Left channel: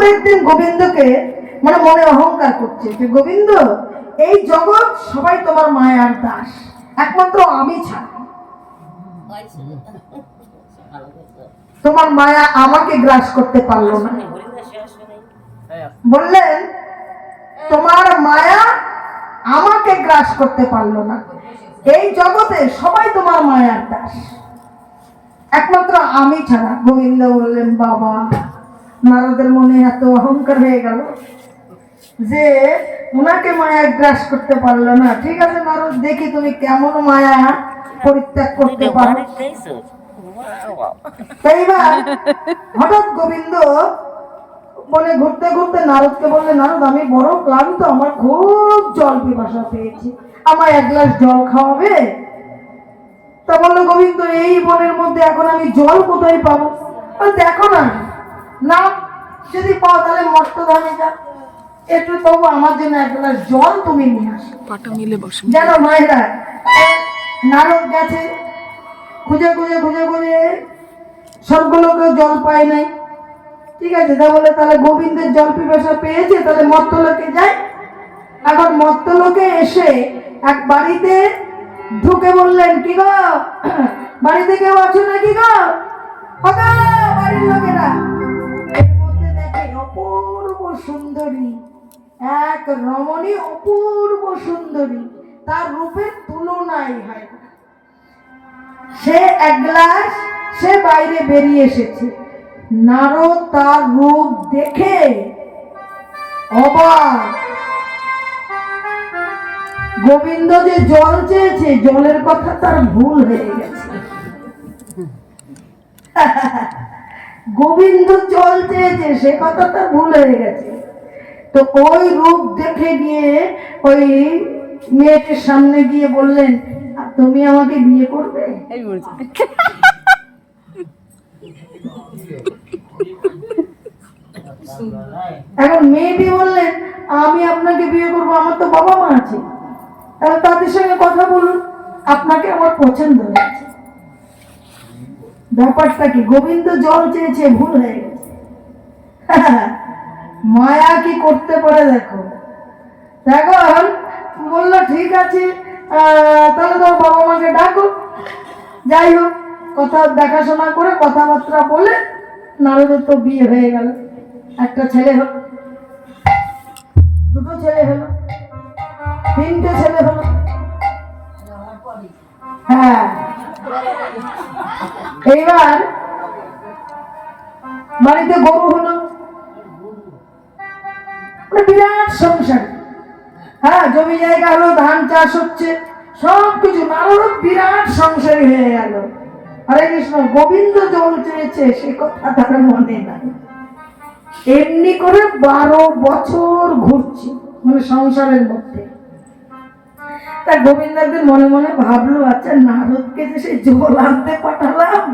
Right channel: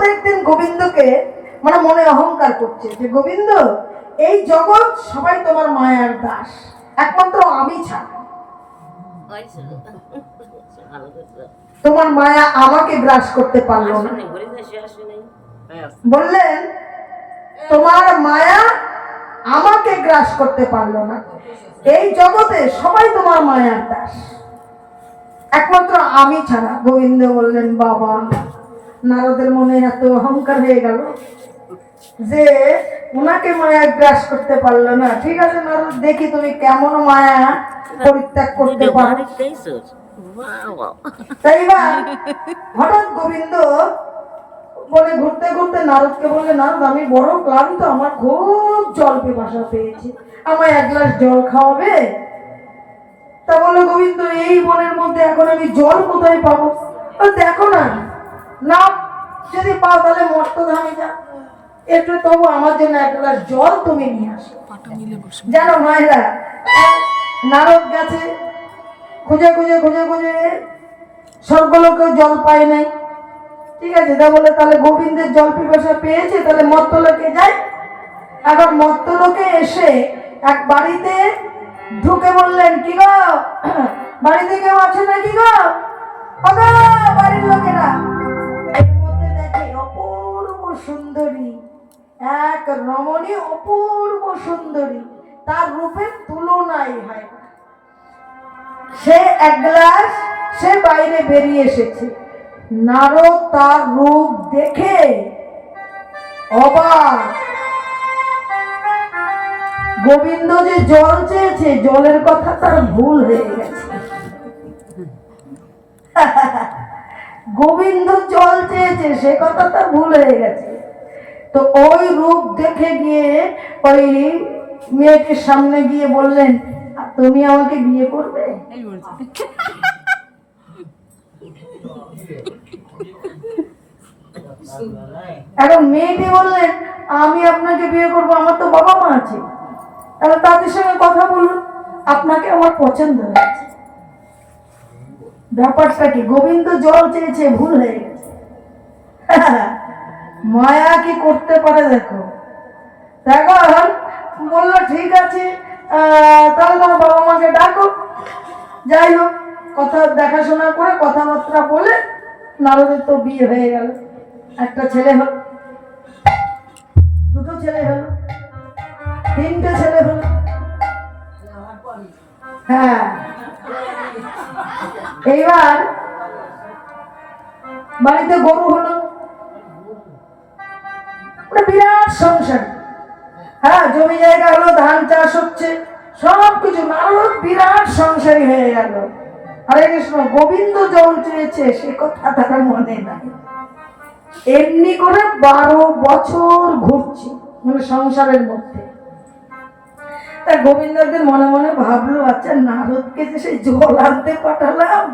নারদ একদিন গোবিন্দকে মানে মনে অহংকার করছে যে গোবিন্দ, এই জগৎ সবাই তোমার মায়ার দাস, একমাত্র আমি ছাড়া। তোমার মায়া আমাকে গ্রাস করতে পারলো না। বললেন তোমার মায়া আমাকে গ্রাস করতে পারলো না, এই জগতে সবাই তোমার মায়ার দাস, একমাত্র আমি ছাড়া। গোবিন্দ বললেন বাবা, নারদের মনে এত অহংকার হয়ে গেল যে ওনাকে মায়া গ্রাস করতে পারলো না। ঠিক আছে নারদ, দেখি তুমি কেমন মায়া পরিত্যাগ করতে পারো। এইবার হঠাৎ গোবিন্দ বনে ঘুরতে ঘুরতে নারদকে বললে, নারদ আমি বড় ক্লান্ত, আমার খুব জল পিপাসা পেয়েছি, আমায় এক গ্লাস জল খাওয়াবে? তা বললো গোবিন্দ, এই বনের মধ্যে এখন আমি জল কোথায় পাবো? দেখো না, না যদি পাও তাহলে মর্তধামে যা, একটু তবু আমার জন্য এক গ্লাস জল তুমি নিয়ে আসো। জানো মায়েরা, নারদ গেছে খুঁজে খুঁজে খুঁজে খুঁজে, সবগুলোকেও জল পায় নাই। ঠিক আছে, তা বলে তাহলে গোবিন্দের জল পিপাসা পেয়েছে, তাহলে মর্তলোকে যায়। এখন মর্তলোকে এসে এক বাড়িতে ঢুকে বললেন, কি গো বাড়িতে কেউ আছে নাকি গো? বাড়ির লোকেরা এর মধ্যে দেখে অপূর্ব সুন্দরী এক রমণী, অপূর্ব সুন্দরী, তার রূপের তুলনাই হয় না। সে এক গ্লাস, সে বাইরে বেরিয়ে এসেছে। নারদ তার রূপ দেখে অবাক। গোবিন্দ যে জল চেয়েছে, জলের কথা তার ভুল হয়ে গেছে। গোবিন্দ জল চেয়েছে সে কথা তার ভুল হয়ে গেছে। তো ওই রূপ দেখে গিয়ে ওই মেয়েটির সামনে গিয়ে বললেন, তুমি আমাকে বিয়ে করবে? এখন মেয়েটি বললেন, আমি আপনাকে বিয়ে করবো, আমার তো বাবা মা আছে, তাহলে তাদের সঙ্গে কথা বলুন, আপনাকে আমার পছন্দ হয়েছে। ব্যাপারটা কি, গোবিন্দ জল চেয়েছে, ভুল হয়ে গেছে। মায়া কি করতে পারে দেখো। এখন বললো ঠিক আছে, তাহলে তোর বাবা মাকে ডাকো। যাই হোক, কথা দেখাশোনা করে কথাবার্তা বলে নারদের তো বিয়ে হয়ে গেল। একটা ছেলে হলো, দুটো ছেলে হলো, তিনটে ছেলে হলো। হ্যাঁ, এইবার বাড়িতে গরু হলো, বিরাট সংসার। হ্যাঁ, জমি জায়গা হলো, ধান চাষ হচ্ছে, সবকিছু। নারদ বিরাট সংসারী হয়ে গেল। হরে কৃষ্ণ। গোবিন্দ জল চেয়েছে সে কথা তার মনে নাই। এমনি করে 12 বছর ঘুরছে মানে সংসারের মধ্যে। তা গোবিন্দ একদিন মনে মনে ভাবলো, আচ্ছা নারদকে যে সেই জল আনতে পাঠালাম,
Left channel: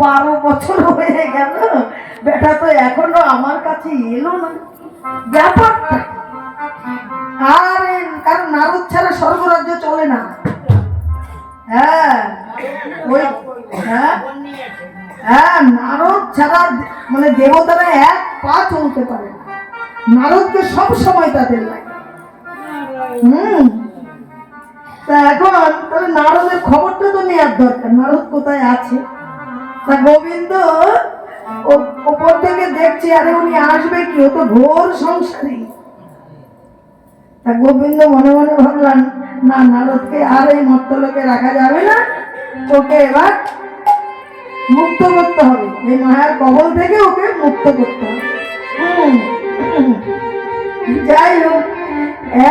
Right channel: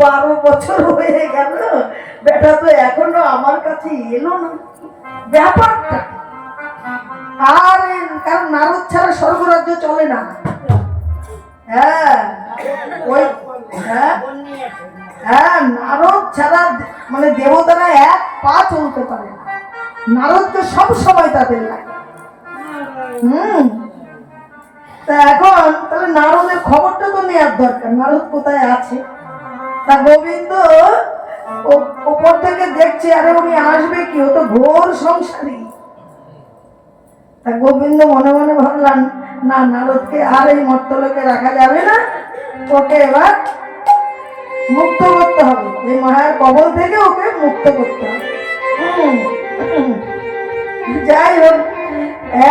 12 বছর হয়ে গেল, বেটা তো এখনো আমার কাছে এলো না, ব্যাপারটা। আর কারণ নারদ ছাড়া স্বর্গরাজ্য চলে না। হ্যাঁ, ওই হ্যাঁ, নারদ ছাড়া মানে দেবতারা এক পা চলতে পারে না, নারদকে সব সময় তাদের লাগে। তা এখন তাহলে নারদের খবরটা তো নেওয়ার দরকার, নারদ কোথায় আছে। তা গোবিন্দ ওপর থেকে দেখছে, আরে উনি আসবে কি, ও তো ঘোর সংসারী। তা গোবিন্দ মনে মনে ভাবলাম, না নারদকে আর এই মর্তলোকে রাখা যাবে না, ওকে এবার মুক্ত করতে হবে, এই মায়ার কবল থেকে ওকে মুক্ত করতে হবে। যাই হোক,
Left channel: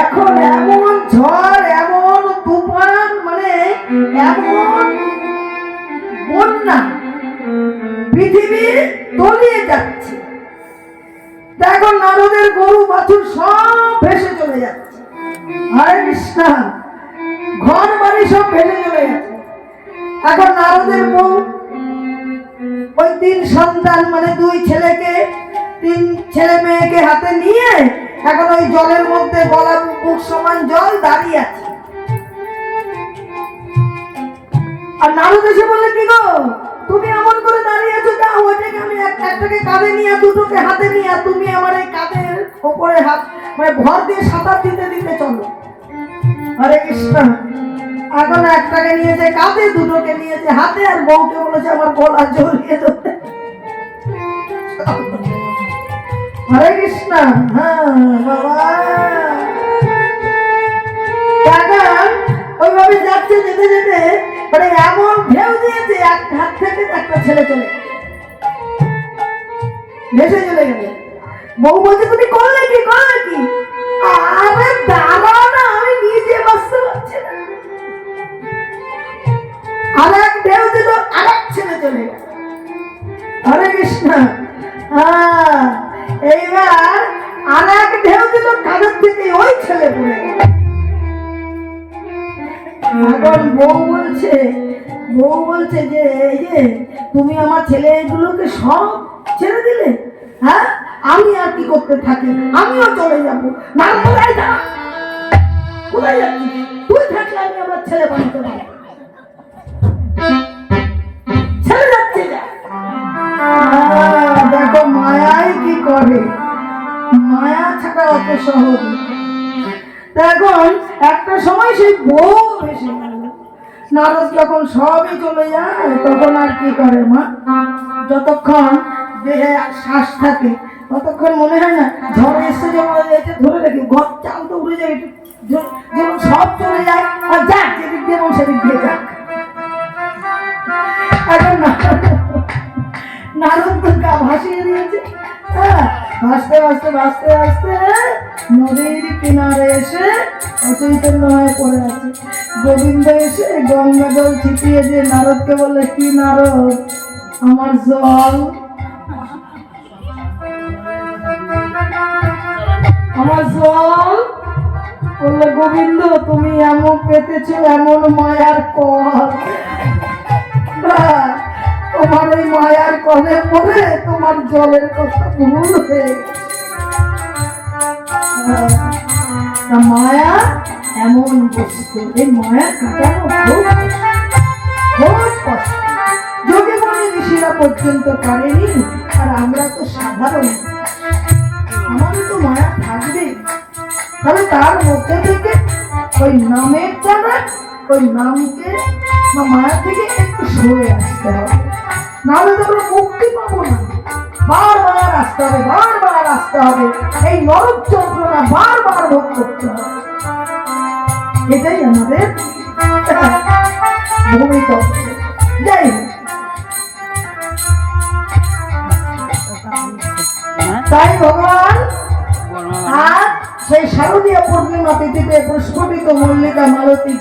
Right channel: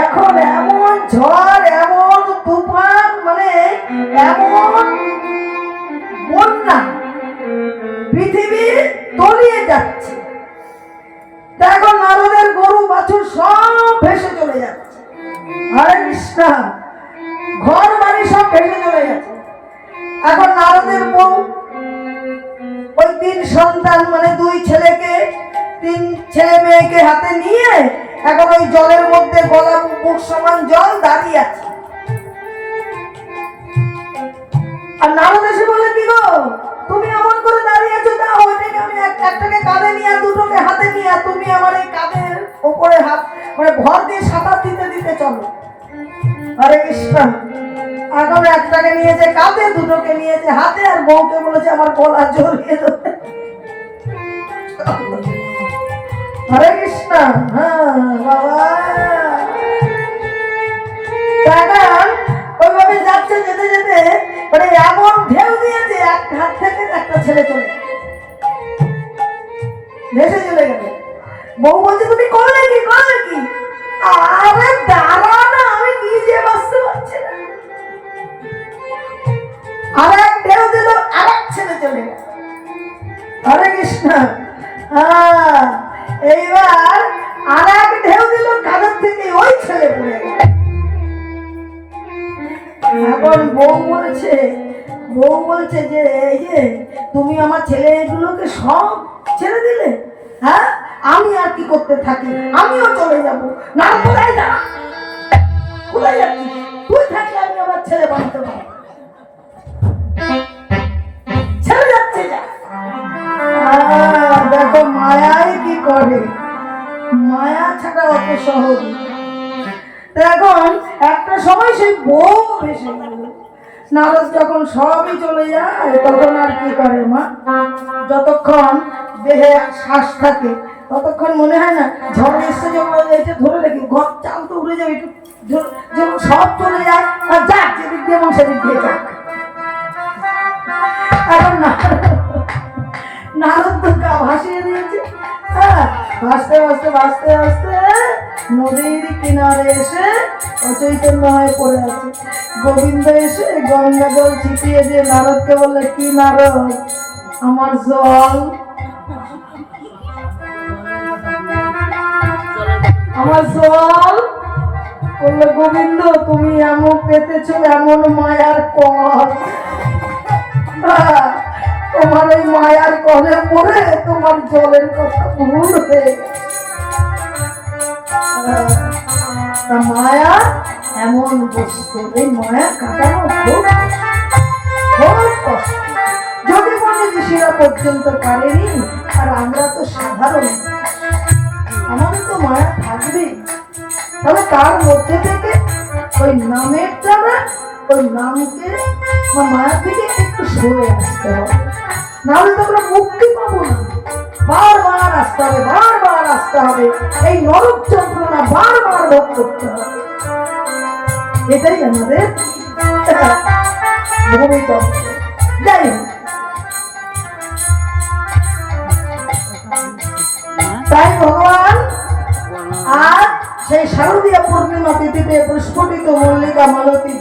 এখন এমন ঝড়, এমন তুফান, মানে এমন বন্যা, পৃথিবী তলিয়ে যাচ্ছে। দেখো নারদের গরু বাছুর সব ভেসে চলে যাচ্ছে। হরে কৃষ্ণ। ঘর বাড়ি সব ভেসে চলে যাচ্ছে। এখন নারদের বউ ওই 3 সন্তান মানে 2 ছেলেকে, 3 ছেলে মেয়েকে হাতে নিয়ে এখন ওই জলের মধ্যে গলা বুক সমান জল দাঁড়িয়ে আছে। আর নারদ এসে বলে, কি গো তুমি এমন করে দাঁড়িয়েছো, না ওইটাকে আমি একটাকে কাঁধে নিয়ে দুটোকে হাতে নিয়ে তুমি আমার এই কাঁধের ওপরে হাত মানে ভর দিয়ে সাঁতার দিতে দিতে চলো। হরে কৃষ্ণ। এখন একটাকে নিয়েছে কাঁধে, দুটোকে নিয়েছে হাতে, আর বউকে বলেছে আমার গলা জড়িয়ে ধরতে। হরে কৃষ্ণ। হ্যাঁ বাবা, ওইভাবে যাচ্ছে, যেতে যেতে মানে এমন ঢেউ দিয়েছে এক হাত থেকে একটা ছেলে চলে ভেসে চলে গেল। বউ বলছে তুমি করলে কি, করলে কি? আরে দাঁড়া না, আমি নিজে বাঁচতে পারছি না। আর এক ঢেউ দিল, আর এক ছেলে চলে গেল। হরে কৃষ্ণ। হ্যাঁ, এইবার আর এক ঢেউ দিল, কাঁধের থেকে ওই ছেলে পড়ে গেল। এখন বউ বলছে যে এই যে তুমি আমার ছেলেগুলোকে সব ছেড়ে দিলে, হ্যাঁ আমি আর কি করতে থাকি, আমিও চলে যাব। না কোথায় যা, কোথায় যাচ্ছি? তুই থাকলে আমি আমার ছেলে বানাতে পারি, ছেলে যাচ্ছে যা। দেখো মায়ায় কি করে, মায়া ছাড়া অত সহজ। এখন একটা সময় সেই বউ ভেসে গেল। নারদ যখন সবই চলে যায় তখন আর কি করে মা, যতক্ষণ দেহে শ্বাস থাকে ততক্ষণ মনে হয় না ঝড় এসছে যে এটা ধরে রেখে ঘর চাল তো উড়ে যাবে, একটু যখন সব চলে যায় আর যাক যেদিক দিয়ে এবং সেদিক দিয়ে যাক। এখন নারদ তো গা ভাসিয়ে দিয়েছে। হ্যাঁ, ভাসতে ভাসতে ভাসতে ভাসতে নদীর কিনারে এসে অচৈতন্য হয়ে পড়ে আছে। গোবিন্দ এসে গঙ্গা জল ছিটিয়ে দিয়ে নারদকে বললে, কি নারদ, আমার জল, আমার জল। বললে গোবিন্দ তুমি এমন পেতেছ এমন মায়ার কর, তোমার ওই মায়ার কলে পড়ে তোমার জলের কথা ভুল হয়ে গেছে। মায়া এমন বস্তু, এই মায়া কাটানো খুব কষ্ট। যদি মনে ঋষিরা পর্যন্ত পারেনি, আর আমরা তো সাধারণ, আমাদের তো মায়া থাকবে। তবে তার মধ্যে থেকে ওই নামের দ্বারা ওই নামকে বা মায়া থেকে একটু সরে আসতে হবে, নাহলে তো আমরা মুক্তি পাবো না। বারবার আসতে হবে, বারবার আসতে হবে, এই নরক যন্ত্রণা বারবার ভোগ করতে হবে। এটাই আমাদের ভূমিতত্ত্ব। যাই হোক, তাই ভগবান আর সেই শারদীয় পূর্ণিমা তিথিতে প্রস্ফুটিত মল্লিকা মালতী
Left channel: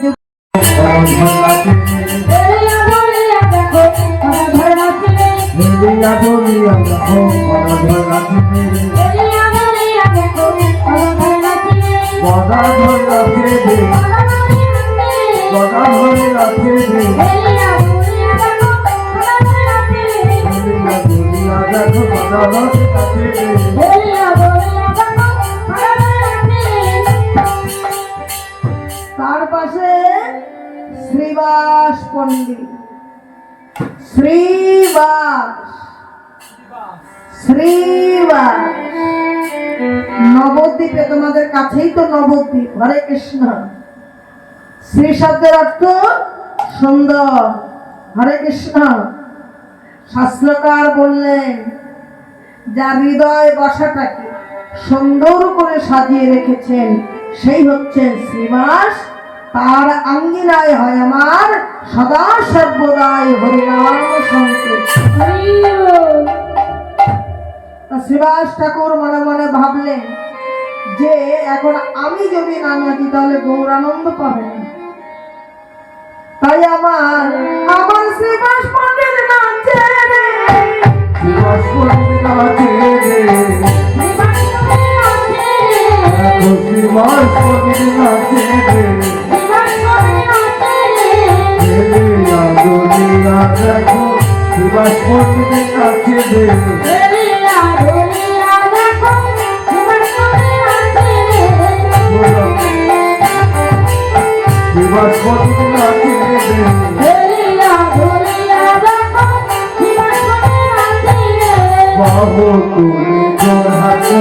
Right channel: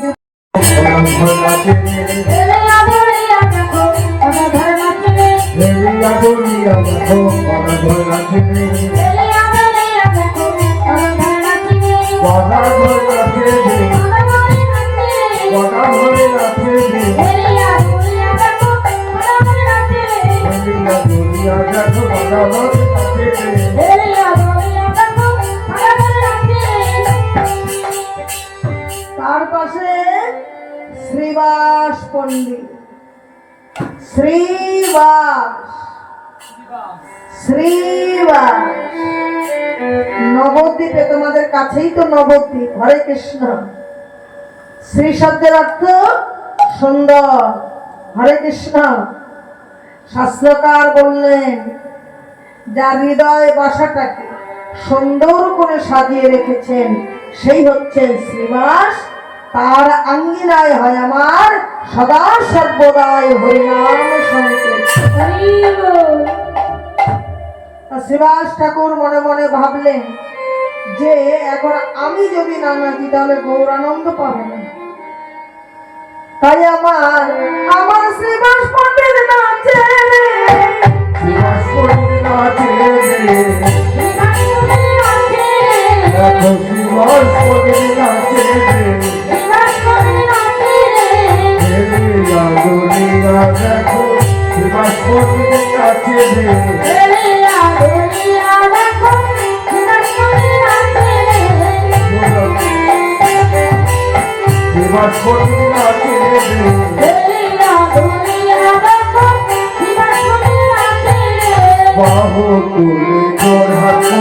তার পাশে শ্রীবাস পণ্ডিত, শ্রীবাস নবদ্বীপে, তোমাদের কাছেই তো নবদ্বীপ। হরে কৃষ্ণ। শ্রী শব্দের অর্থ সুন্দর। হরে কৃষ্ণ। শাস্ত্রকার বললেন যার হৃদয় বসাটাকে সুন্দর করে সাজিয়ে রেখেছেন সেই হচ্ছে শ্রীবাস। তার আঙ্গিনায় হয় আমার সদা সর্বদাই হরিনাম সংকীর্তন। শ্রীবাস ঠাকুর মনে মনে ভাবলেন যে এখন আমি যদি না নাচি তাহলে গৌরানন্দ পাবে না। তাই আমার শ্রীবাস পণ্ডিত নাচে রে, শ্রীবাস পণ্ডিত নাচে রে, শ্রীবাস পণ্ডিত নাচে রে, দুনিয়া দেখো শ্রীবাস পণ্ডিত নাচে রে, শ্রীবাস পণ্ডিত নাচে রে,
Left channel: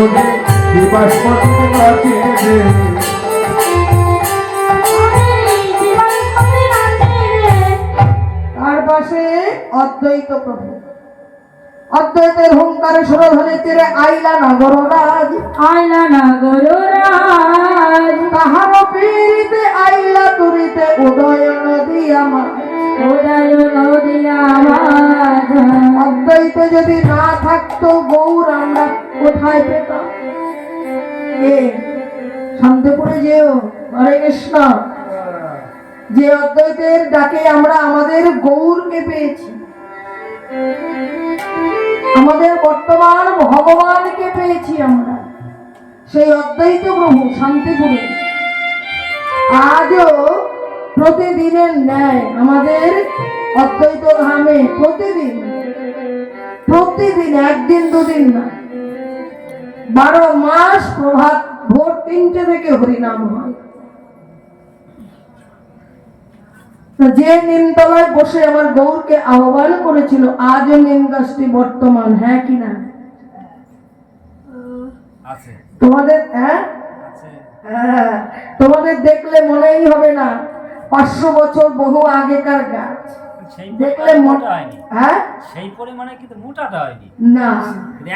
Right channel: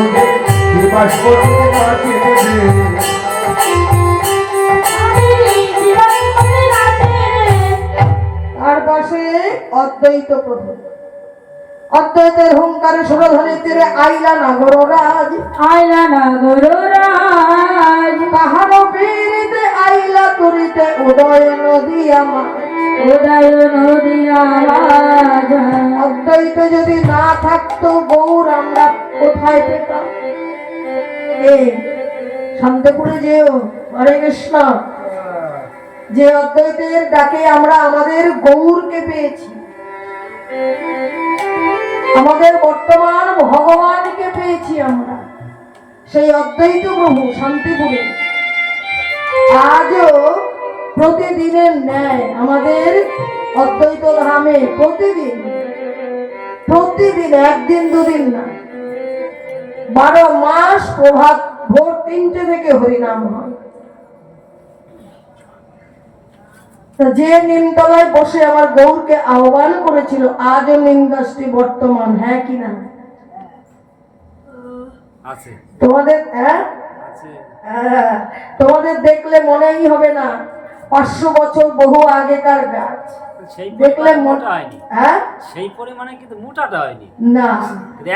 মনে জীবাস্পতি নাচে তার পাশে অদ্বৈত প্রভু। অদ্বৈতের হুঙ্কারে সুরধ্বনি তীরে আইলা নাগররাজ, আইলা নাগররাজ, তাহার পীড়িতে আইলা তুরিতে উদয় নদী আমার, উদয় নদী আমার। অদ্বৈত যদি না থাকতো গৌর আমরা কোথায় পেতাম? শান্তিপুরে যেও, হরে কৃষ্ণ। যে অদ্বৈতের ডাকে আমরা আমাদের গৌরকে পেয়েছি, আমাদের বর্তমান ভগবানকে পেয়েছি আমরা, সেই অদ্বৈত প্রভু শান্তিপুরে আজও প্রতিদিনের ন্যায় আমাদের অদ্বৈত ধামে প্রতিদিন প্রতিদিন, একদিন দুদিন না, 12 মাস প্রভাত ভোর 3টে থেকে হরিনাম হয়। যে নিমতলায় বসে আমার গৌরকে আহ্বান করেছিল, আজও নিমগাছটি বর্তমান, হ্যাঁ কি না? তোমাদের তোমাদের দেখলে মনেই হবে না 500 বছর বহু আগেকার গাছ। দেখলে হ্যাঁ সেই পরিমাণে কিন্তু মোটাটা হয়নি না,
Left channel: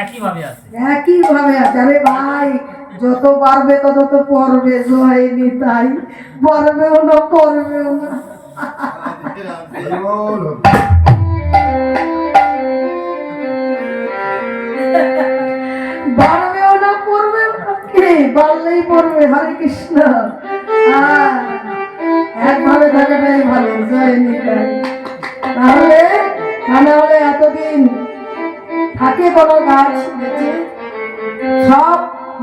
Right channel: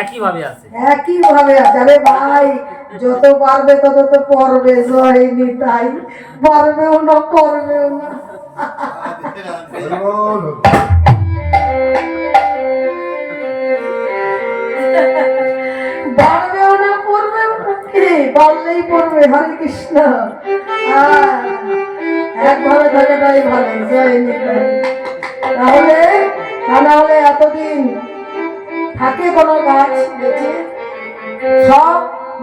একই ভাবে আছে, একই ভাবে আছে। আরে ভাই, যত পারবে তত তো পড়বে, হয়নি তাই পারবেও না, করবেও না। বাড়বেও না, পড়বেও না, কে বাড়লেই পড়বে। হরে কৃষ্ণ। একভাবে থাকাটাই ভালো, জয় নিতাই। তাহলে তা না হলে এতদিন থাকে কোনো গাছ বেঁচে, সব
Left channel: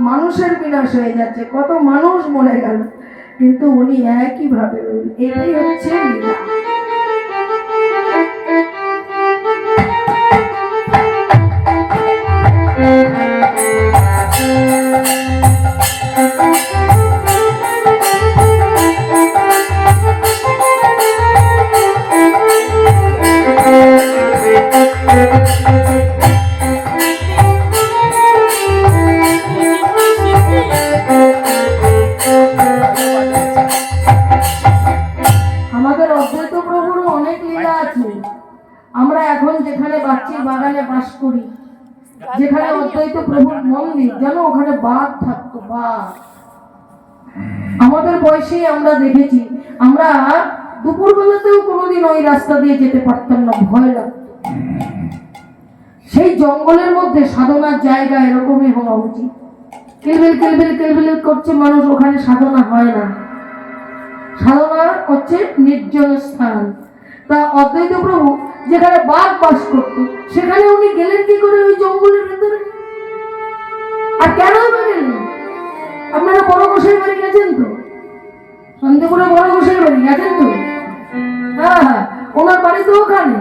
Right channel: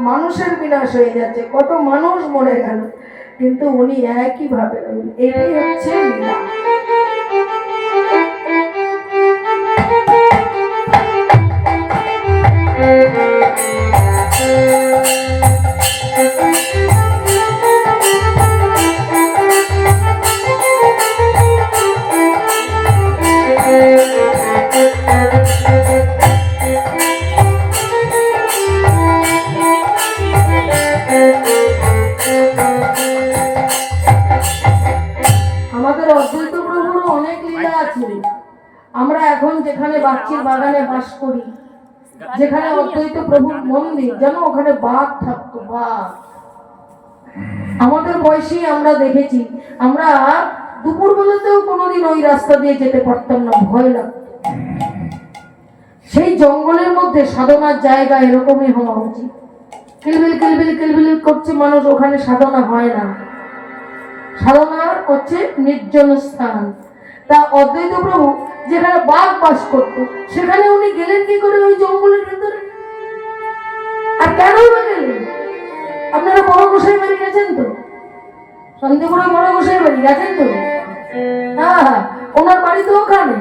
মানুষের বিনাশ হয়ে যাচ্ছে, কত মানুষ মরে গেল, কিন্তু উনি একই ভাবে রইল। এটাই হচ্ছে লীলা। আমাদের অদ্বৈত প্রভুর অনেক লীলা আছে। আমরা এখন যেখানে বাচ্চির বাগানে বাস করি, যেখানে অদ্বৈত প্রভুর মন্দির, যেন ওখানে বাঘ থাকতো, বাঘ। আমাদের বয়সেই আমরা দেখেছি, আমরা দুপুর বেলাতেও কোনোদিন ওই রাস্তা দিয়ে যেতে পারতাম না, ভয় লাগতো। সেই জঙ্গলের মধ্যে সাধনার জায়গা এরকমই হওয়া উচিত। কিলবিল কিলবিল কিলবিল করছে মানুষ, ওখানে সাধনা হয় না। সাধনা হচ্ছে নির্জন স্থান। তা অদ্বৈত প্রভু যেখানে বাঘ বাস করতো, সেখানে উনি গেলেন কি করে ওই জঙ্গলের ভিতরে? আর কেন বা গেলেন? আপনারা বড় গোসাই বাড়ি গেছেন তো? শান্তিপুরে বড় গোসাই বাড়ি গেছেন তো? হ্যাঁ, ওনার বাড়ি তো ওখানে।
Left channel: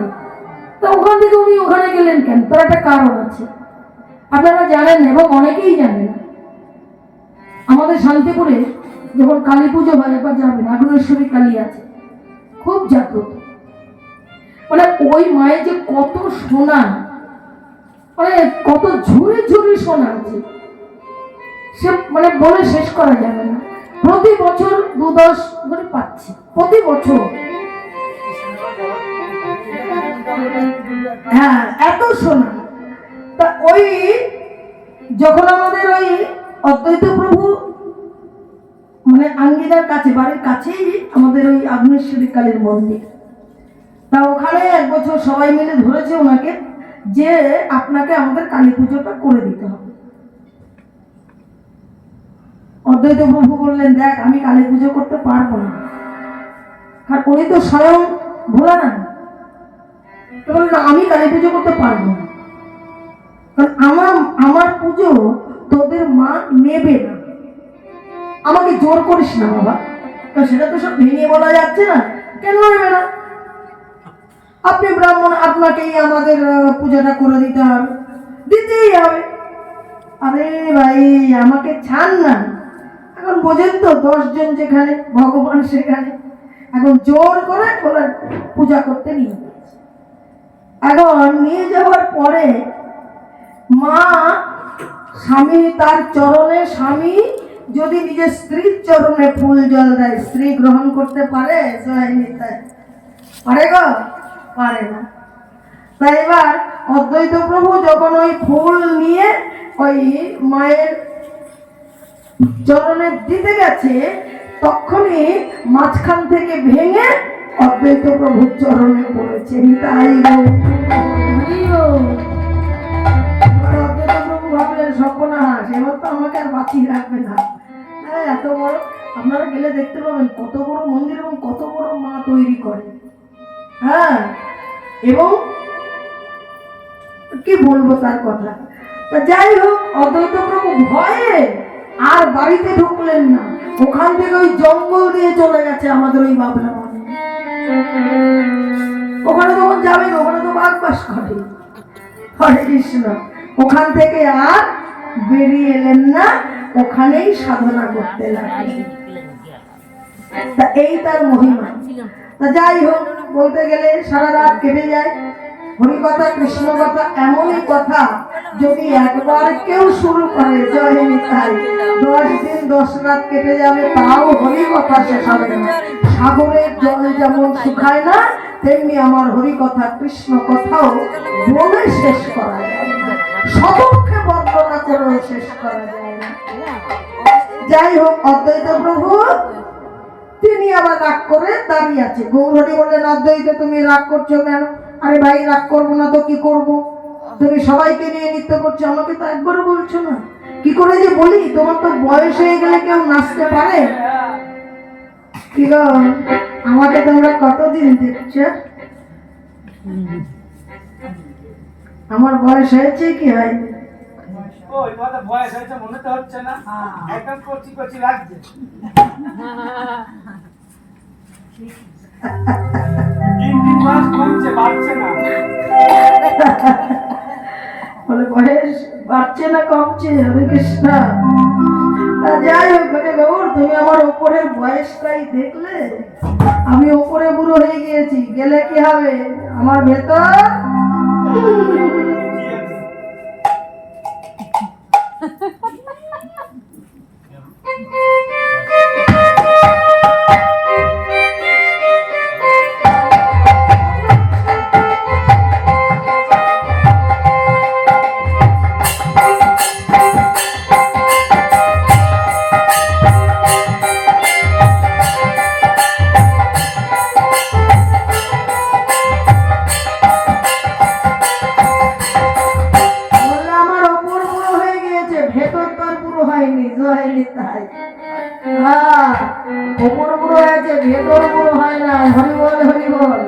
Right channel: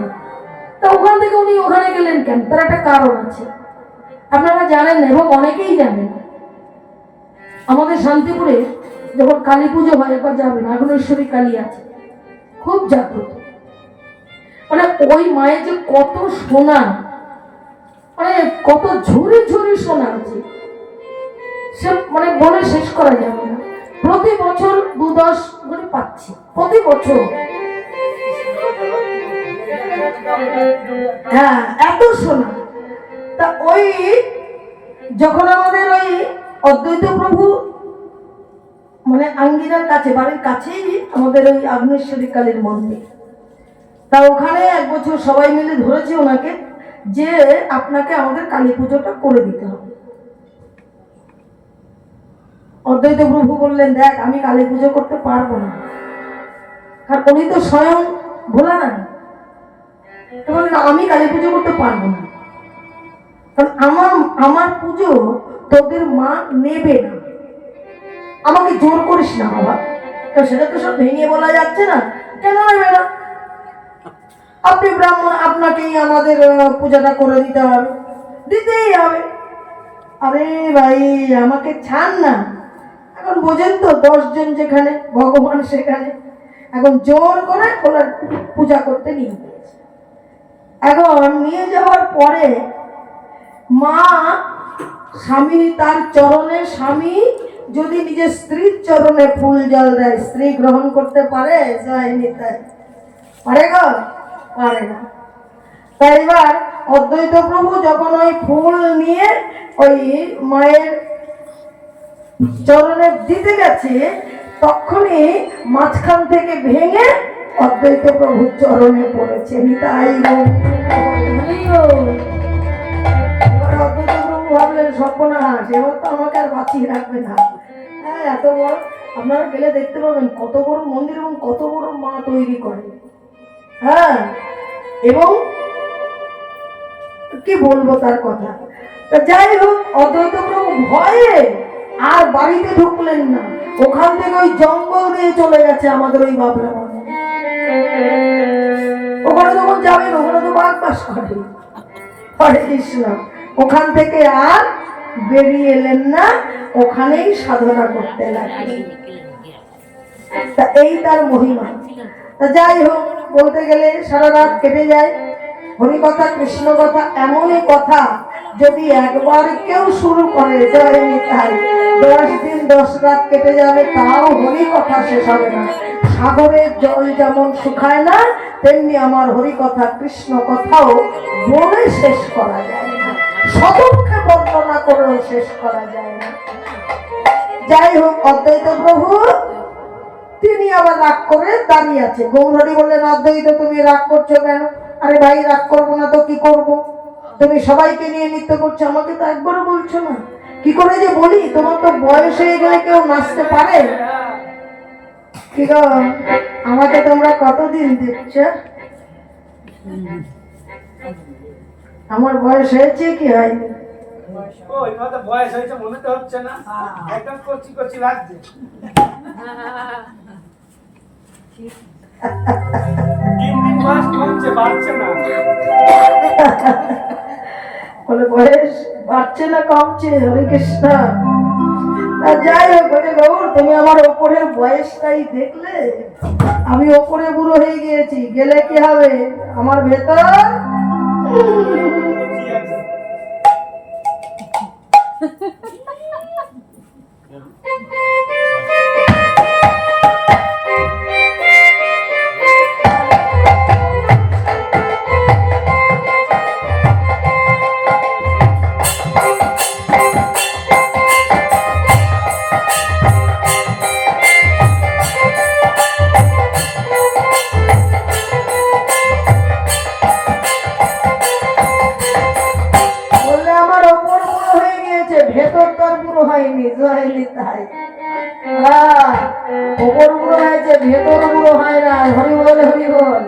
তা ওখান থেকে উনি ওখানে গেলেন কেন? তার একটা কারণ আছে, আপনারা জানেন এবং অনেকেই জানেন। আমাদের শান্তিপুরে যখন কালী পুজো হয়, একবার যাবেন, আগুনেশ্বরী কালী আছে, খুব জাগ্রত। মানে ওই মায়ের যে কত সোনা, মানে কত ঝুড়ি ঝুড়ি সোনা আছে, সে মানে বলে শেষ করা যাবে না। প্রতি বছর 2-10 করে পাচ্ছি, প্রতি বছর। হ্যাঁ, এত সোনা। তা ওই যখন আমাদের ওই অদ্বৈত প্রভু মানে আঙ্গিনার কাছে, বাড়ির কাছেই আমাদের ওই আগুনেশ্বরী কালীর মন্দির, তা ওখানে এক বছর সবাই মিলে ধরেছে ওনাকে যে আপনাকে আমাদের কালী পুজোটা করে দিতে হবে। অদ্বৈত প্রভু বললেন, দেখ আমি কালী পুজো করতে পারবো না, কারণ উনি তো স্বয়ং ভোলা না। তো বললেন, আমি কালী পুজো করতে পারবো না, কারণ আমার পুজো তোদের মা নেবে না, আমাকে জোর করিস না বাবা। সেটা তো সব ভেঙে বলা যাচ্ছে না, কেন নেবে না? আপনি ব্রাহ্মণ, আপনাকেই আমাদের পূজাটা করে দিতে হবে, দিতেই হবে। আরে ভাই, আমাকে ছাড় না। এখন বোঝেন তো, 10 জন যেখানে ভগবান সেখানে, এখন জোর করে ওনার পূজা করতে নিয়ে গেছে। এখন নিয়ে যাওয়ার পরে মা স্বামী তার চরণে, স্বামী যদি নিজের স্ত্রীর চরণে ফুল জল দেয়, স্ত্রী গ্রহণ করতে পারে? পারে গো? পারে না। তাই এবার অদ্বৈত প্রভু যখন ওই ফুল নিয়ে ওই মায়ের চরণে দিতে গেছে, তখনই মাঝখান থেকে ভেঙে অদ্বৈত প্রভুর চরণে পড়েছে। তাই অদ্বৈত প্রভু ভাবলেন সর্বনাশ, এবার তো আমাকে আর বাঁচিয়ে রাখবে না। হ্যাঁ, এত বড়, আপনারা গেলে দেখতে পাবেন কত বড় মন্দির এবং কত বড় মা তৈরি করে। হ্যাঁ, এবং কি বলবো তার কথা। যাই হোক, অদ্বৈত প্রভু ভয়ে আর বাড়িতে ঢুকলেন না, ওখান থেকে ওই জঙ্গল দিয়ে চলে গেছে আমাদের ওই বাবলা মনে। ওখানে যখন যাবেন, ওখানে তো বাঘ বাস করে। হরে কৃষ্ণ। ওখান থেকে আর বেরিয়ে এলেন না, ওখানেই সাধনা করতে লাগলেন। তা এই তার মহিমা। তা যাই হোক, বলতে গেলে সারা রাত কেটে যায়। হরি কথা, কৃষ্ণ কথা, এমনই কথা যদি একবার কেউ শুরু করে, জয় নিতাই, 10 দিন 10 রাত কেটে যাবে, তাও হরি কথা শেষ হবে না। সাগরের জল যেমন শুকায় না, তেমনি আমার হরি কথা, কৃষ্ণ কথাও বলে শেষ করা যায় না, শতমুখে বর্ণনা করেও শেষ করা যায় না। যাই হোক, অদ্বৈত প্রভু তিনি আবার রাগ করে দাঁড়িয়ে আছে। গৌরহরি বললেন, অদ্বৈত তুমি রাগ করছো কেন? আরে ভাই, রাগ করবো না তো কি করব? তুমি সবাইকে নিয়ে নৃত্য করছো, আমাকে তো একবারও বলছো না। কি করে যে বলি, তোমার তো বয়স হয়ে গেলে কেউ নাচতে পারে? কি গো, আমাকে তোমরা কতদিন দেখছো? আমার বয়স হয়েছে কি হয়নি? বয়স হয়েছে মনে তো হচ্ছে না, একদম কচি কচি লাগছে। দিন দিন বয়স কমছে, বাড়ছে না। বলে বয়স বাড়ছে না কমছে? হরে কৃষ্ণ। যাই হোক, গৌর, তুমি আমার ওপরের বয়সটাই দেখলে, আমি ওপরে বুড়ো হয়ে গিয়েছি, গেলে কি হবে? আমার ভেতর ভেতর তার বুড়ো হয়নি। তাই ওপর বুড়ো হয়েছে, ভেতর বুড়ো হয় না। হরি বল, হরি বল।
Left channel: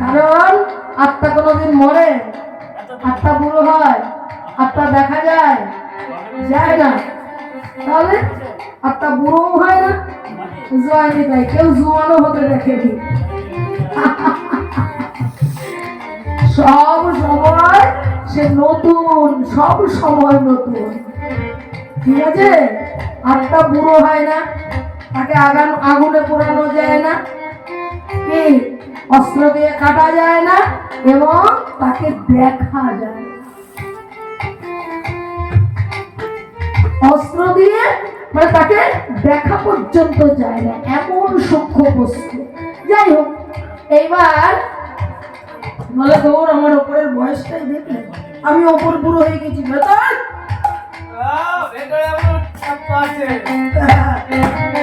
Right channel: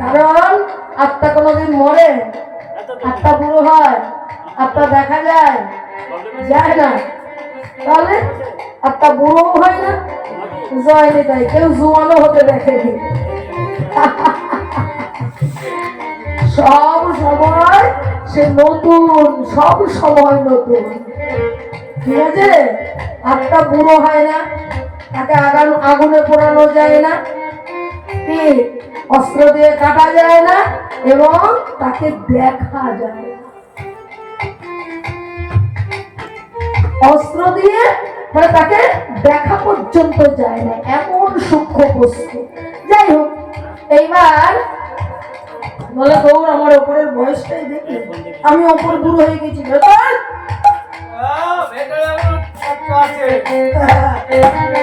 কারণ আত্মা কোনোদিন মরে? আত্মা বুড়ো হয়? আত্মা দেখা যায়? যায় না। তাহলে আত্মা বুড়ো হয় না, জয়নি তাই। কেউ জুয়ানো হতে দেখেনি। সব সময় সে নতুন, সব সময় নতুন। ঠিক আছে? আত্মা বুড়ো হয় না, তাকে আগুনে পোড়ানো যায় না, কি অস্ত্র দিয়ে কাটা যায় না, এবং তাকে দেখা যায় না। অস্ত্র দিয়ে মানে তাকে দেখা পর্যন্ত যায় না, এমন সূক্ষ্ম বস্তু। যাই হোক, এইবার বলে, গৌর, আমার ওপরের বয়সটাই দেখি, আমি ওপরে বুড়ো হয়ে গেছি।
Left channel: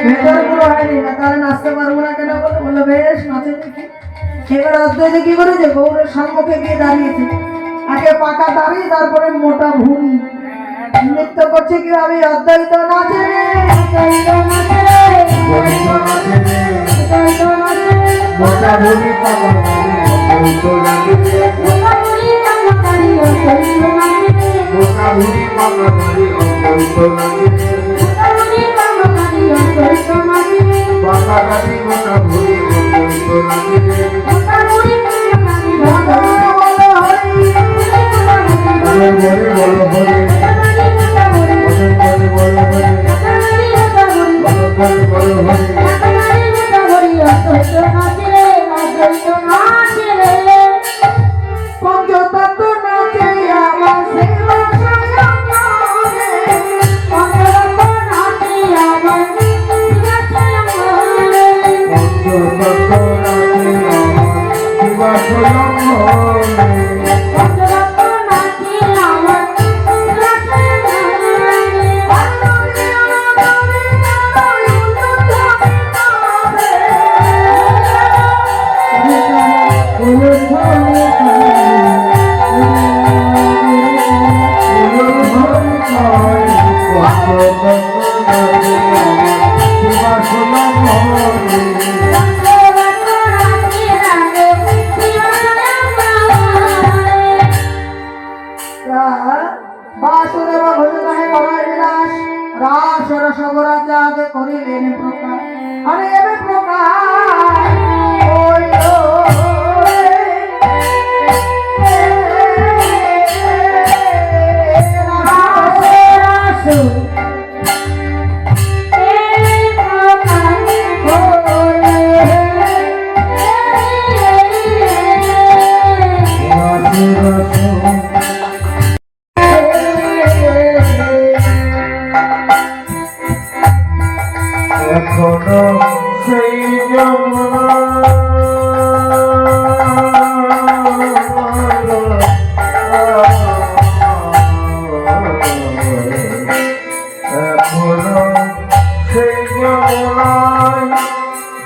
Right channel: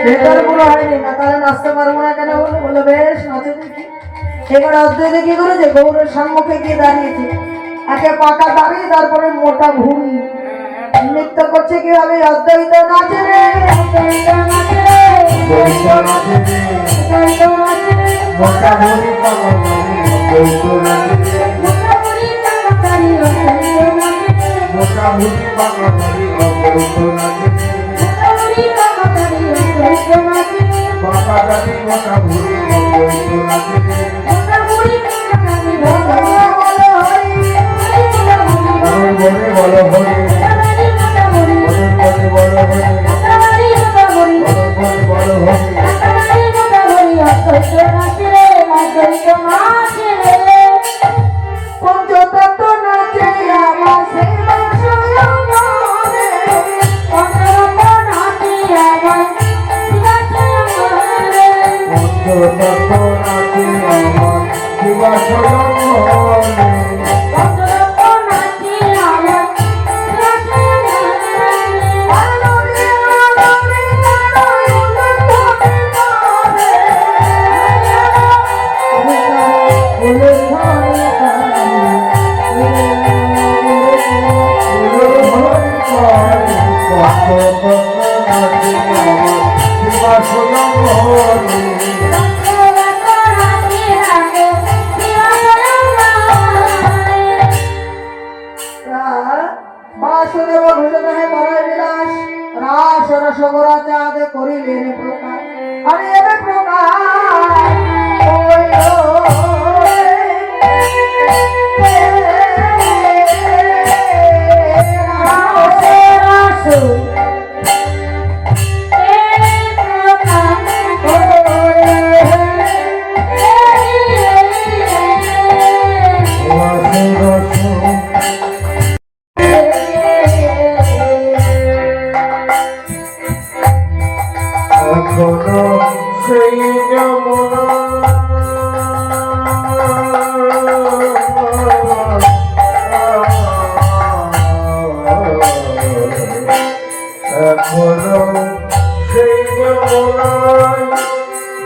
ভেতর বুড়ো হয়নি না, তাহলে নাচতে পারবো না কেন? বলে বেশ, নাচে দেখি। এবার অদ্বৈত কি করেছে? গৌরের সম্মুখে গিয়ে দাঁড়িয়েছে, একে পাকা দাঁড়িয়ে, তারপরে মোটা ভুঁড়ি নৃত্য করছে। কিভাবে? অদ্বৈত নাচে রে, অদ্বৈত নাচে রে, অদ্বৈত নাচে রে, মোটা ভুঁড়ি পাকা ভুঁড়ি অদ্বৈত লাগে রে, মোটা বুড়ি পাকা কারি অদ্বৈত নাচে রে, মোটা ভুঁড়ি পাকা ভুঁড়ি অদ্বৈত লাগে রে, মোটা বুড়ি পাকা কারি অদ্বৈত নাচে রে, পাকা গাড়ি মোটা ভুঁড়ি অদ্বৈত লাগে রে, মোটা বুড়ি পাকা কারি বলো বলো হরি, মদন বলে বলো হরি, মোটা বুড়ি, মদন বলে বলো হরি, মোটা বুড়ি, মদন বলে বলো হরি। মোটা বুড়ি অদ্বৈত নাচে রে, অদ্বৈত নাচে রে। পঞ্চতত্ত্ব নাচে আমার সেবা সয়নে, বাসুদেব ঘোষে তাহে করাই বিলাস রাস রসগোরা চাঁদ করিলে রে প্রকার আরে রে প্রকার হইল রে। সেই যমুনা এখনো সেই যমুনায়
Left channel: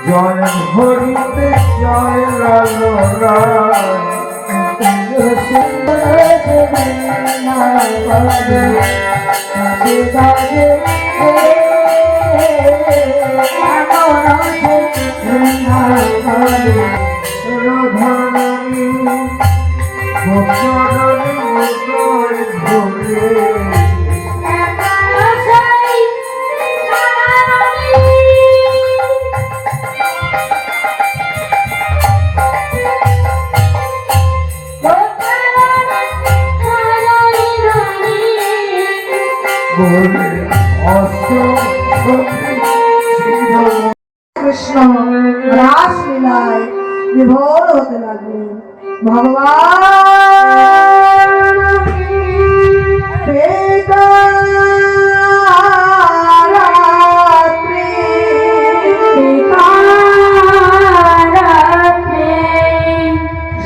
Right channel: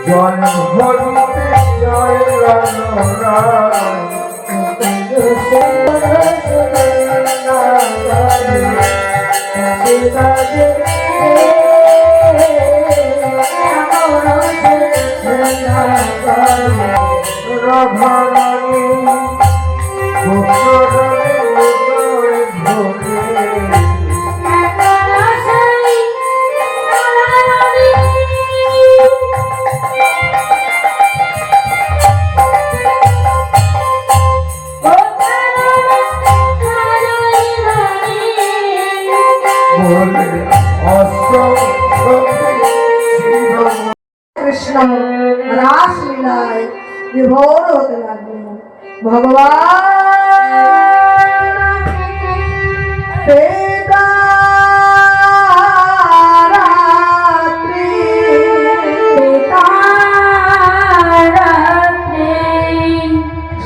জয় হরিতে জয় রাধারানী গোপরানী হৃদয় ভরে বলে অস্ত কৃষ্ণ রাসলীলায় বিভোর হতে লাগলেন। ভগবান পেতারাত্রি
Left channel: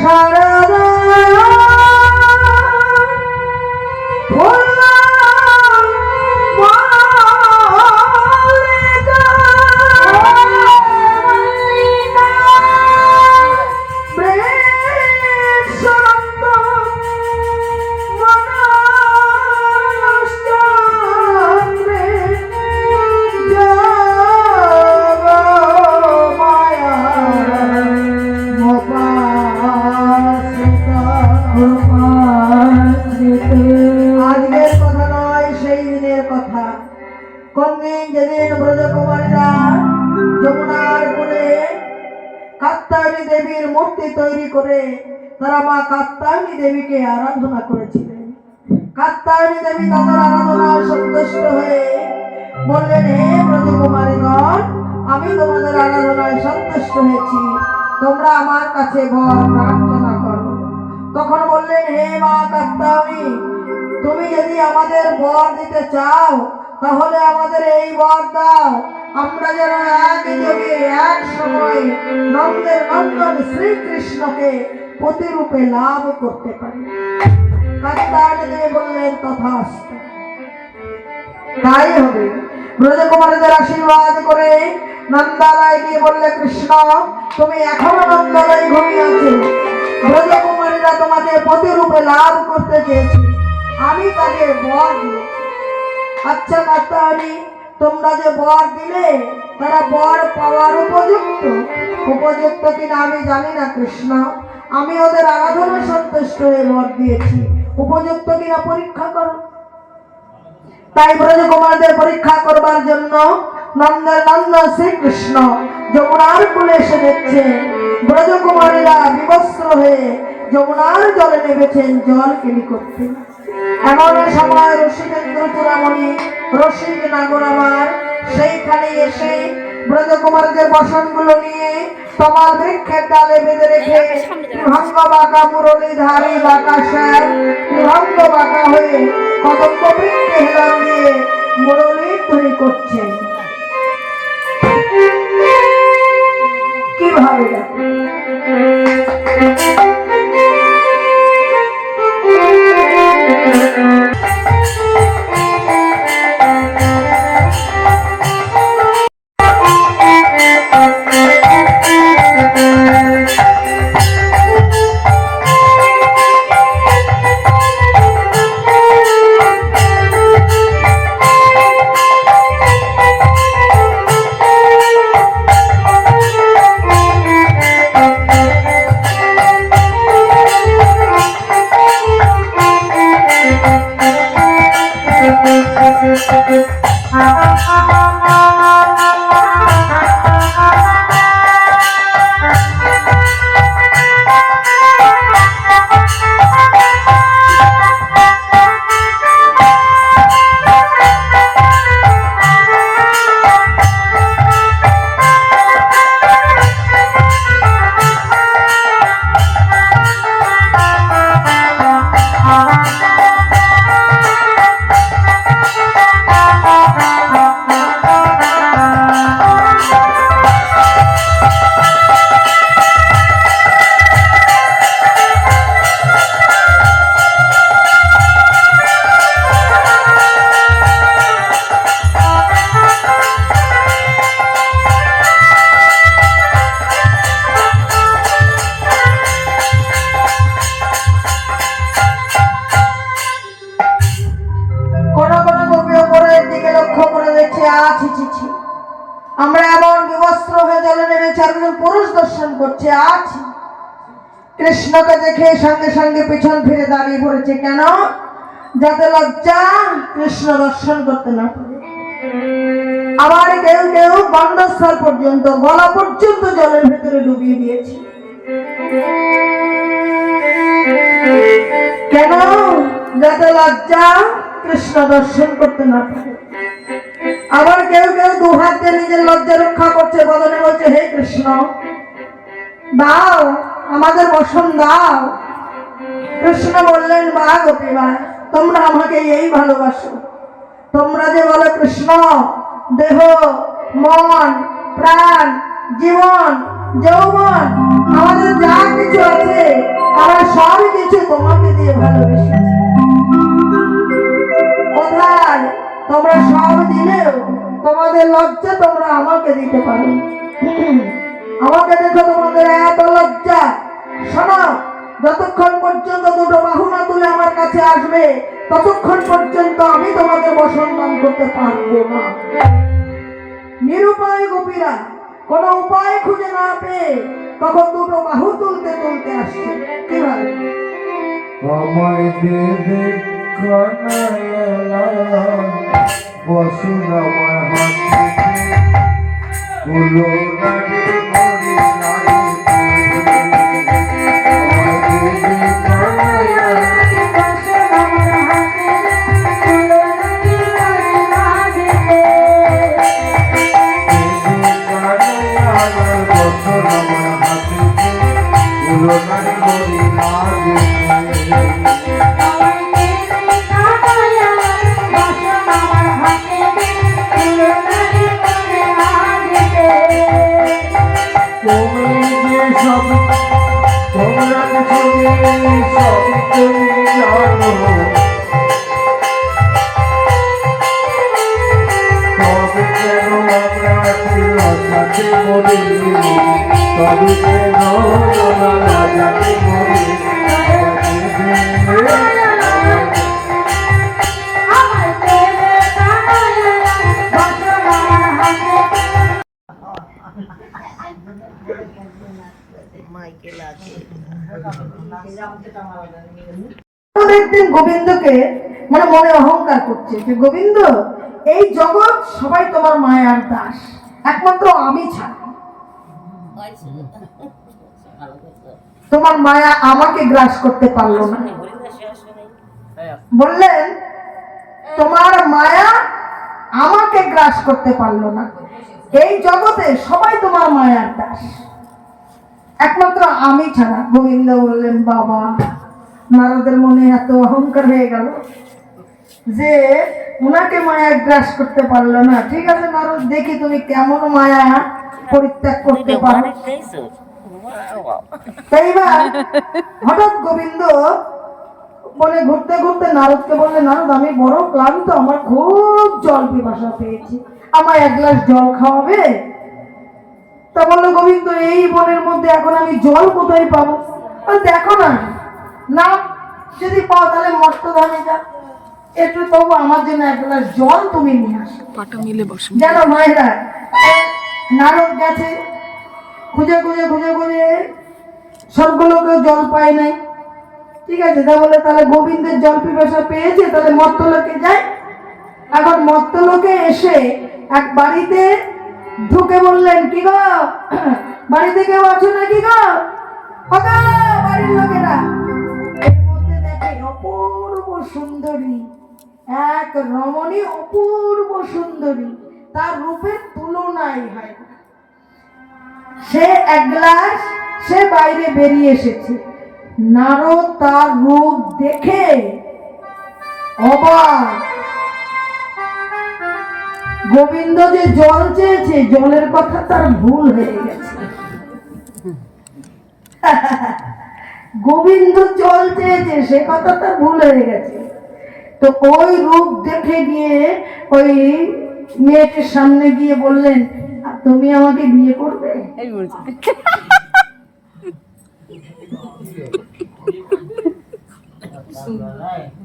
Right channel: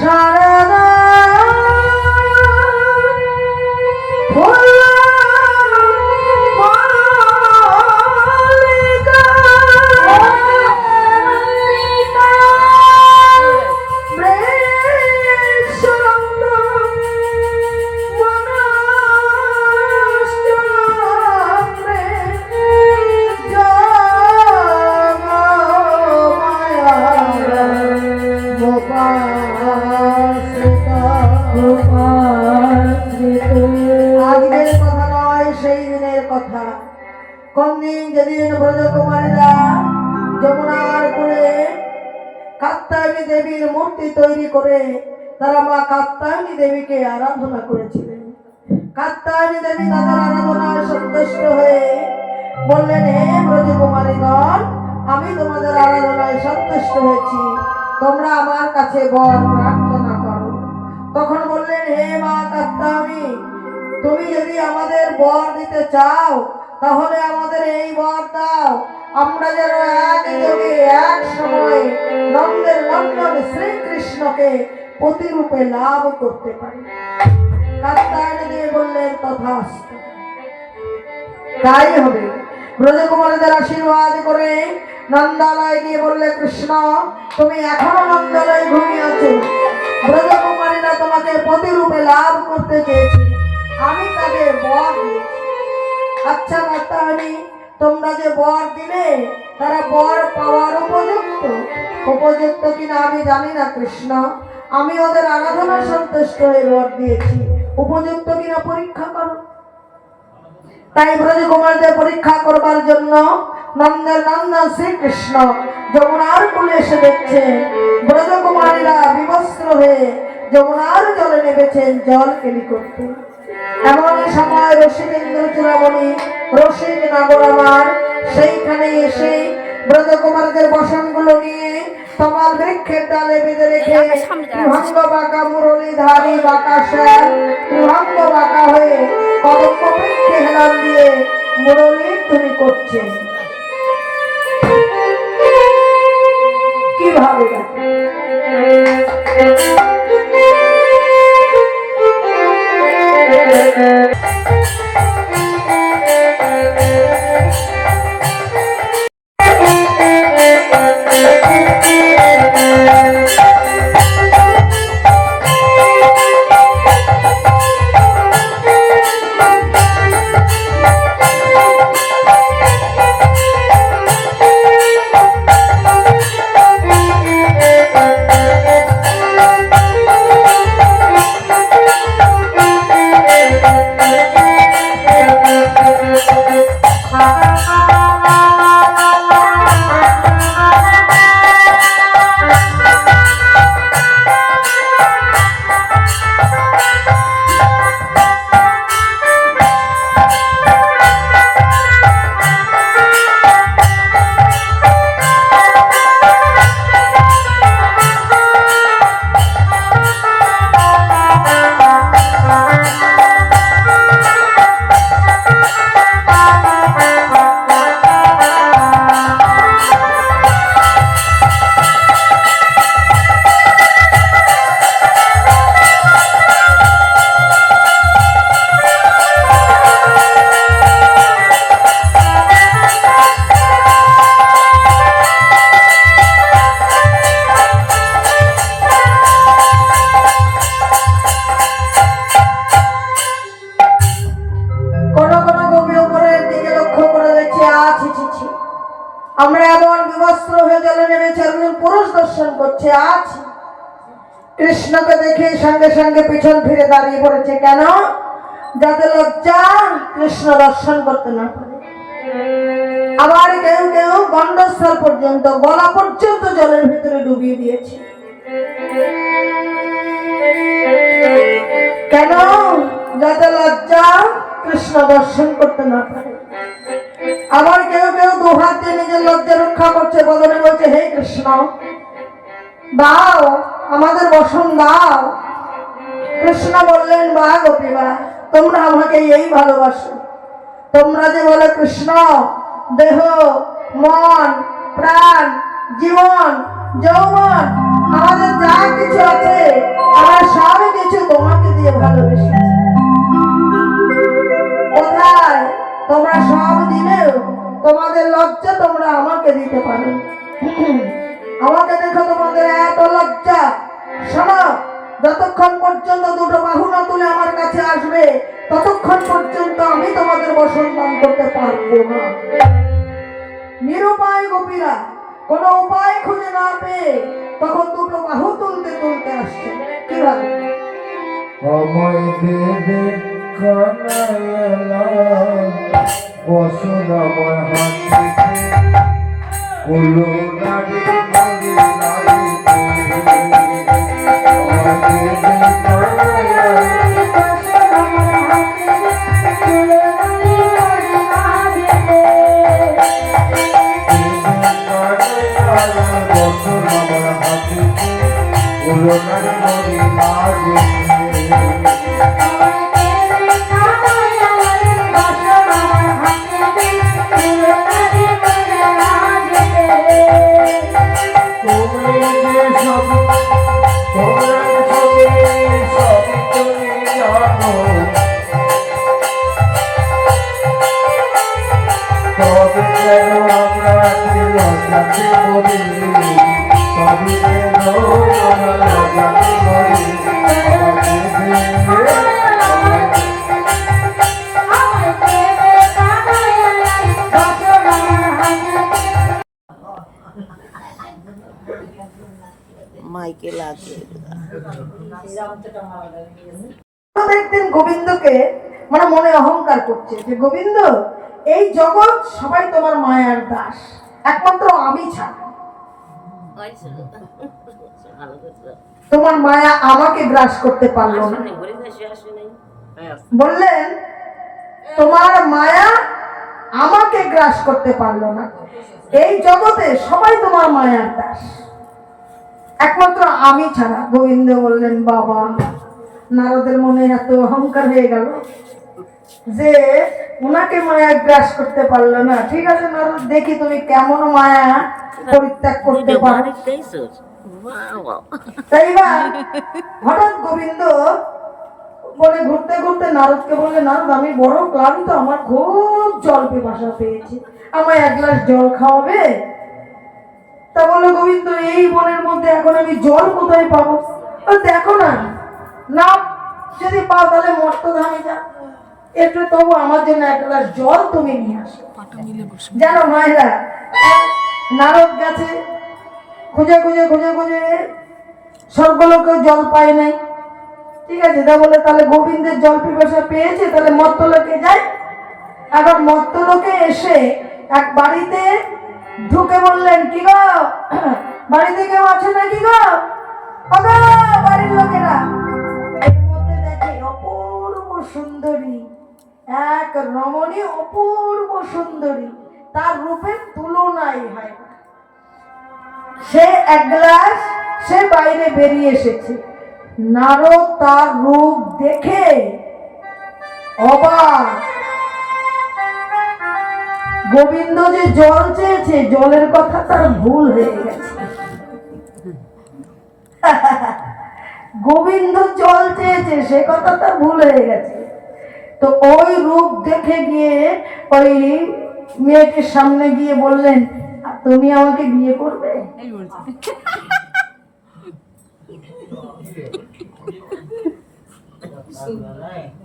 শারদা যেদিন ব্রজকুমারীরা যমুনার কোলে কাত্যায়নী দেবীর মূর্তি তৈরি করে তারা মা কাত্যায়নী দেবীকে আরাধনা করেছিলেন। কাত্যায়নী দেবী তাদের আরাধনায় সন্তুষ্ট হয়ে বললেন, হে ব্রজকুমারীগণ, আমি তোমাদের আরাধনায় সন্তুষ্ট হয়েছি, তোমরা আমার কাছে বর প্রার্থনা করো। তখন বললেন, হে মা কাত্যায়নী, তুমি যদি আমাদের বর দিতে চাও তাহলে আমাদের এই বর দাও, আমরা যেন এক যোগে এক সময় নন্দের নন্দন শ্রীকৃষ্ণকে প্রতিরূপে লাভ করতে পারি। কাত্যায়নী দেবী বললেন, তথাস্তু, তাই হবে। ব্রজকুমারীদের আশীর্বাদ করে নন্দালয়ে গিয়ে বললে, কৃষ্ণ তুমি এখনো নন্দালয়ে ঘুমিয়েছো, ব্রজকুমারীরা তোমাকে প্রতিরূপে লাভ করতে চেয়েছে, আমি তাদের বর দিয়েছি। আচ্ছা কাত্যায়নী, তোমরা যে বর দিলে তারা বর পাওয়ার উপযুক্ত কিনা আমি জানি না কৃষ্ণ, আমি ওদের আরাধনা সন্তুষ্ট হয়ে বর দিয়েছি, উপযুক্ত কিনা পরীক্ষা করো। তাই ব্রজকুমারদের পরীক্ষা করবার জন্য নন্দের নন্দন শ্রীকৃষ্ণ যমুনার কূলে এসে দেখছেন ব্রজকুমারীরা বিবস্ত্র হয়ে যমুনার জলে নেমেছেন জল কেলি করতে। এমন সময় রসিকেন্দ্র চূড়ামণি রসিক নাগর আমার সেইখানে এসে ব্রজকুমারদের বসনগুলো নিয়ে তমাল বৃক্ষের ডালে বেঁধে রেখে ত্রিভঙ্গ বাঁকা মুরলীধারী বাঁকা শ্যাম ত্রিভঙ্গ বাঁকা হয়ে কদম্ব বৃক্ষে হেলান দিয়ে মুরলীর ধ্বনি করছেন। কিভাবে দেখো আমরা এমন বিবস্ত্র হয়ে জলে নেমেছি, একজন পুরুষ দর্শন করছে। আজ কৃষ্ণকে দেখে সঙ্গে সঙ্গে পিছন ফিরে দাঁড়িয়ে পড়েছে। কেন? যাতে লজ্জা কৃষ্ণ দর্শন করতে না পারে। আবার কেউ কেউ গণ্ডস্থল পর্যন্ত, গলা পর্যন্ত জলের ভিতরে ডুবিয়ে দিয়েছে। কেন? যাতে লজ্জা কৃষ্ণ দর্শন করতে না পারে। আবার কেউ কেউ দুহাত দিয়ে নিজের লজ্জা রক্ষা করছে, বদনে বলছে, হে কৃষ্ণ দাও, আমাদের বসন দাও। কৃষ্ণ বললেন, বা গোপীবা, তোমরা আমাকে এই ভালোবাসো। তোমরা যে বলো কৃষ্ণ, দেহ, মন, প্রাণ, জীবন, যৌবন, আমাদের যা কিছু আছে, আমরা সব কিছু তোমাকে দিয়ে ভালোবেসেছি। কোথায়? তোমরা সব দিলেও তোমাদের লজ্জা তোমরা আমাকে দিতে পারো। আমাকে দেখো, তোমাদের এত লজ্জা। শোনো, যতক্ষণ পর্যন্ত দুটো বাহু না তুলে আমার কাছে আসবে, ততক্ষণ পর্যন্ত আমি তোমাদের বসন দান করতে পারবো না। নিরুপায় গোপীরা কোনো উপায় খুঁজে না পেয়ে তখন দুটো বাহু তুলতে তুলতে আসছে। কিভাবে? আমায় দেবে কানাইলা বসুন আমার হাতে কুলো নারী মরি নারী আমায় দেবে কানাইলা বসুন আমার হাতে কুলো নারী মরি নারী একদিন গোবিন্দকে মানে মনে অহংকার করছে যে, গোবিন্দ, এই জগৎ সবাই তোমার মায়ার দাস, একমাত্র আমি ছাড়া। তোমার মায়া আমাকে গ্রাস করতে পারলো না। বললেন, তোমার মায়া আমাকে গ্রাস করতে পারলো না। এই জগতে সবাই তোমার মায়ার দাস, একমাত্র আমি ছাড়া। গোবিন্দ বললেন, বাবা, নারদের মনে এত অহংকার হয়ে গেল যে ওনাকে মায়া গ্রাস করতে পারলো না। ঠিক আছে নারদ, দেখি তুমি কেমন মায়া পরিত্যাগ করতে পারো। এইবার হঠাৎ গোবিন্দ বনে ঘুরতে ঘুরতে নারদকে বললে, নারদ, আমি বড় ক্লান্ত, আমার খুব জল পিপাসা পেয়েছি, আমায় এক গ্লাস জল খাওয়াবে? তা বললো গোবিন্দ, এই বনের মধ্যে এখন আমি জল কোথায় পাবো? দেখো না, না যদি পাও তাহলে মর্তধামে যা, একটু তবু আমার জন্য এক গ্লাস জল তুমি নিয়ে আসো। জানো মায়েরা, নারদ গেছে, খুঁজে খুঁজে খুঁজে খুঁজে সবগুলোকেও জল পায় নাই। ঠিক আছে, তা বলে তাহলে গোবিন্দের জল পিপাসা পেয়েছে, তাহলে মর্তলোকে যায়। এখন মর্তলোকে এসে এক বাড়িতে ঢুকে বললেন, কি গো, বাড়িতে কেউ আছে নাকি গো? বাড়ির লোকেরা। এর মধ্যে দেখে অপূর্ব সুন্দরী এক রমণী, অপূর্ব সুন্দরী, তার রূপের তুলনাই হয় না। সে এক গ্লাস, সে বাইরে বেরিয়ে এসেছে। নারদ তার রূপ দেখে অবাক। গোবিন্দ যে জল চেয়েছে, জলের কথা তার ভুল হয়ে গেছে। গোবিন্দ জল চেয়েছে, সে কথা তার ভুল হয়ে গেছে। তো ওই রূপ দেখে গিয়ে ওই মেয়েটির সামনে গিয়ে বললেন, তুমি আমাকে বিয়ে করবে?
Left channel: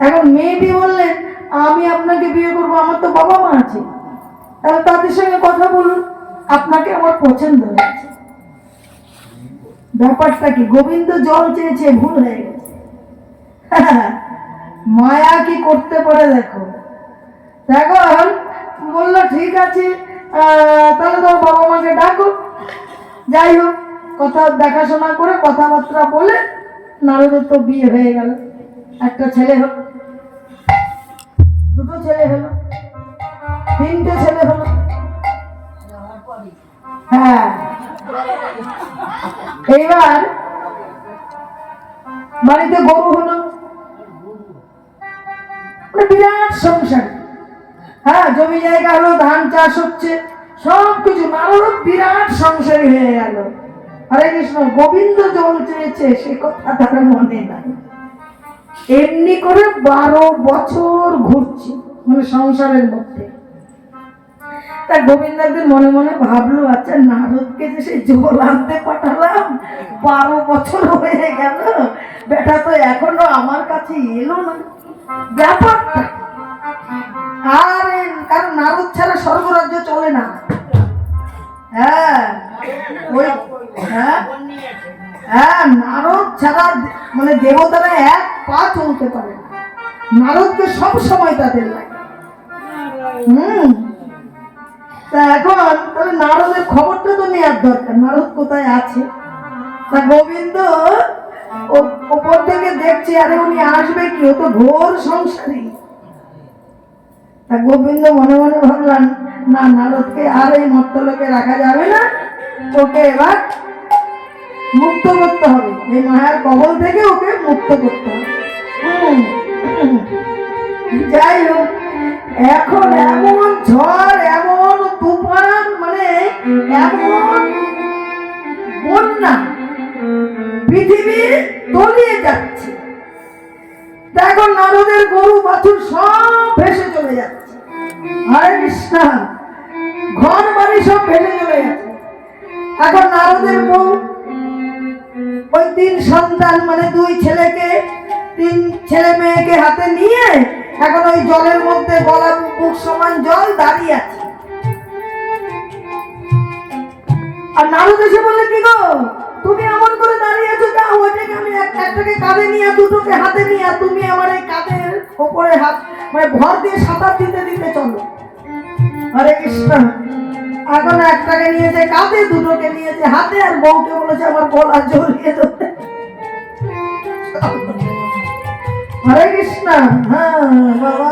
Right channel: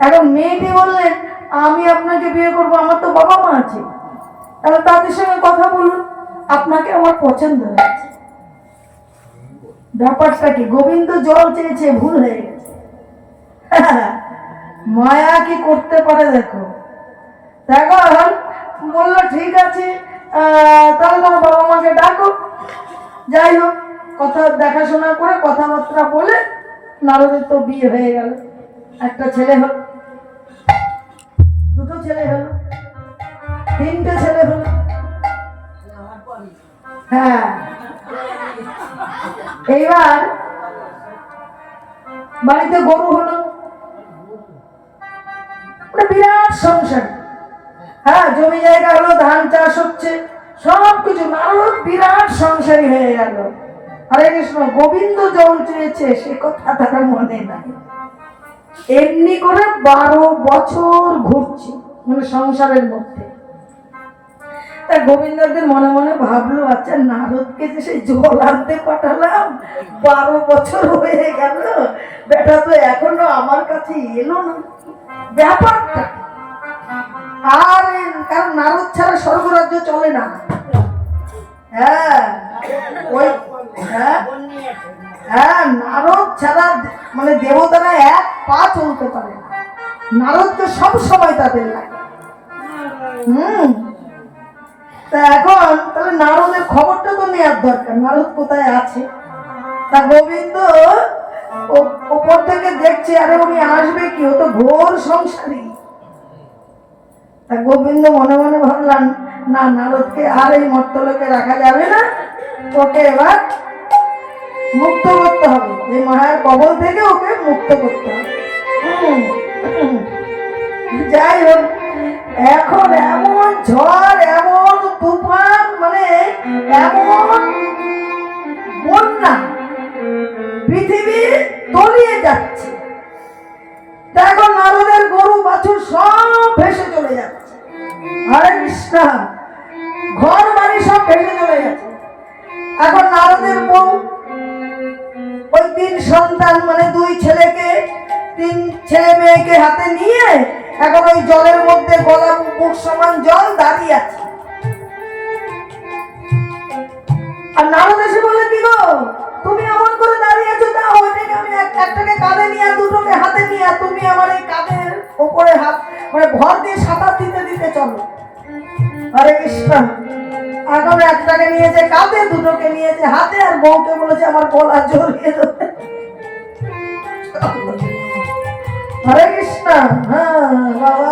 এখন মেয়েটি বললেন, আমি আপনাকে বিয়ে করবো, আমার তো বাবা মা আছে, তাহলে তাদের সঙ্গে কথা বলুন। আপনাকে আমার পছন্দ হয়েছে। ব্যাপারটা কি, গোবিন্দ জল চেয়েছে, ভুল হয়ে গেছে। মায়া কি করতে পারে দেখো। এখন বললো ঠিক আছে, তাহলে তোর বাবা মাকে ডাকো। যাই হোক, কথা দেখাশোনা করে কথাবার্তা বলে নারদের তো বিয়ে হয়ে গেল। একটা ছেলে হলো, দুটো ছেলে হলো, তিনটে ছেলে হলো। হ্যাঁ, এইবার বাড়িতে গরু হলো, বিরাট সংসার। হ্যাঁ, জমি জায়গা হলো, ধান চাষ হচ্ছে, সবকিছু। নারদ বিরাট সংসারী হয়ে গেল। হরে কৃষ্ণ। গোবিন্দ জল চেয়েছে সে কথা তার মনে নাই। এমনি করে 12 বছর ঘুরছে, মানে সংসারের মধ্যে। তা গোবিন্দ একদিন মনে মনে ভাবলো, আচ্ছা নারদকে যে সেই জল আনতে পাঠালাম, 12 বছর হয়ে গেল, বেটা তো এখনো আমার কাছে এলো না, ব্যাপারটা। আর কারণ নারদ ছাড়া স্বর্গরাজ্য চলে না। হ্যাঁ, ওই হ্যাঁ হ্যাঁ, নারদ ছাড়া মানে দেবতারা এক পা চলতে পারে না। নারদকে সব সময় তাদের লাগে। তা এখন তাহলে নারদের খবরটা তো নেওয়ার দরকার, নারদ কোথায় আছে। তা গোবিন্দ ওপর থেকে দেখছে, আরে উনি আসবে কি, ও তো ঘোর সংসারী। তা গোবিন্দ মনে মনে ভাবলাম, না, নারদকে আর এই মর্তলোকে রাখা যাবে না, ওকে এবার মুক্ত করতে হবে, এই মায়ার কবল থেকে ওকে মুক্ত করতে হবে। যাই হোক, এখন এমন ঝড়, এমন তুফান, মানে এমন বন্যা, পৃথিবী তলিয়ে যাচ্ছে। এখন নারদের গরু বাছুর সব ভেসে চলে যাচ্ছে। হরে কৃষ্ণ। ঘর বাড়ি সব ভেসে চলে যাচ্ছে। এখন নারদের বউ ওই 3 সন্তান, মানে 2 ছেলেকে, 3 ছেলে মেয়েকে হাতে নিয়ে এখন ওই জলের মধ্যে গলা বুক সমান জল দাঁড়িয়ে আছে। আর নারদ এসে বলে, কি গো তুমি এমন করে দাঁড়িয়ে আছো, তা ওইটাকে আমি একটাকে কাঁধে নিয়ে, দুটোকে হাতে নিয়ে, তুমি আমার এই কাঁধের ওপরে হাত মানে ভর দিয়ে সাঁতার দিতে দিতে চলো। হরে কৃষ্ণ। এখন একটাকে নিয়েছে কাঁধে, দুটোকে নিয়েছে হাতে, আর বউকে বলেছে আমার গলা জড়িয়ে দেবে। হরে কৃষ্ণ। হ্যাঁ বাবা।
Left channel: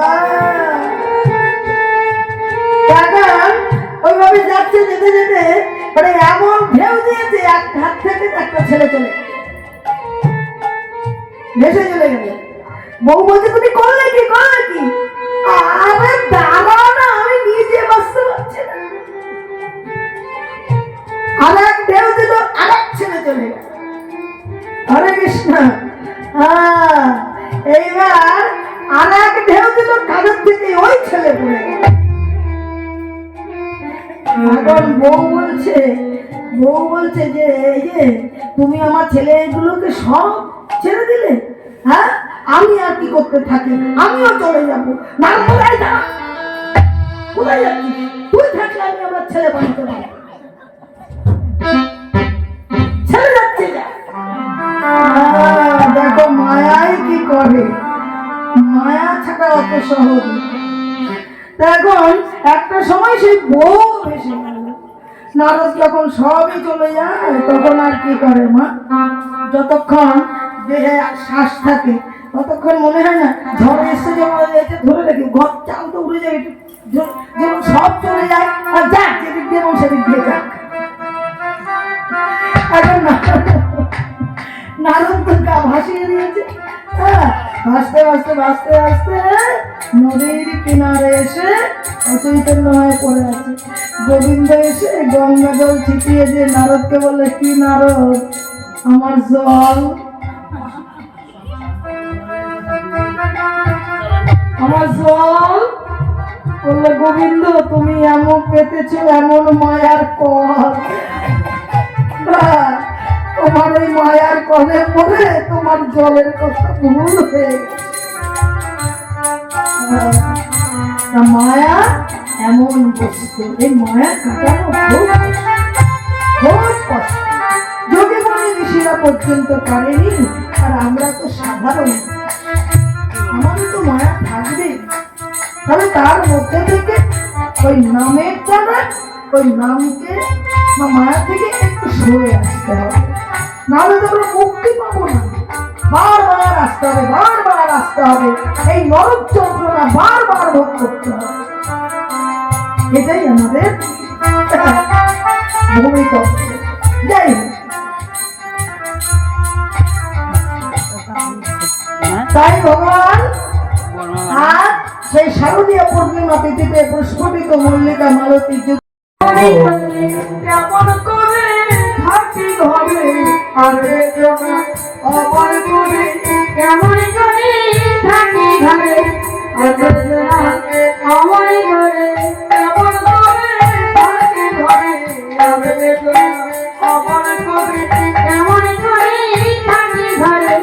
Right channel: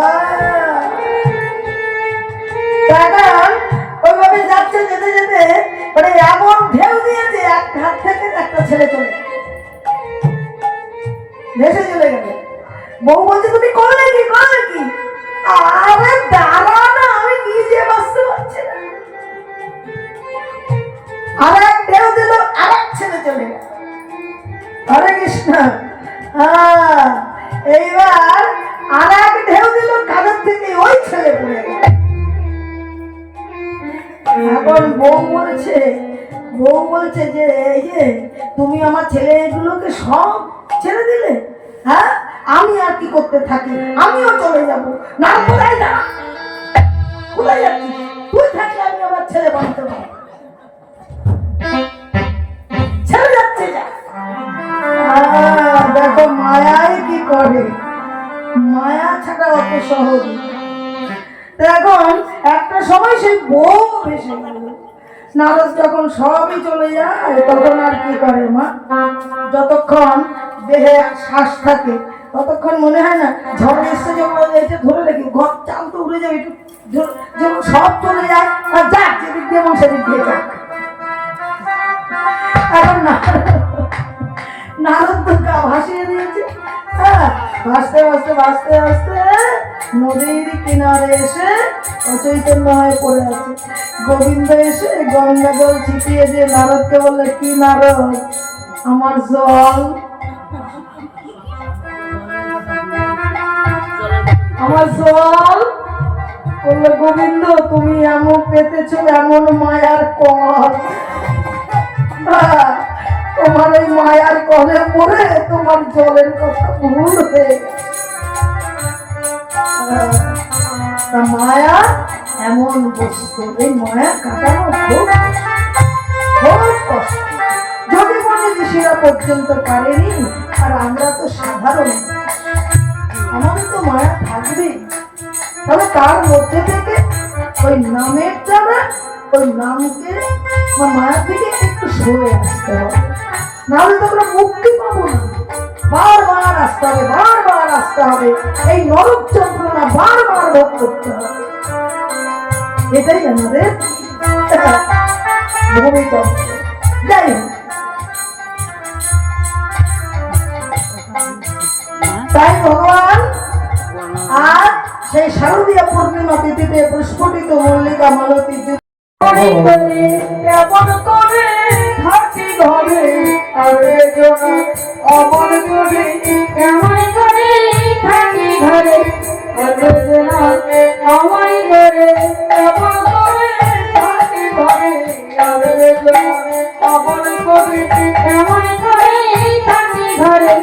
এখন ওইভাবে যাচ্ছে, যেতে যেতে মানে এমন ঢেউ দিয়েছে, এক হাত থেকে একটা ছেলে চলে ভেসে চলে গেল। বউ বলছে, তুমি করলে কি, করলে কি? আরে দাঁড়া না, আমি নিজে বাঁচতে পারছি না। আর এক ঢেউ দিল, আর এক ছেলে চলে গেল। হরে কৃষ্ণ। হ্যাঁ, এইবার আর এক ঢেউ দিল, কাঁধের থেকে ওই ছেলে পড়ে গেল। এখন বউ বলছে যে এই যে তুমি আমার ছেলেগুলোকে সব ছেড়ে দিলে, হ্যাঁ, আমি আর কি করতে থাকি, আমিও চলে যাবো। না, কোথায় যা, কোথায় যাচ্ছি? তুই থাকলে আমি আমার ছেলে বানাতে পারি, ছেড়ে যাচ্ছে। দেখো মায়ায় কি করে, মায়া ছাড়া অত সহজ। এখন একটা সময় সেই বউ ভেসে গেল। নারদ যখন সবই চলে যায়, তখন আর কি করে মা, যতক্ষণ দেহে শ্বাস থাকে ততক্ষণ মনে হয় না ঝড় এসছে, যখন এটা ধরে রেখে ঘর চাল তো উড়ে যাবে, একটু যখন সব চলে যায়, আর যাক যেদিক দিয়ে এবং সেদিক দিয়ে যাক। এখন নারদ তো গা ভাসিয়ে দিয়েছে। হ্যাঁ, ভাসতে ভাসতে ভাসতে ভাসতে নদীর কিনারে এসে অচৈতন্য হয়ে পড়ে আছে। গোবিন্দ এসে গঙ্গা জল ছিটিয়ে দিয়ে নারদকে বললে, কি নারদ, আমার জল, আমার জল। বললে, গোবিন্দ তুমি এমন পেতেছো, এমন মায়ার কল, তোমার ওই মায়ার কলে পড়ে তোমার জলের কথা ভুল হয়ে গেছে। মায়া এমন বস্তু এই মায়া কাটানো খুব কষ্ট, খুব কষ্ট। যদি মনে ঋষিরা পর্যন্ত পারেনি, আর আমরা তো সাধারণ, আমাদের তো মায়া থাকবে। তবে তার মধ্যে থেকে ওই নামের দ্বারা ওই নামকে বা মায়া থেকে একটু সরে আসতে হবে, নাহলে তো আমরা মুক্তি পাবো না। বারবার আসতে হবে, বারবার আসতে হবে, এই নরক যন্ত্রণা বারবার ভোগ করতে হবে। এটাই আমাদের ভূমিতত্ত্ব। যাই হোক, তাই ভগবান আর সেই শারদীয় পূর্ণিমা তিথিতে প্রস্ফুটিত মল্লিকা মালতী কেমন করে থাকি ঘরে আর অমন করে কেমন করে থাকি ঘরে আর আমার ঘরে কেমন করে থাকি ঘরে আর অমন করে কেমন করে থাকি ঘরে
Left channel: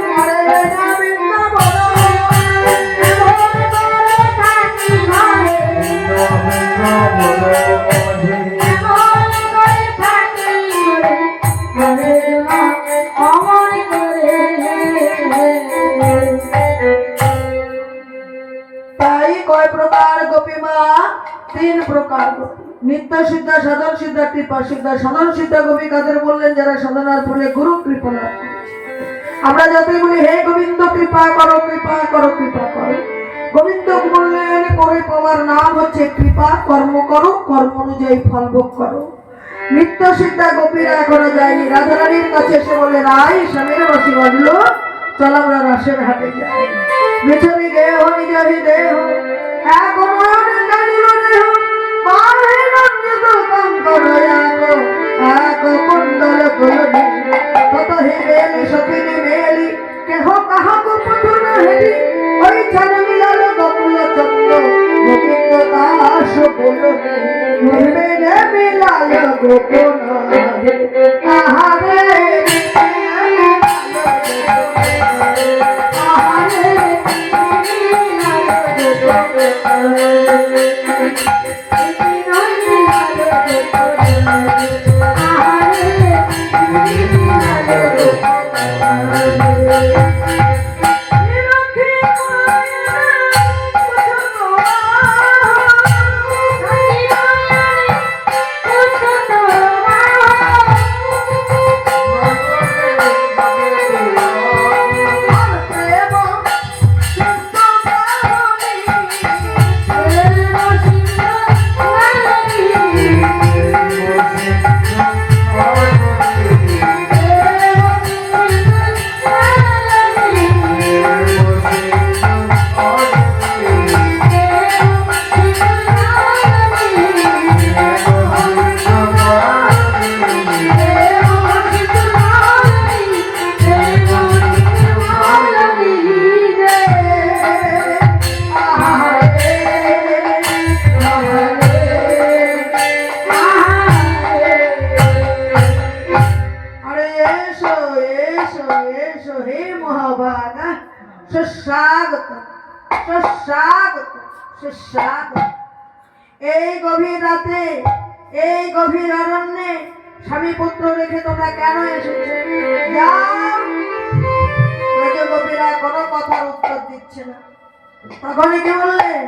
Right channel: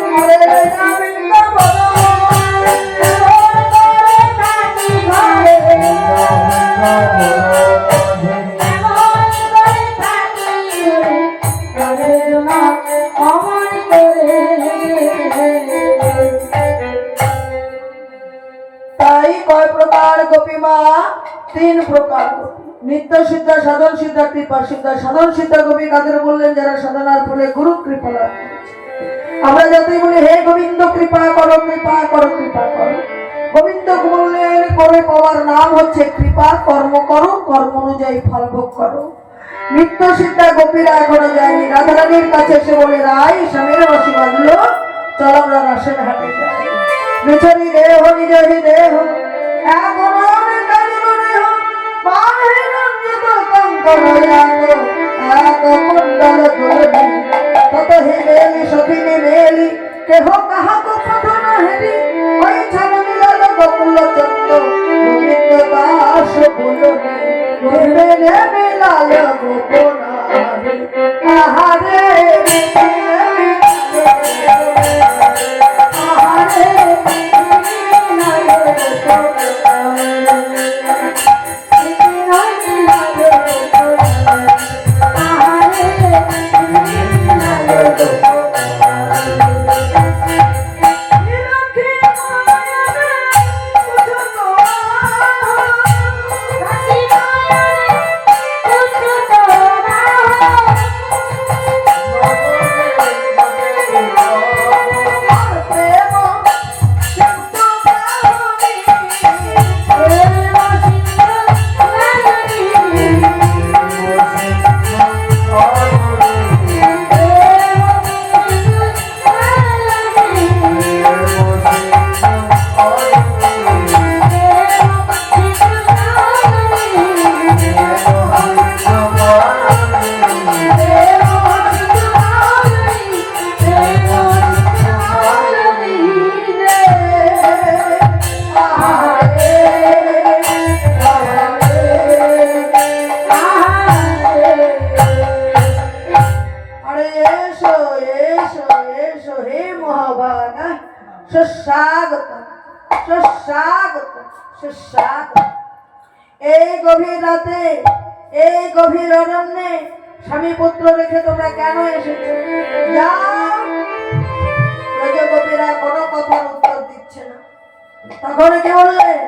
তাই কয় প্রকার গোপী মা? 3 প্রকার গোপী। নিত্য সিদ্ধা, সাধন সিদ্ধা, কৃপা সিদ্ধা। সাধন সিদ্ধা গোপী কাদের বললেন? যারা সাধনার ফলে গুরু কৃপা লাভ করেছে। আমরা যাতেই বলি হে গোবিন্দ কৃপা করো, কৃপা করো, কৃপা করো, গোবিন্দ বললেন করে পাওয়ার নাম হচ্ছে কৃপা। কর্ম করো, কর্ম অনুযায়ী ফল ভোগ করো। নিত্য সিদ্ধা গোপীরা এখনো যায়নি। রাধারানীর কাছে এসে বলে, রাই স্বামীর বাসী বাঁধল, চল আমরা রাসের হাটে যাই। বিচরি দেহ নিজাহি দেহ এখন কাজল দেহ বাহে রঞ্জিত কঙ্কণ এক কুণ্ডল তোলনি তত হি মেলি সখিনী মেলি কেহ কাহাকো পথ না হেলি ওই ছান মিলাল গোকুল চন্দ্র গোবিন্দ দাস বলনি নির্বেগে মিলাল গোকুল আহারে এই গভীর রাতে এই গভীর অরণ্যে স্বামী পুত্র রেখে তোমরা কেন এসেছো? ব্রজগোপীরা কোনো কথার উত্তর দিচ্ছে না। তখন কি বললেন?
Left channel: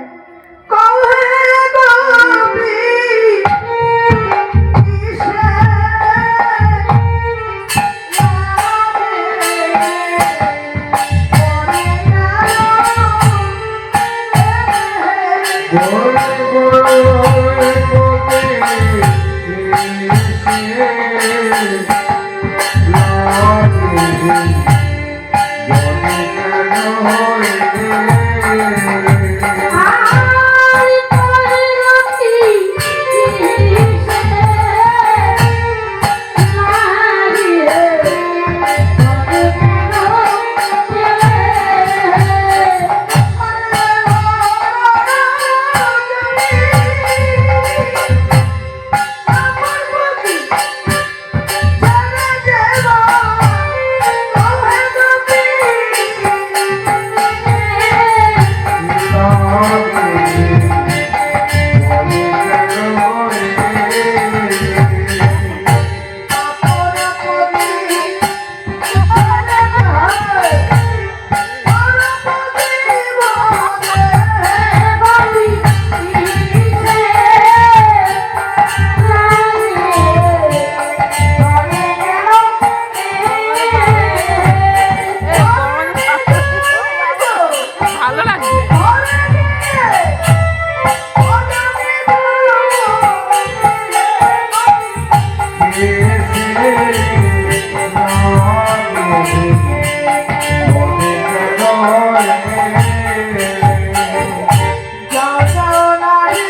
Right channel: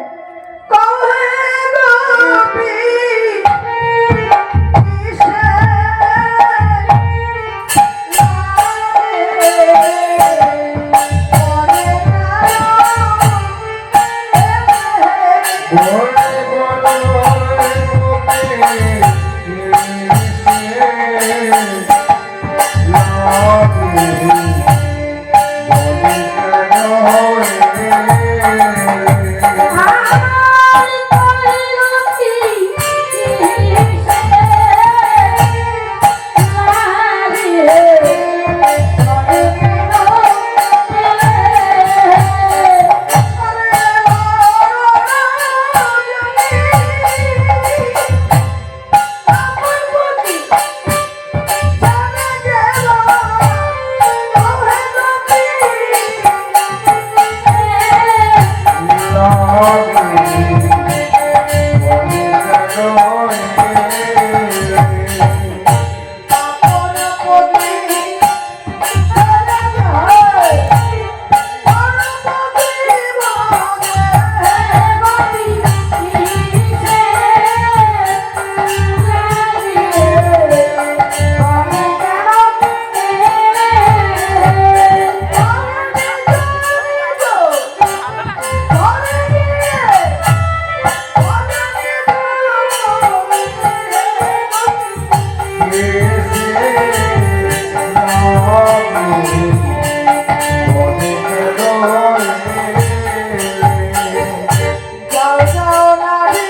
যাও যাও নারী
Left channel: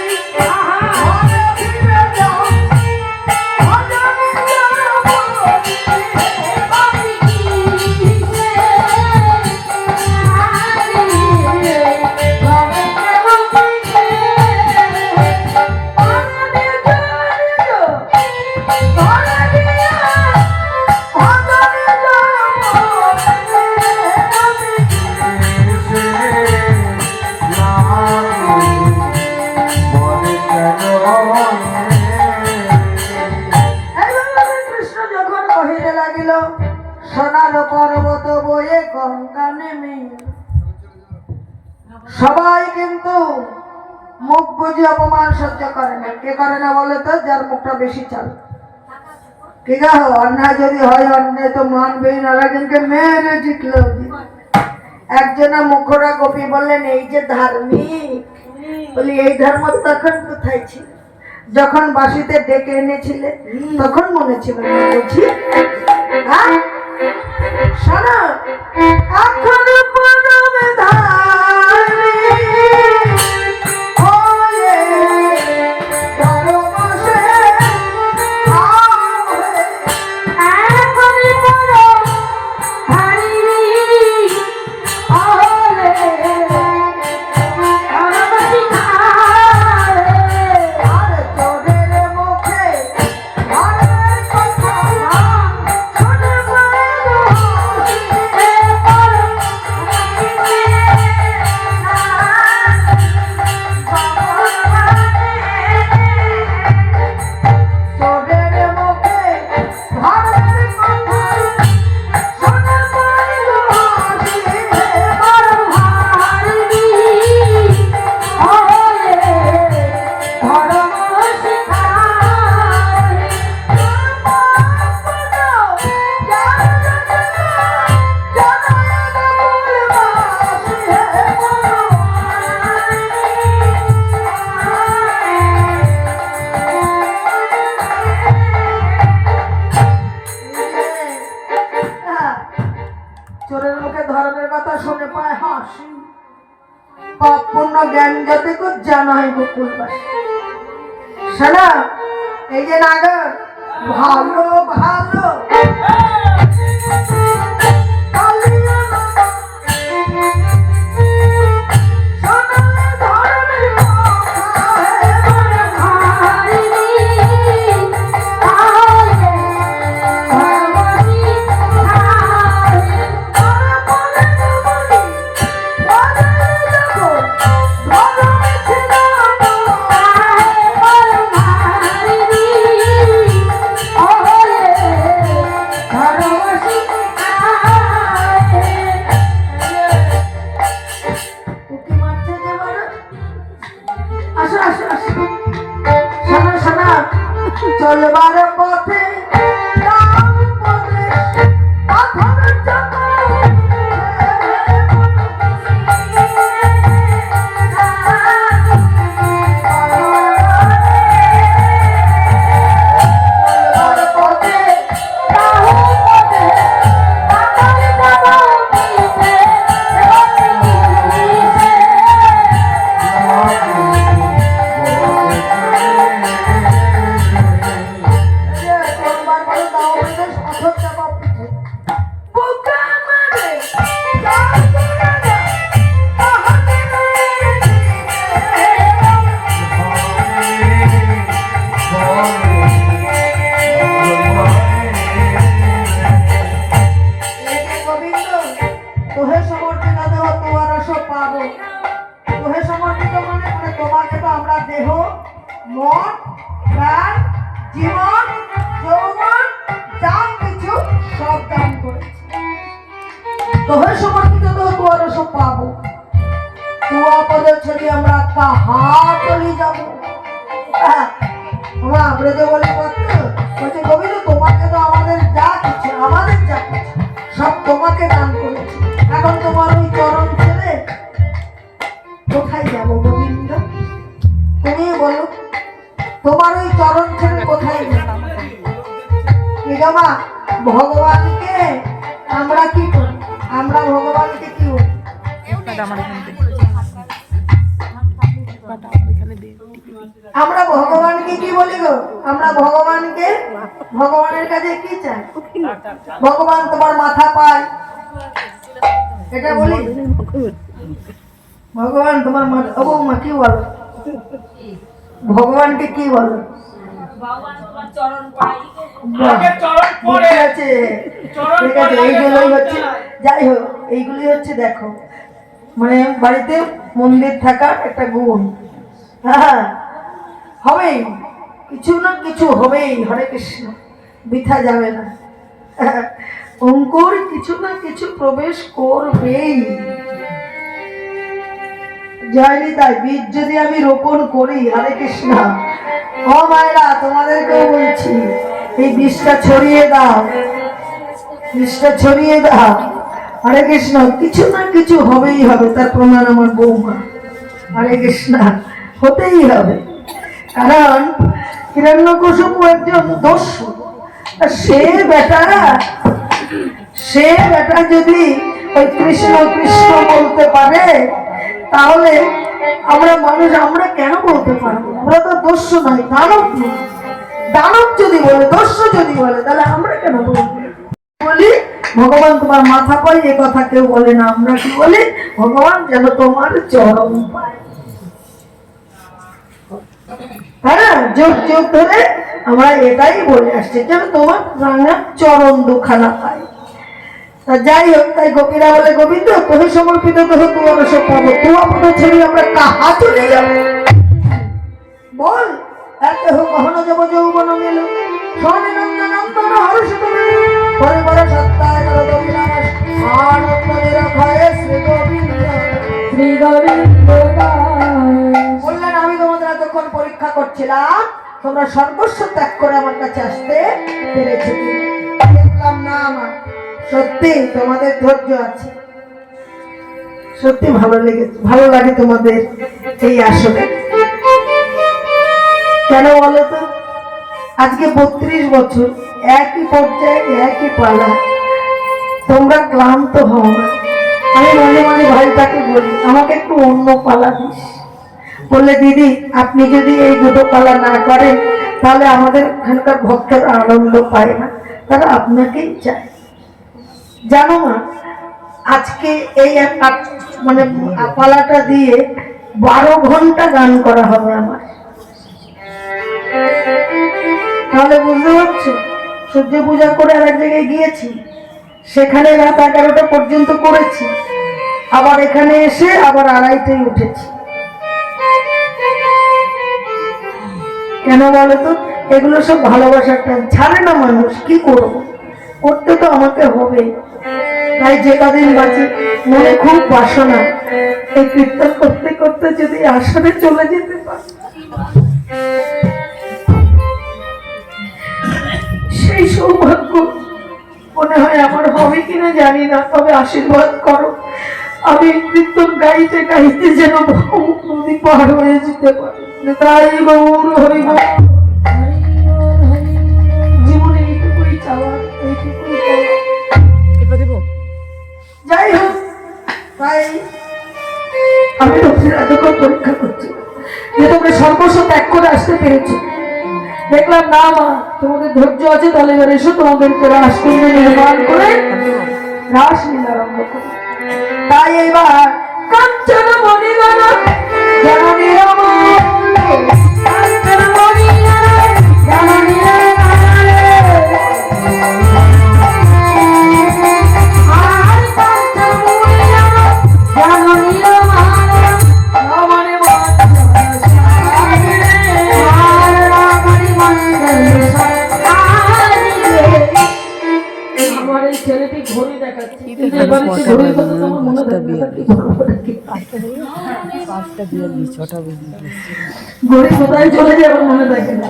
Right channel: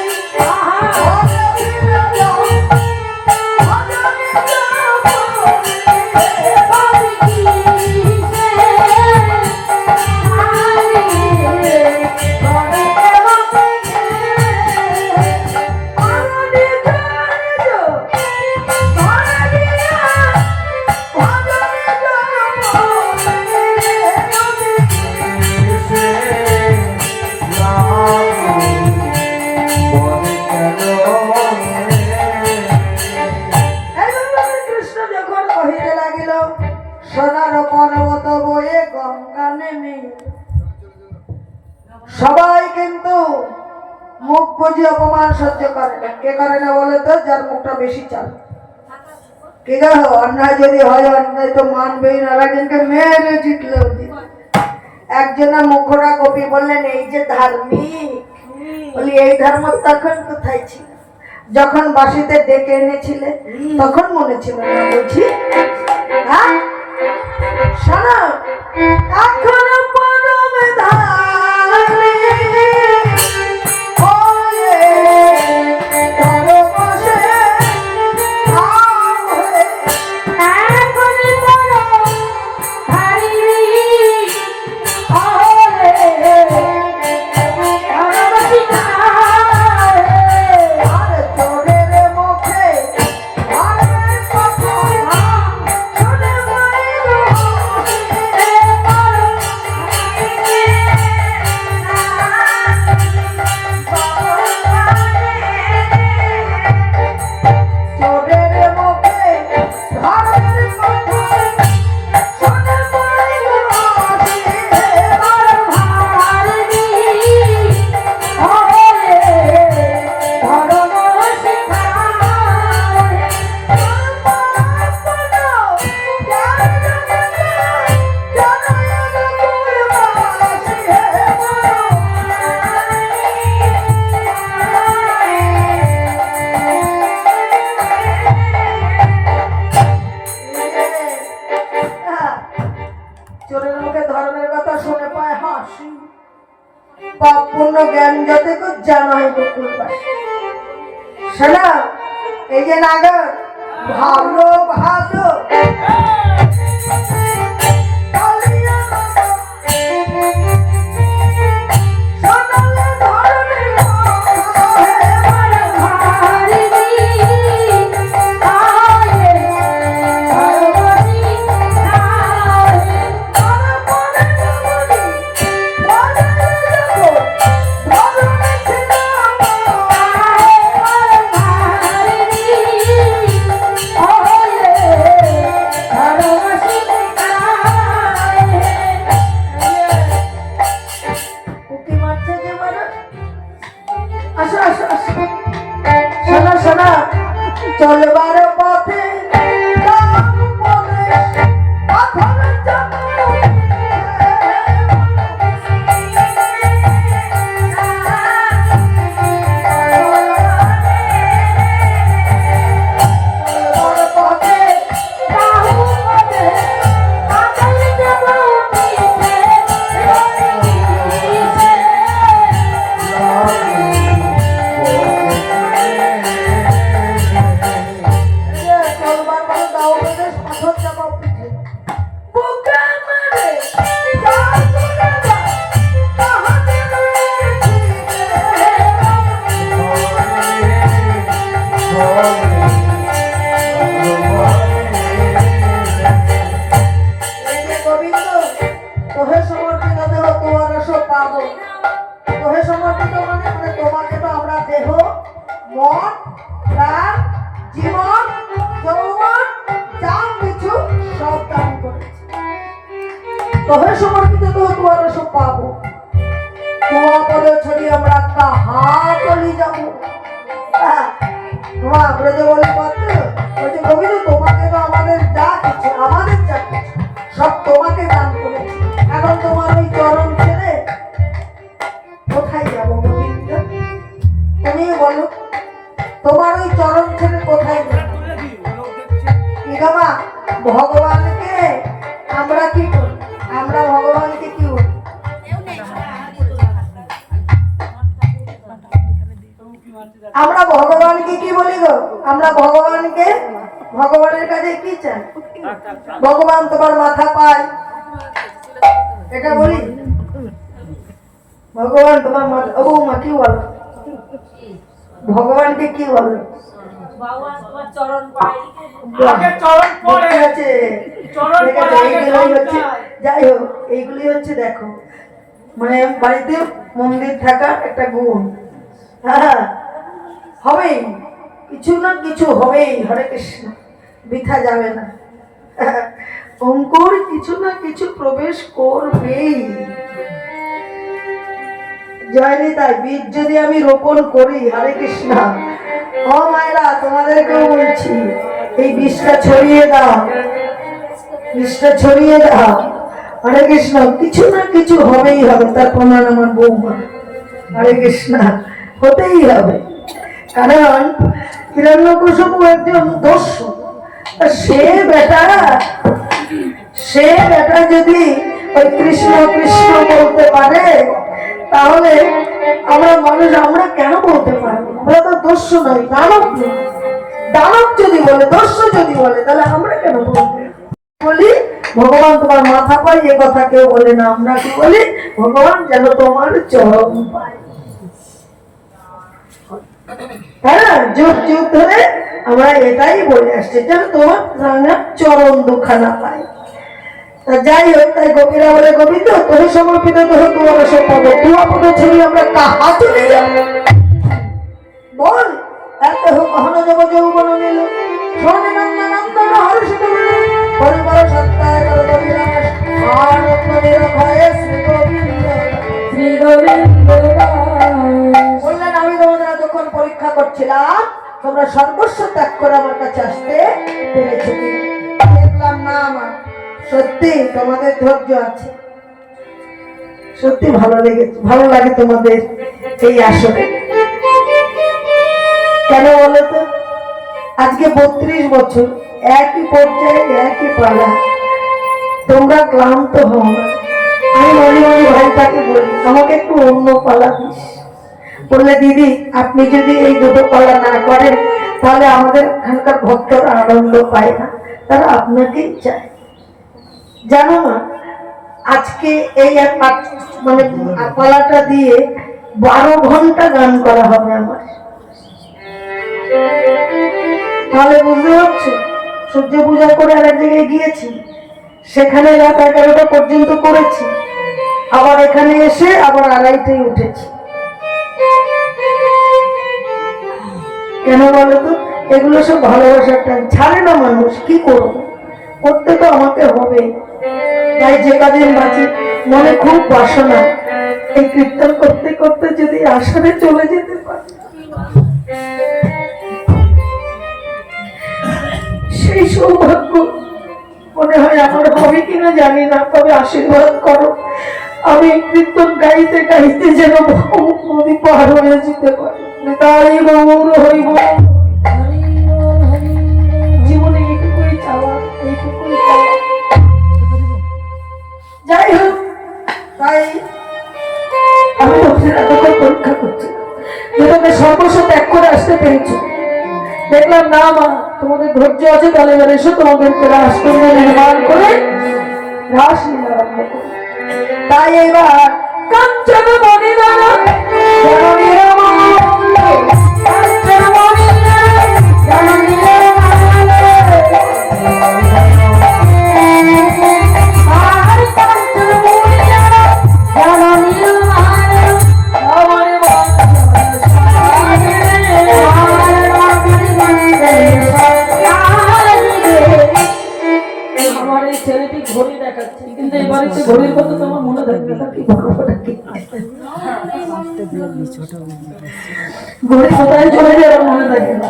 ঘরে ফিরে যাও ভজনে যাও বাড়ি কিসে আরে ঘরে কেমন থাকে অনাদি জড়িত ঘরে ফিরে ভজনে এইভাবে কৃষ্ণ যখন কহিতে লাগিল সোনার পর্বত বয়ে গঙ্গা নেমে সবাই কিন্তু মুখ বুঝে অপমান সহ্য করে না। কে করে না বলে তো? যার মুখটা বেশি চাল। ঠিক আছে, অন্যায় যদি হয় অন্যায় তো মানবেই না, একজনকে মেরে জিতলেও জিত। একজনা মুখরা কবি বললেন এই যে ধার্মিক, বলি এই ধর্ম তখন কোথায় ছিল? যখন বাসিতে ডেকে এনেছিলে তখন মনে ছিল না বুঝি? হ্যাঁ শোনো, এখনো পরমে ধার্মিক হয়ে পরবশে ভাব হয়ে এখনই বড় হারি হলে আরবাসি খায় আর চোরের মুখে ভাবের কথা শুনে মায়ের হাসি। চোরের মুখে ভাবের কথা শুনে মায়ের হাসি। চোরের মুখে ধর্মের কথা শুনে পায় হাসি। পাপ পুণ্য জ্ঞান যতে কুছ জানা হয় বকুলবাসী। শোনা, এই যে নাগর ভালো ভালো কালিয়া নাগর, শোনালে ধর্মের কথা হে চলবার পথে কাম উপদেশ পাথর চাপা চলবার পথে কাম উপদেশ পাথর চাপা চলবার পথে দাও উপদেশ পাথর চাপা পিঠে বুকে মারে চার গুণাগা তাহাতে গোবিন্দ তোহে সমর্পিত দেহ তোমার সব পাবো। তোহে সমর্পিত মানে মানে তোমাকে তো আমরা দেহ মন প্রাণ জীবন যৌবন যা কিছু সব দান করেছি। তোহে সমর্পিত দেহ তোমার সব পাবো। তোমার পদে ছড়ি আমরা কাহা চলি যাবো। তোমার আমরা যে বলি কত বলছে গোবিন্দ তোমাকে তো আমাদের যা কিছু সব তোমাকে দান করেছি। এখন তোমার ওই চরণ ছেড়ে কোথায় যাব গোবিন্দ? তুমি বলো, তোমার ওই চরণ ছেড়ে কোথায় যাব? কি গো মা, ভগবানকে আমরা কি করি? আমরা ভগবানকে কি বলি? আমরা ভগবানকে কি বলি গো? আমরা ভগবানকে, ভগবানের কাছে কি চাই? ভগবান তোমার মাথা পায়, এটা বলি? ভগবান তোমার মাথা, ও মা কি বলো? ভগবানকে কি বলো? আগে চরণ পড়ে ঠিক আছে, চরণ ঠিক পড়ে আছে, আগে এইগুলোই হচ্ছে, চরণ যাই হোক এইগুলি হচ্ছে দেখো মানে বাড়িতে মন্দির থাকার একটা গুণ। হ্যাঁ হবেই, কিছু না কিছু হবেই, হরে কৃষ্ণ, বৃথা যাবে না। অঙ্কুর কিছু না কিছু প্রবেশ করবেই। যায়নি তাই বীজ যদি আমি রোপণ করি, হরে কৃষ্ণ, ও মায়েরা তোমাদেরকেও বলছি, এই বীজটা ছড়িয়ে দাও, বীজটা ছড়িয়ে দাও, হরে কৃষ্ণ, কিছু না কিছু হবেই হবে। তার প্রমাণ আমার বৌমা, হরে কৃষ্ণ, হতেই হবে। কারণ হিরণ্যকশিপু একজন দস্যু, সে বেটা যদি ওই কৃষ্ণ কৃষ্ণ বলতে পারে, তাহলে আমরা মানুষ, আমরা কেন বলতে পারবো? আমরা তো দস্যু নয়, দানব নয়। দানব যদি বলে, দস্যু যদি বলে, তাহলে আমরা কেন বলবো? বলি ভগবান তোমার মাথা পায়, এ কথা কেউ বলে না। আমরা কি বলি? ভগবান যেন তোমার চরণ পায়। হ্যাঁ, যুগ যুগ ধরে আমরা এটাই বলে আসছি, যেন তোমার রাঙা চরণ দুখানা পাই। তা যাই হোক, তাই গোপীরা বলে, গোবিন্দ তোহে সমর্পিত তোহে তোমার পদ, তোমার পদ ছেড়ে আমরা কাহা চলে যাব? বল, এতে হোক কখনো যাব যৌবন মেল, স্বর্ণে নন্দন নন্দন হর্ষিত মেল, পরিবার সত্তায় রবিনাশ, আনন্দ নিরভয়ে শ্রী গোবিন্দ। শ্রী গোবিন্দ বললেন, আমি তোমাদের এতক্ষণ পরীক্ষা করছিলাম, তোমরা সর্বস্ব ত্যাগ করে আমার কাছে আসতে পেরেছো কি? দেখলাম না আমার সত্যি তোমাদের ধৈর্য আছে, সত্যি ভালো লেগেছে, ভালো লাগে তোমাদের এই আসরে। কেন বলো তো? আজকে 32 বছর একই পর্যায়ে একই পালা, তোমরা ক্লান্ত হও না। আমি মনে মনে ভাইটাকে বলি, আমাকে একটু অন্য পালা দিস। বললে, দিদি আপনি যদি এই দুটো পালা না করেন, তাহলে আমাদের এখানকার ভক্তরা আনন্দ পায় না, তারা আপনাকেই চায়। জানো না, আজকে এই মানে পালাটা দিয়ে 12 ঘন্টা গান করা হবে আমার। তাহলে বুঝতে পারছো, সূর্য পূজা করে আর এক জায়গায় গিয়েছি, সেখানে রাত 11টা পর্যন্ত করেছি, আবার এখানে এসে আবার 2:30টায় উঠেছি। কেন বলো তো? এগুলো সব ভালোবাসার টাইম, ছাড়ে না মানুষ, কি করবো, করতে তো আমাকে হবে। তাই যে কদিন বাঁচি, মনে খুব বাসনা, এই কীর্তন করতে করতে যদি আসরে চলে যেতে পারি, সেই সৌভাগ্য মনে হয় আমার হবে কিনা জানি না, তবে আশীর্বাদ করো, আমি কীর্তন গাইতে গাইতে যেন নদী পার হয়ে যেতে পারি। তাই গৌর হরি বল। জীবনে এইটুকুই চাওয়া, এইটুকুই চাওয়া। যাই হোক, তাই আমি তোমাদের এতক্ষণ পরীক্ষা করছি যে তোমরা সর্বস্ব ত্যাগ করে আসতে পেরেছো। দেখলাম না মা, তোমাদের ধৈর্য আছে, তাহলে এবার এসো, তোমাদেরকে রাসকুণ্ড নির্মাণ করে রাস লীলা আরম্ভ করো। তাই এবার কাঞ্চন মণিদানা জননী রমণী, কাঞ্চন মণিদানা জননী রমণী, আর কাঞ্চন মণিদানা জননী রমণী, রমণী আমার এই ছেলেটি ঘড়ি দেখাচ্ছে, কিন্তু এবারে ঘড়ির কথা তো আমার মনে থাকবে না, কি বলবো নাকি? ঘড়ি কোথায় চলে যায় আমার মনে থাকে না।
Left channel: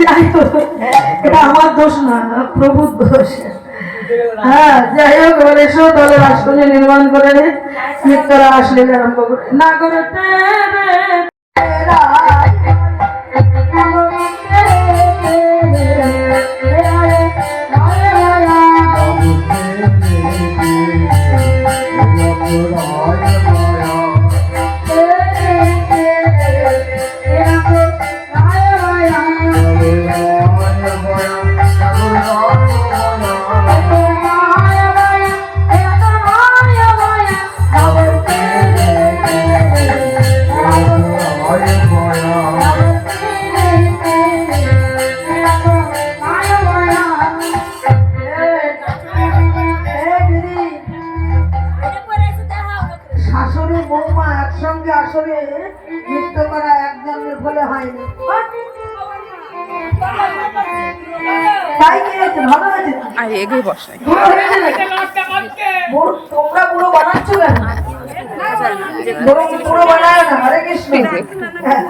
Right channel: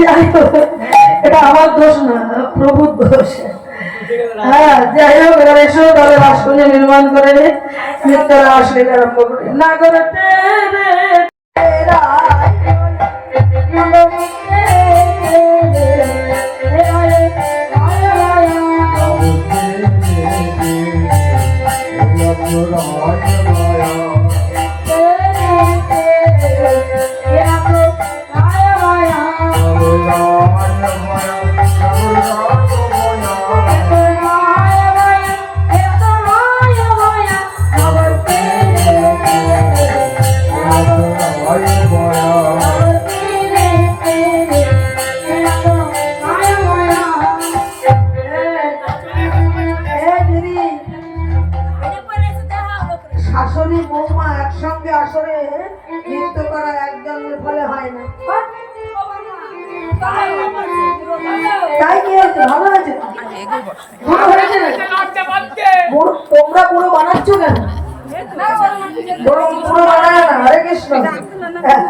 যাই হোক, এটা আমার দোষ না, প্রভুর দোষ। হ্যাঁ, যাই হোক, এবার এসো, তাহলে রাসকুঞ্জ নির্মাণ করে রে, নিত্যারা আসলে আরম্ভ করে না করে তাই কি হয়েছে? ভালো হয়েছে তো? বুড়ো হয়েছে নাকি? তোমরা বুড়ো বানাচ্ছ কেন? বুড়ো বুড়ো বানায় না। হরে কৃষ্ণ। হ্যাঁ।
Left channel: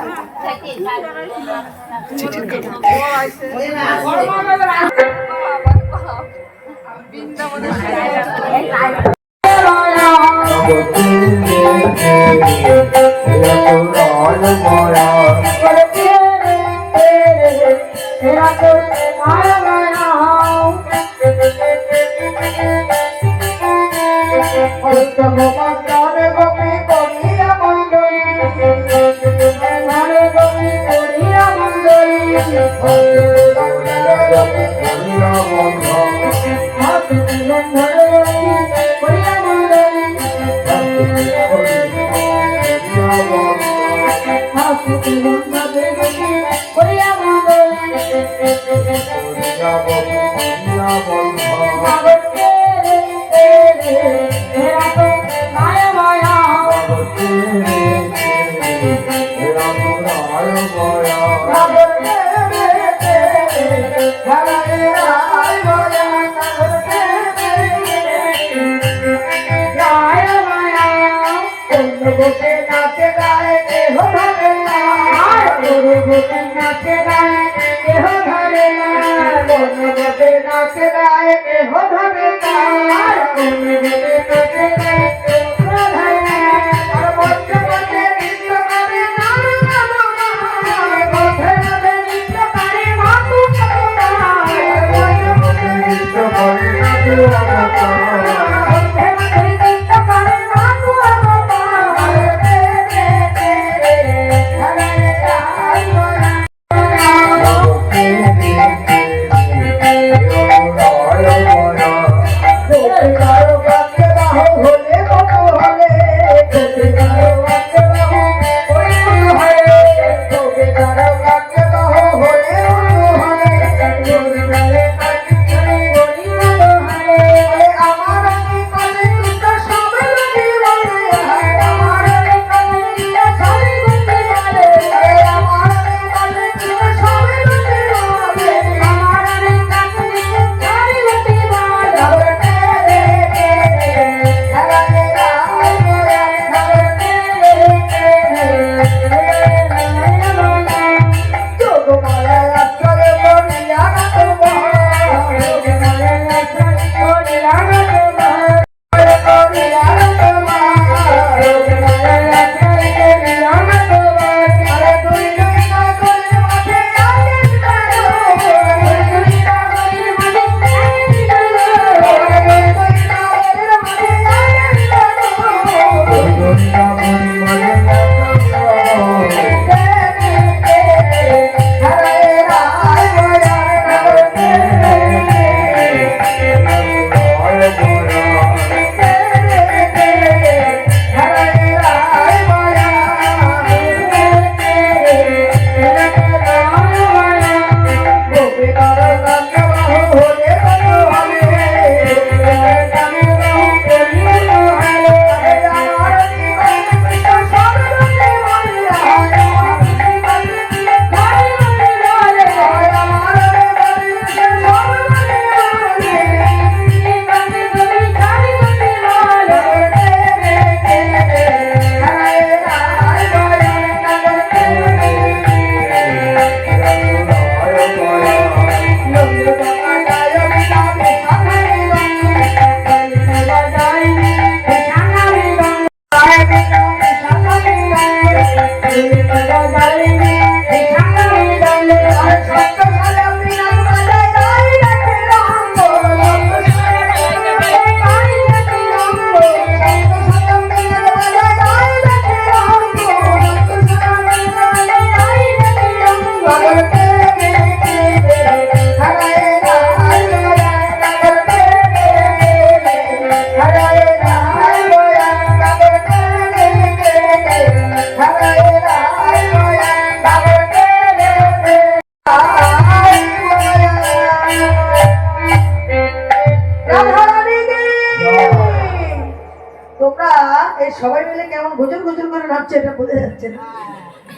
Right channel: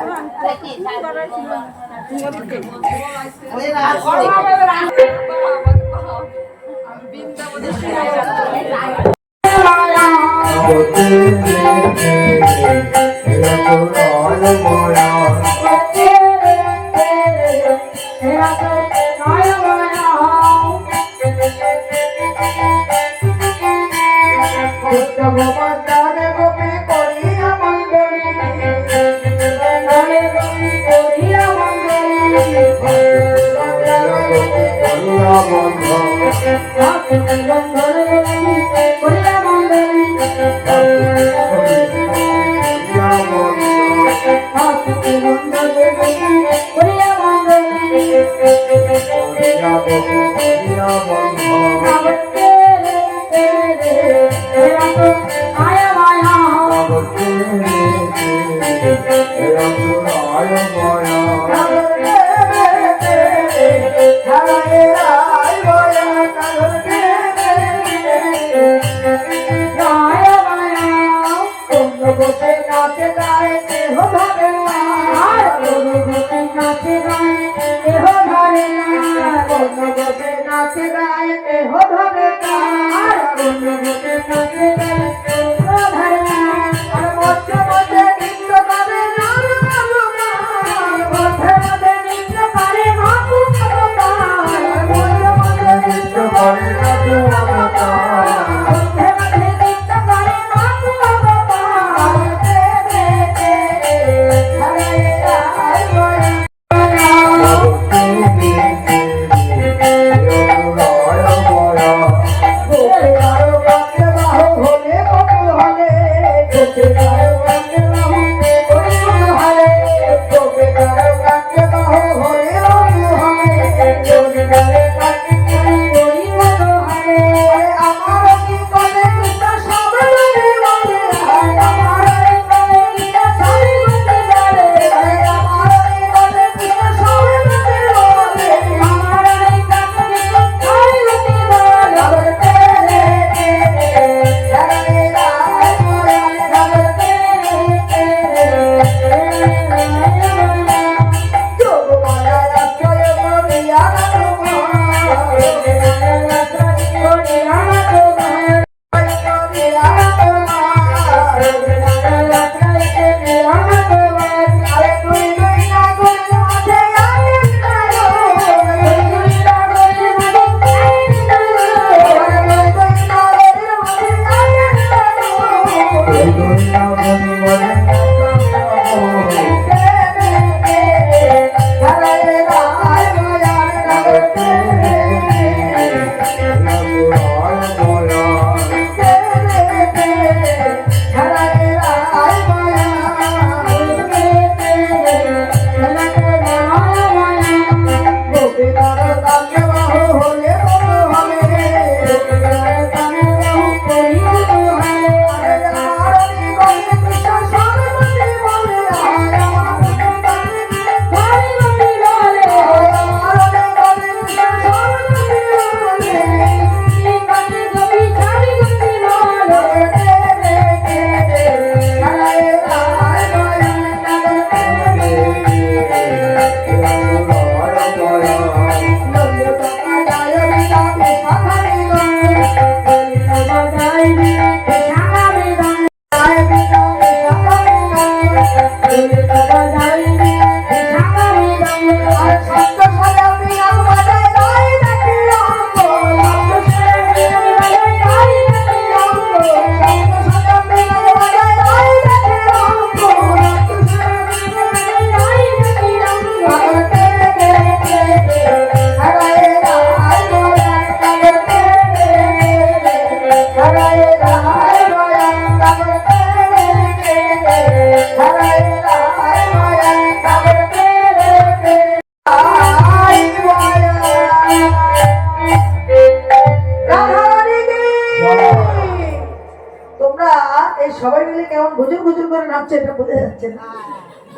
সবাই মিলে কেমন গুজর গুজর করে নাচছে এটা বোঝা যাচ্ছে না।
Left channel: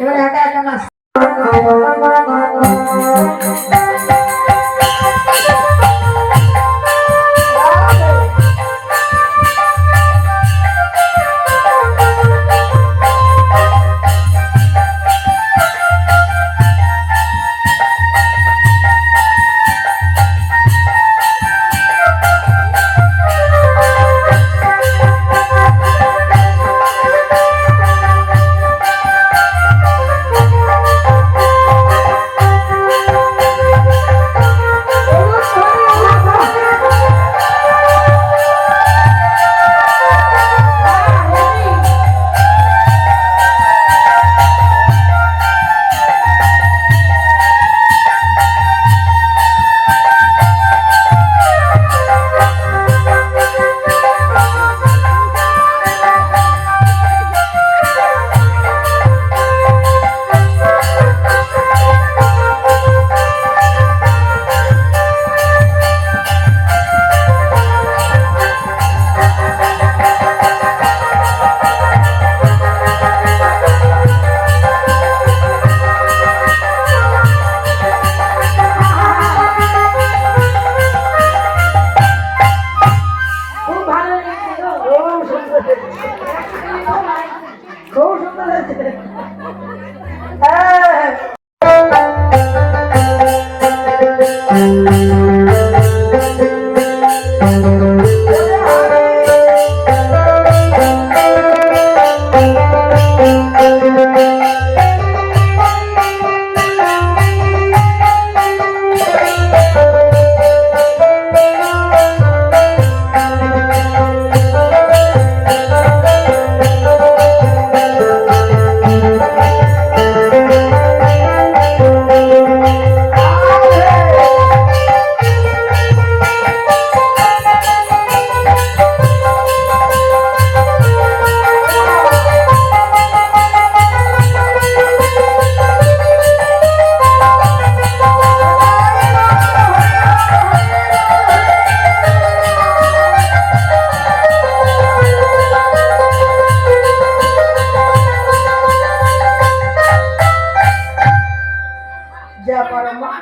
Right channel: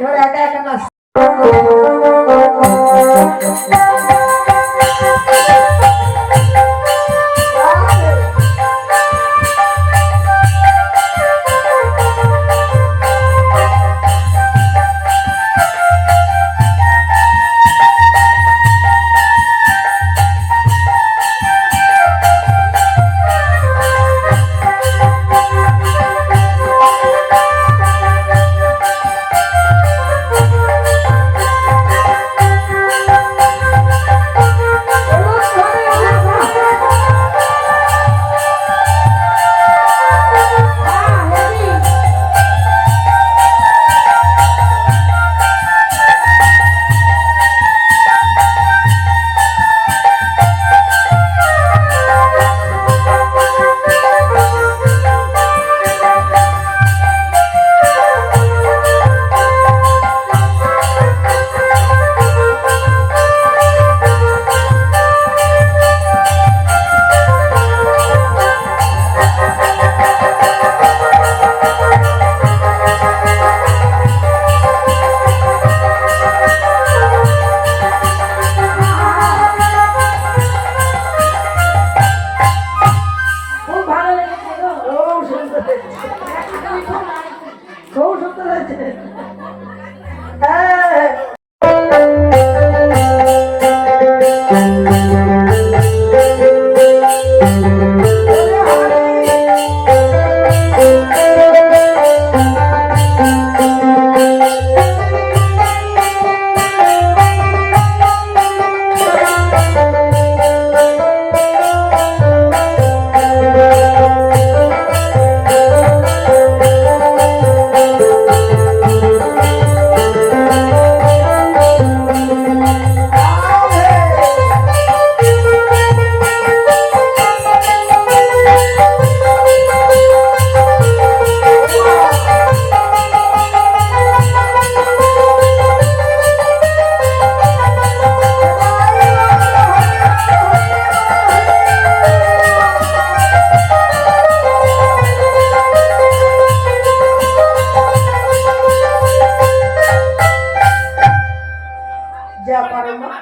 এবার একা একা নাচ করো মা।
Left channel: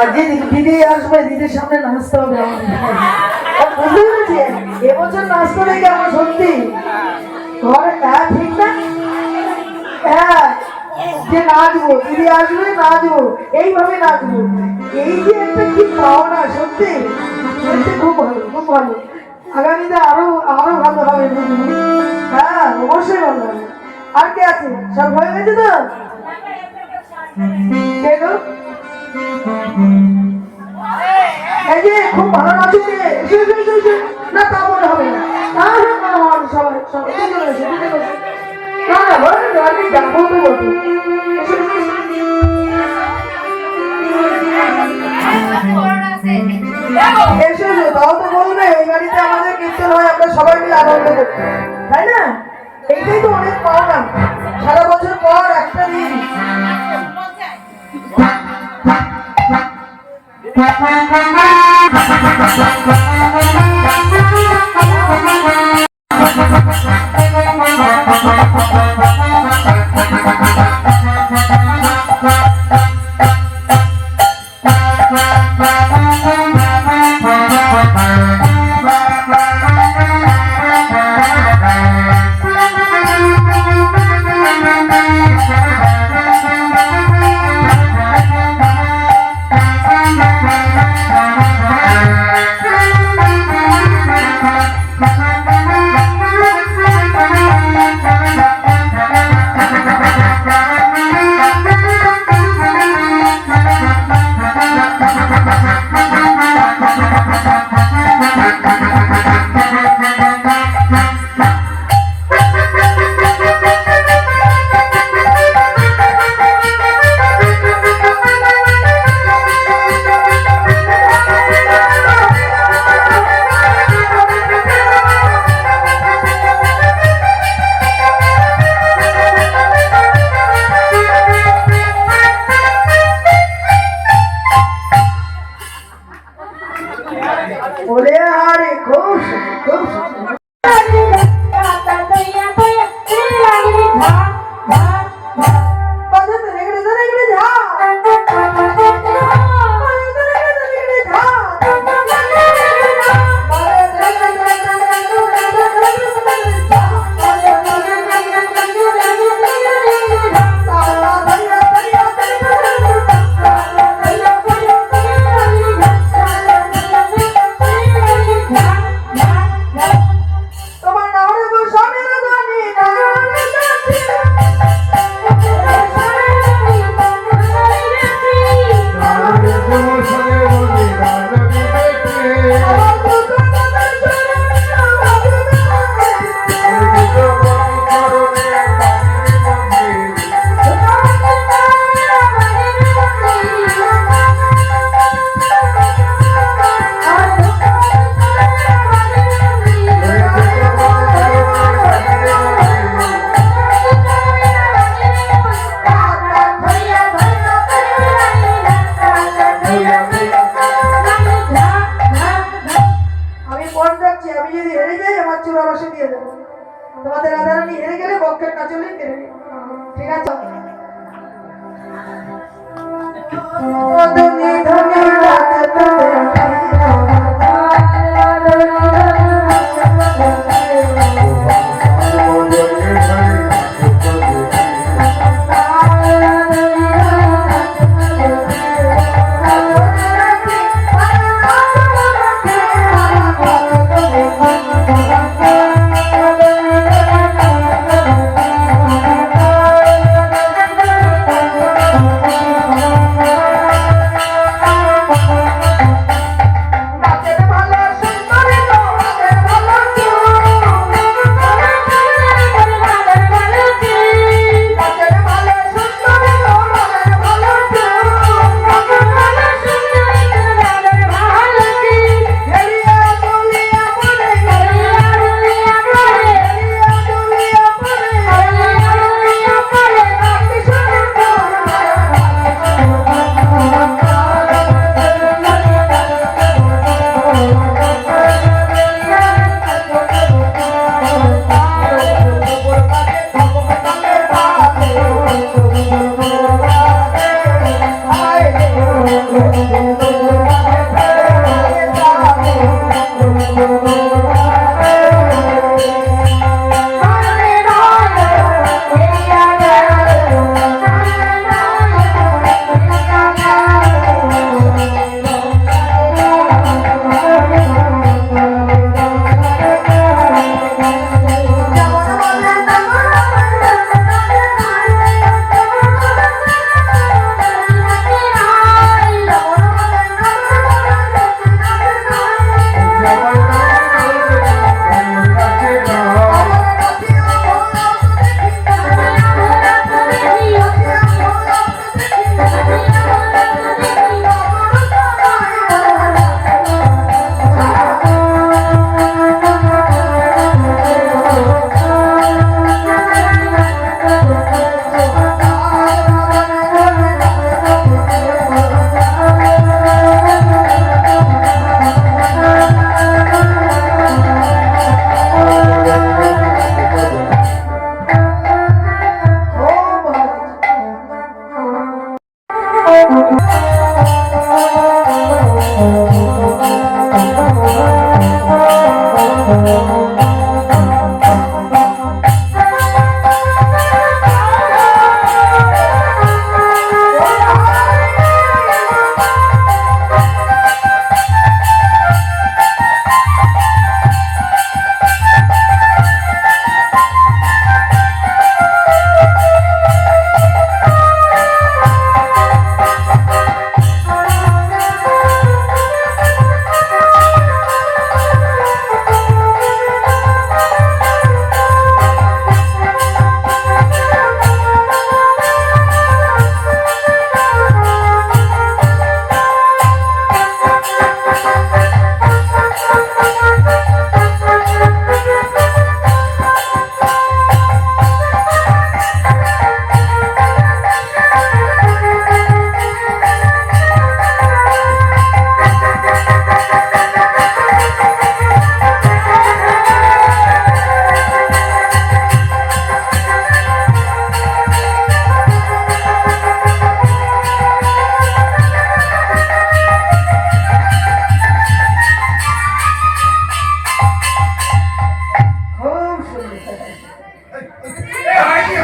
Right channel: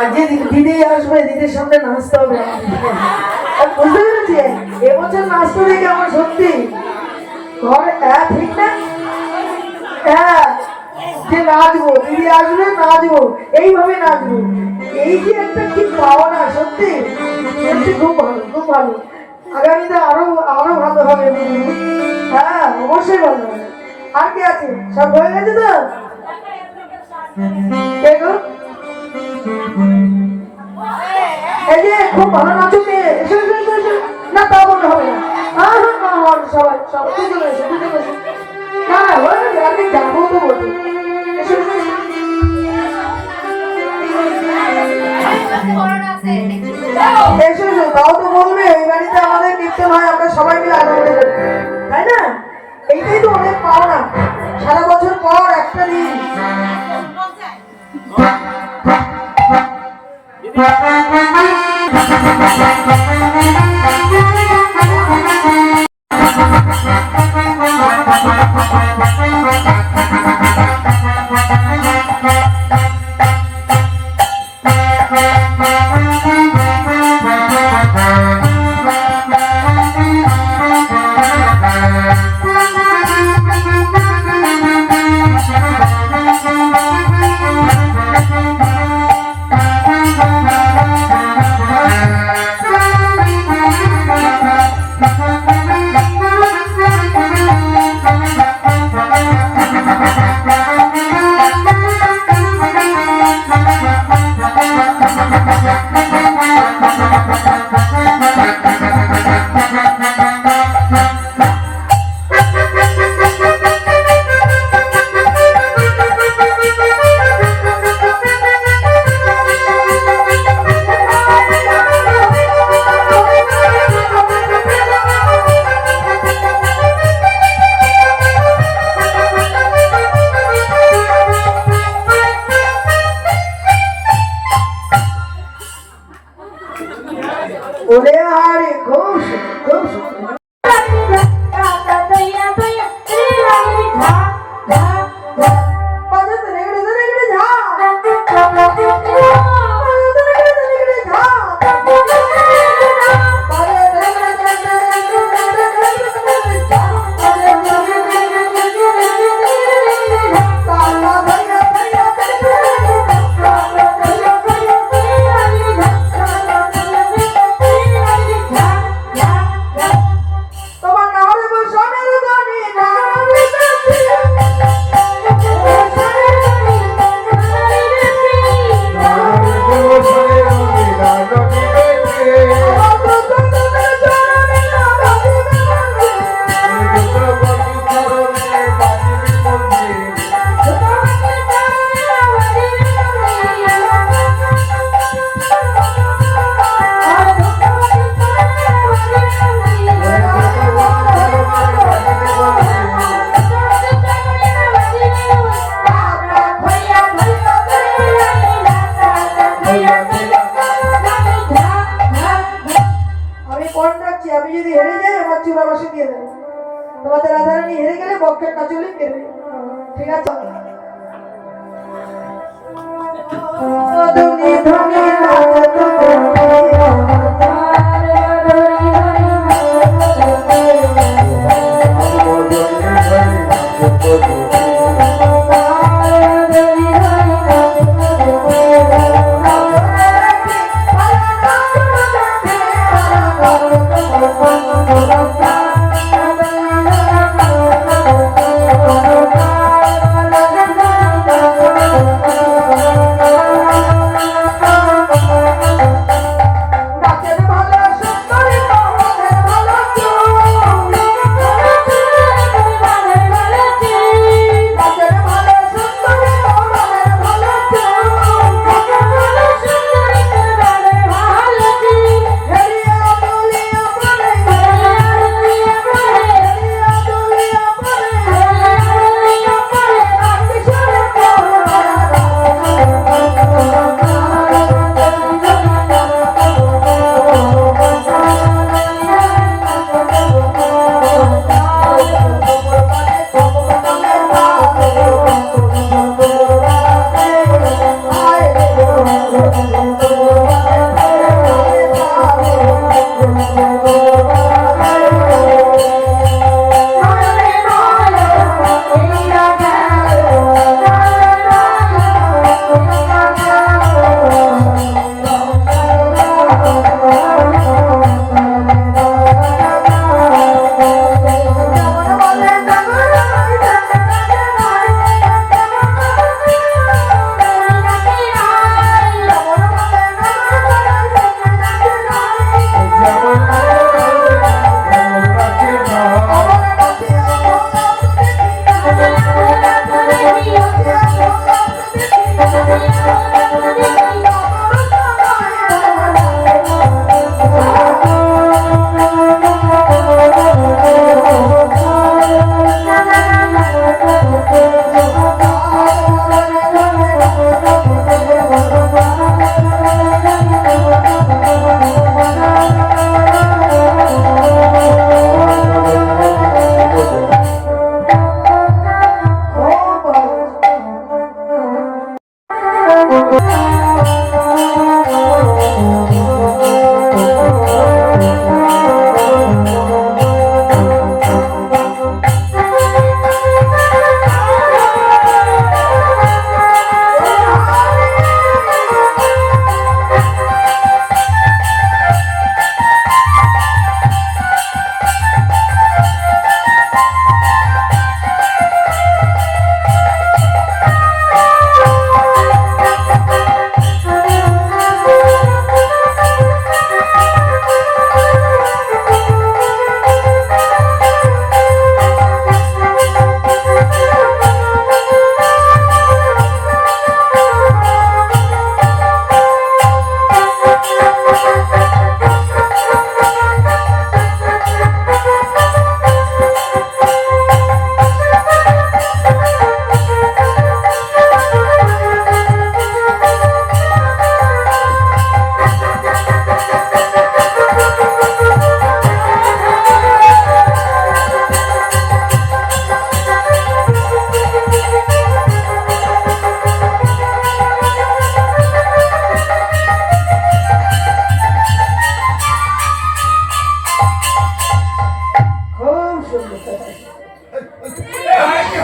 আর যে দিদি আসবে, দিদির সামনে নাচতে হবে আমাদের। আর বুঝতে পেরেছি এবছর নাচতে দেখে আমার সত্যি ঘরে ঠিক না? হ্যাঁ, যে নাচবো, দিদি আসবে নাচবো, এইভাবে নাচবো, এই যে একটা কি পাওনা, সত্যি সত্যি খুব ভালো, খুব ভালো। আগামীতে আরো আরো ভালো হবে। হ্যাঁ, অবশ্যই ভালো হবে। আর কে আছে? সব হয়ে গেছে তো? কে গো? এই যে খুব ভালো নাচো কে? এসো, এসো, এসো, এসো। না তা বলতে হবে না। সবাই সবাই দুজনে এসো, দুজনে এসো। না না, আমি যাবো তো বলতো। এসো, এসো, এসো। এসো, এসো, তাও তো বলবে এই বাড়িতে আমাদের কীর্তন হয়, আমরা সবাই মিলে আনন্দ করি, তাই না? এইটাই তো অনেক পাওনা, সারা বছর পর একটা দিন। ওরে আরে খুব খুব আমি যদি হেরে যাই আমার চূড়া বসে দিয়ে দেবো, তোমাদের রাধারানী হেরে গেলে বক্ষের কাজলে কেড়ে নেবে, ঠিক আছে? ধনী ধনী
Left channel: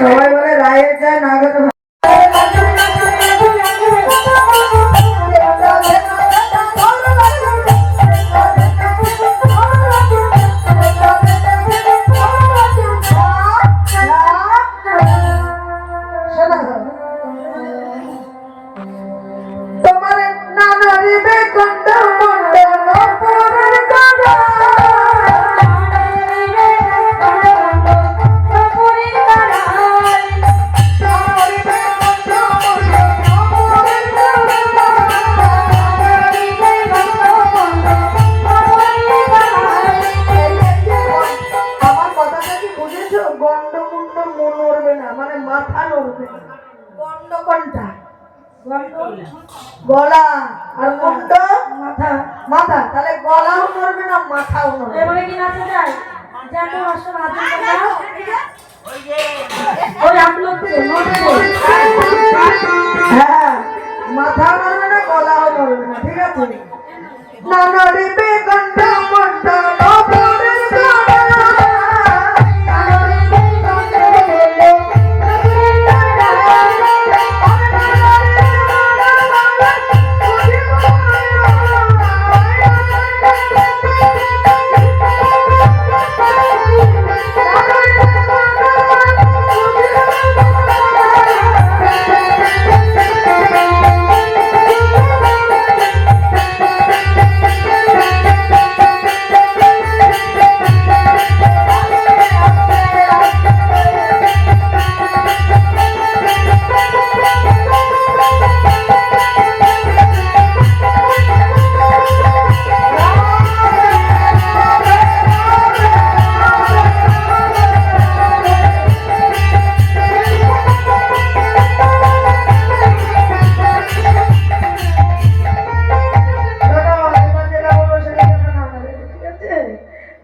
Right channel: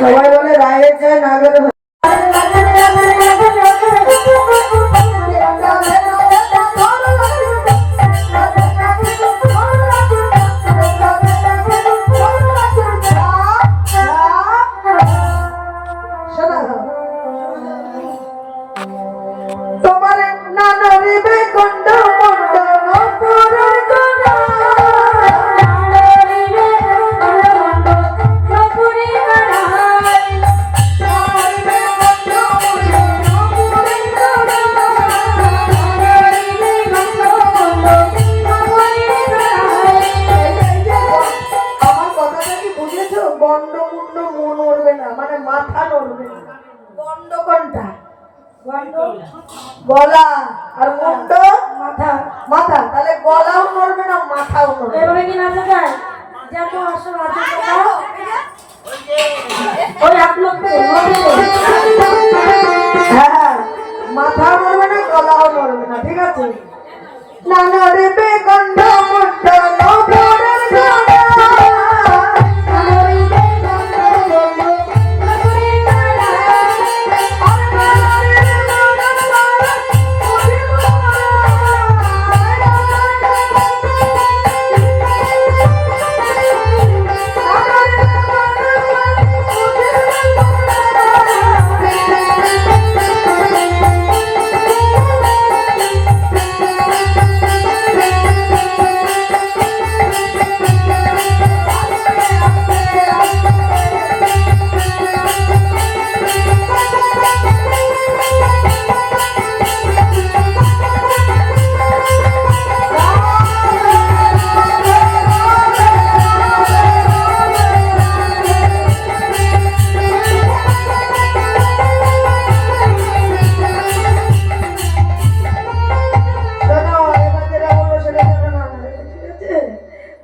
সবাই বলে রায়ের যায় না গেলে তোমার নানরিবে কন্ড মন্ডল পুরের গড়া আমার কথাটা কি বুঝেছো? গন্ডমুন্ড মন নড়বে না, মানে মাথা নড়বে না। গন্ড কোনটা? গলা আর মুন্ড মাথা। মাথা তাহলে গলাও নড়বে না, মাথাও নড়বে না। এবারে কি নাচা যায়? যত আসল আদর কথা ওই আপলোড করে হ্যাঁ, মাথাও নড়বে না, গলাও নড়বে না, ঠিক আছে? না নড়বে গন্ড মুন্ড নপুরের গড়া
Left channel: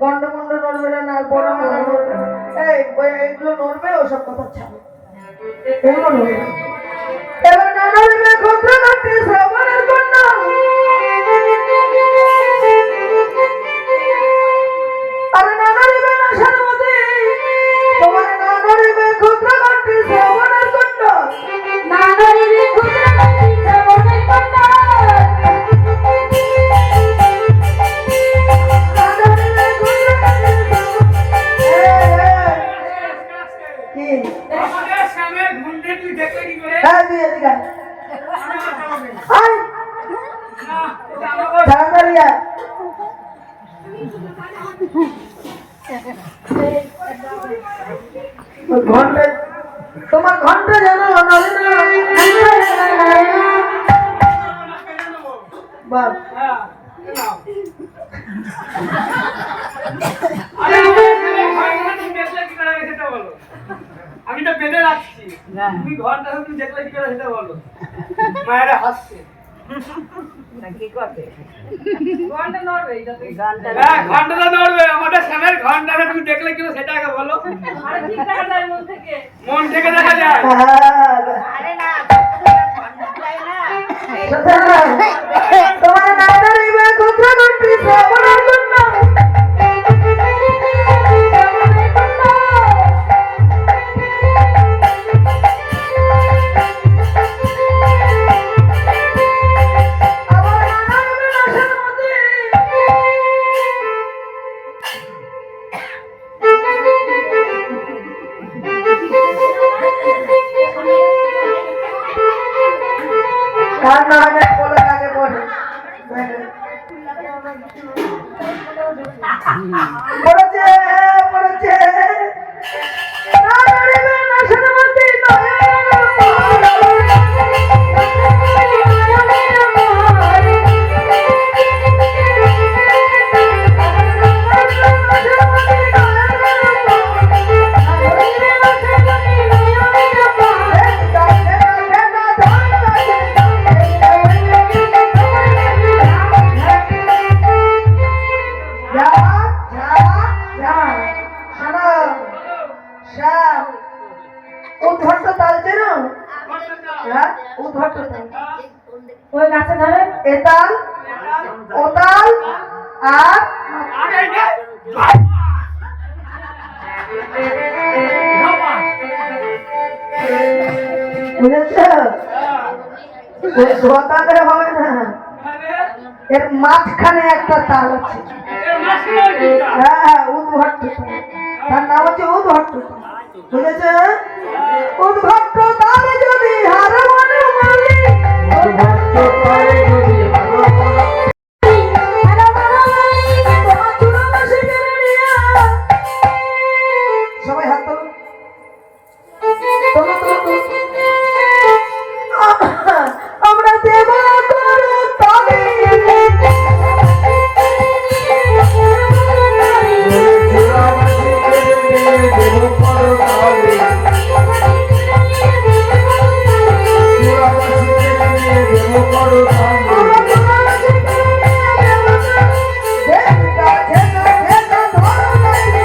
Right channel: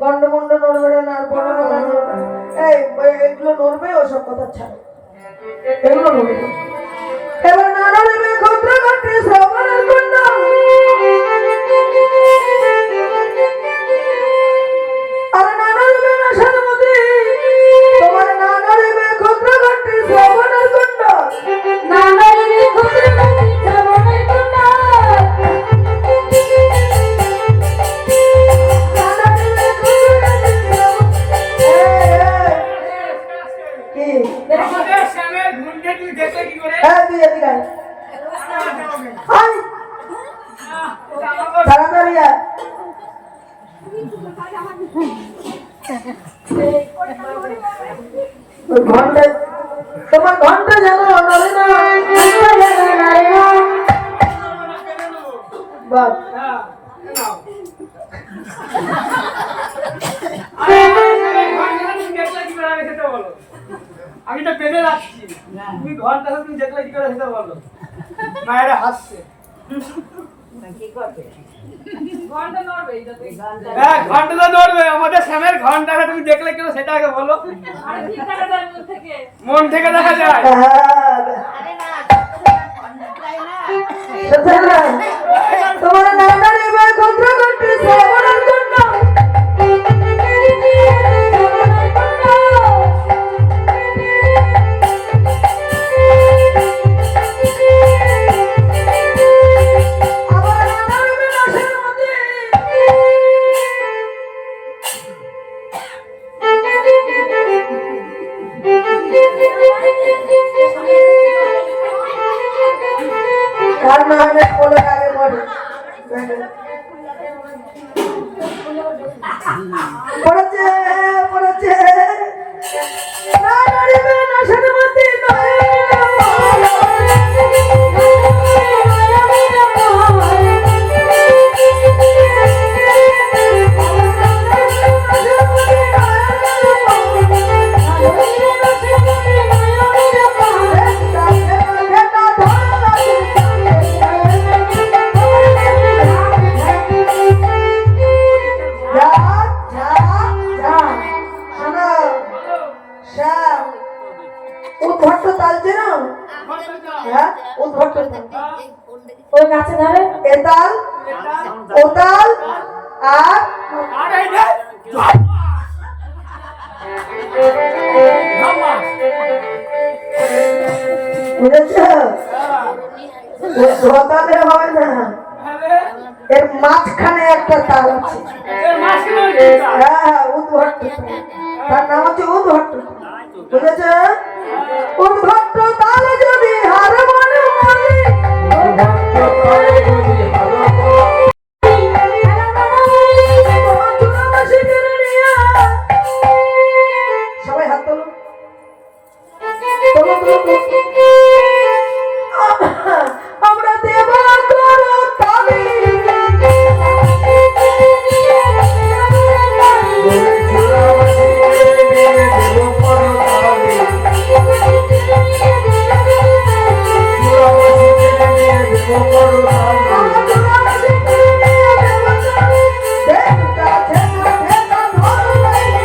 গন্ডমুন্ড নড়বে না, আর বড় গলা নড়বে না। এইগুলো নড়বে, ওসব কথা ছাড়ো, এগুলো নড়বে না। এবার না নড়বে ক্ষুদ্র কাটে শ্রবণের কন্যা। আরে না নড়বে না সারমতি, তোমার না নড়বে ক্ষুদ্র কাটে শ্রবণের কন্যা। কি? আমাদের শ্যামের ঘুমটা তুই দেখলে কি করে? হ্যাঁ, তুই এদিকে আয়। আয়, না, এটা আমাকে তাড়াতাড়ি আয়। ওই ঘন্টা, তোমার ঘন্টা জানো নড়ে না। বাপ, হ্যাঁ, নাও। আরে আমার শ্যামের ঘরটা তুমি দেখলে কি করে আগে সেটা বলো। আমি তো বেঁধে রাখছি, তুমি ঘরটা তুমি দেখলে কি করে সেটা বলো। মায়েরা হাসছে। হ্যাঁ, ঘন্টাটা নড়বে। আমাদের শ্যামের ঘন্টাটা তুমি দেখলে কি করে সেটা আগে বলো। মন থেকে দেখা যায়। তোমার না নড়বে ক্ষুদ্র কাটে শ্রবণের কন্যা। আবার না নড়বে না সারমতি। কার না আগে বলে আগে বলে পড়েছে পড়েছে না নড়বে না সারমতি। উদ্ভট্ট তাল চেনো? হ্যাঁ, উদ্ভট্ট তাল। ওই গাছে ধরে এতাল, ওতাল আর আর এই যে বুঝেছ? ধোয়াতে হবে না, এর মাঝখানে একটা তাল আছে। হ্যাঁ হ্যাঁ, উদ্ভট্ট তাল। তার নাম হচ্ছে উদ্ভট্ট তাল। বুঝেছ? উদ্ভট্ট তালে যদি হার মানে মালি, ভক্ত করে যদি হারা তোমার চুনামাসি কেড়ে নিয়ে। সবাই হাত তোলো, তোলো তোলো তোলো। আমরা দেবা করো তালে, আমরা চুনামাসি কেড়ে নিয়ে দেবা করি। দেখা খেলা খেলা ধরো নাকি,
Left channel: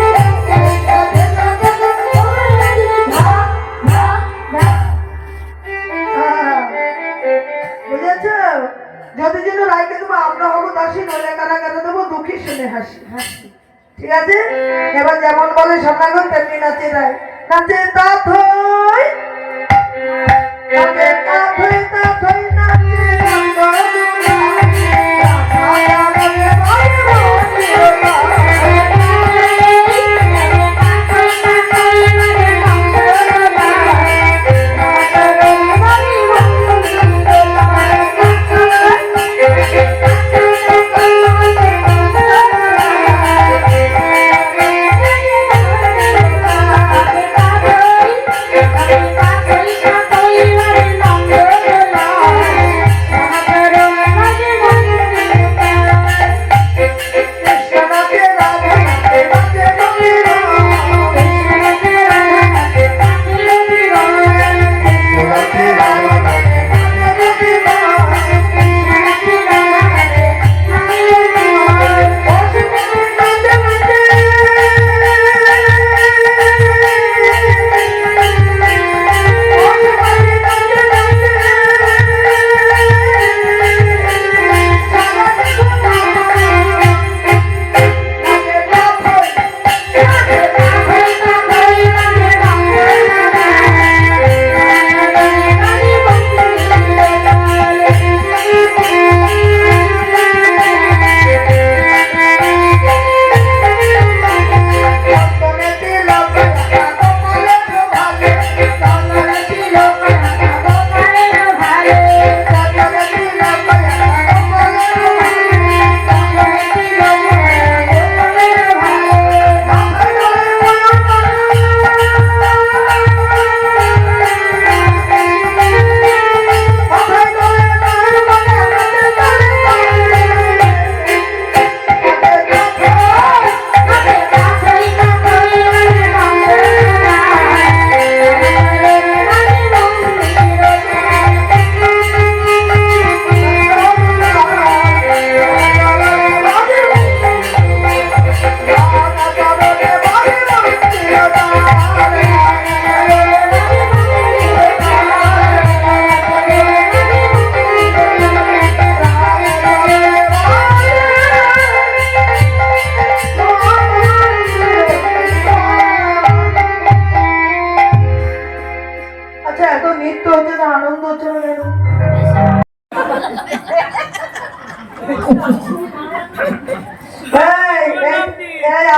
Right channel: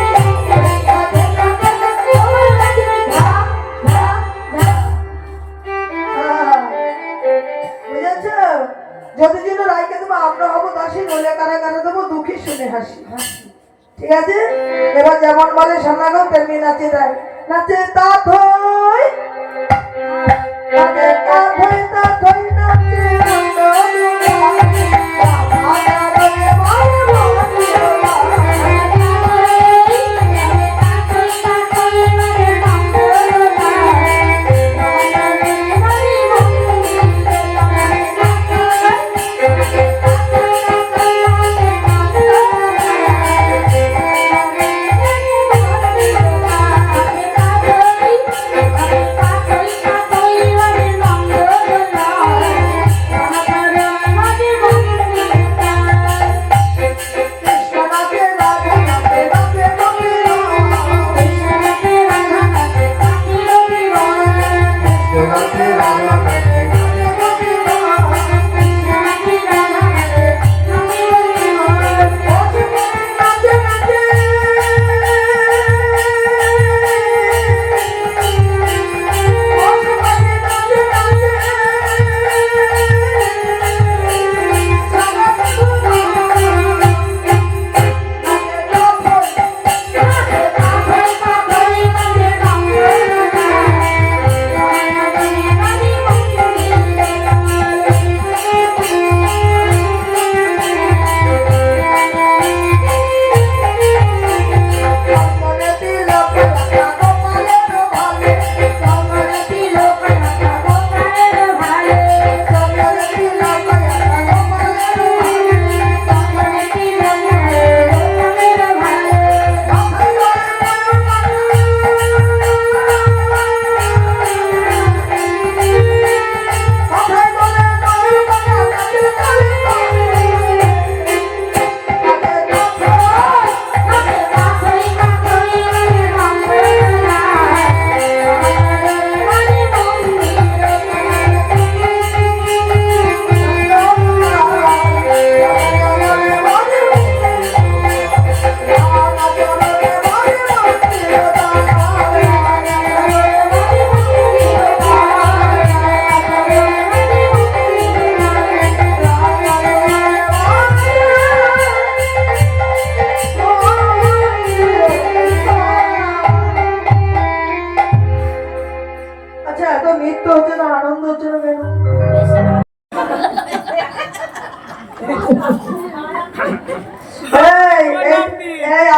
দেখা খেলা খেলা ধরো নাকি। ধা ধা ধা। বুঝেছ? যদি যেন রাইকে দেবো আমরা হবো দাসী, নইলে কারাগারে দেবো দুঃখী শুনে হাসি। ঠিক আছে? এবার যেমন বলে সোনাগো তেমনি নাচে রায়। নাচে তা থই, নাচে তা থই, তা থই নাচে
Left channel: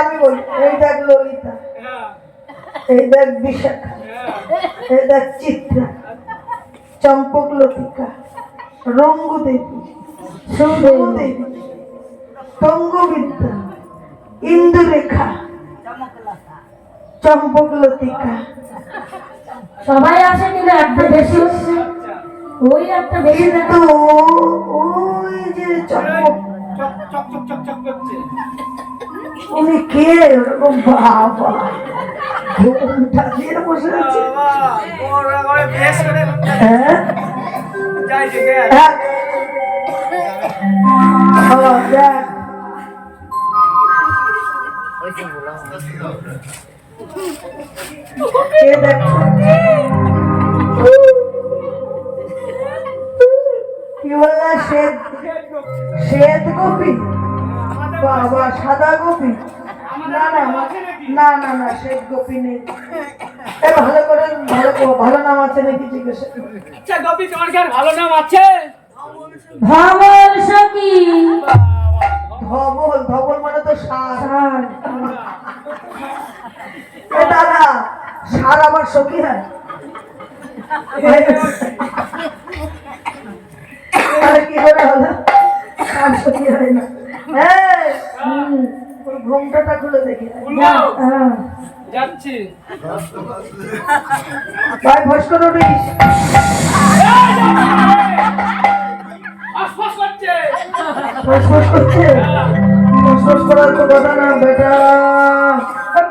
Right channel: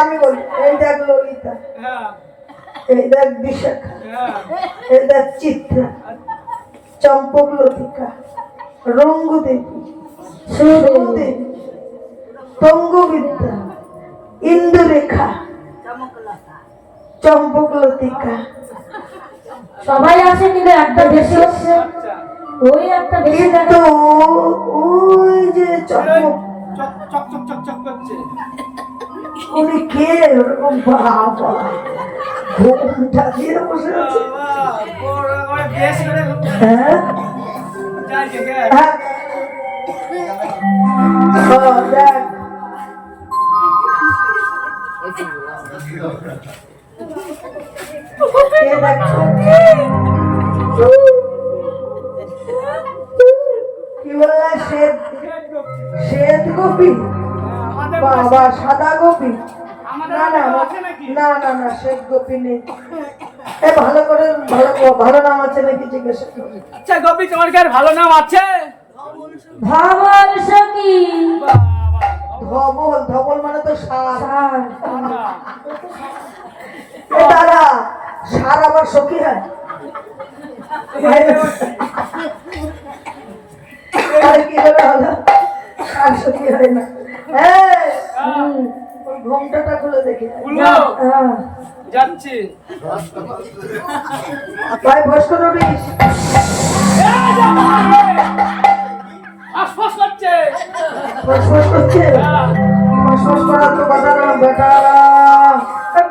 আমি বলি, এই দেখ ললিতা, এই দেখ বিশাখা, এই দেখ চিত্রা, চম্পক লতিকা, রঙ্গু দেবী, সুদেবী, তঙ্গবিদ্যা, ইন্দুরেখা, চম্পক লতিকা। সবাই আছে কিন্তু একটা বেশি হচ্ছে, ওই একটা বেশি কিন্তু ওই যে চম্পক চক চক চক চক চক করছে। উনি কে? ওরকম বাবা ঘুমটা দিয়ে বসে আছে। বাবা, ওরা ওরা বেশ করে হ্যাঁ যাই দেখে আয়। হ্যাঁ ও দেখ কে দেখ কি বললা? শ্বেত গোপী? বাবা সাদা গোপী? না না না না না, শ্বেত গোপী নেই। ভালো করে ভালো নাম আছে নাকি জিজ্ঞাসা করো। আচ্ছা গোপী তোমার কি আর ভালো নাম আছে? ধবল সখী। ধবল ধবল মানে তো সার। সার। দাদা সার আবার সখী হয়? তাহলে কি করে হলো? সার সখী হয় না। ওর ঘোমটাটা খুলে দেখি। হ্যাঁ। যাচ্ছি। ভাই ভস্কর উঠিস। আশপাশ করছে। ফসফস করছে? ফসফস করার তো কথা না বেটা।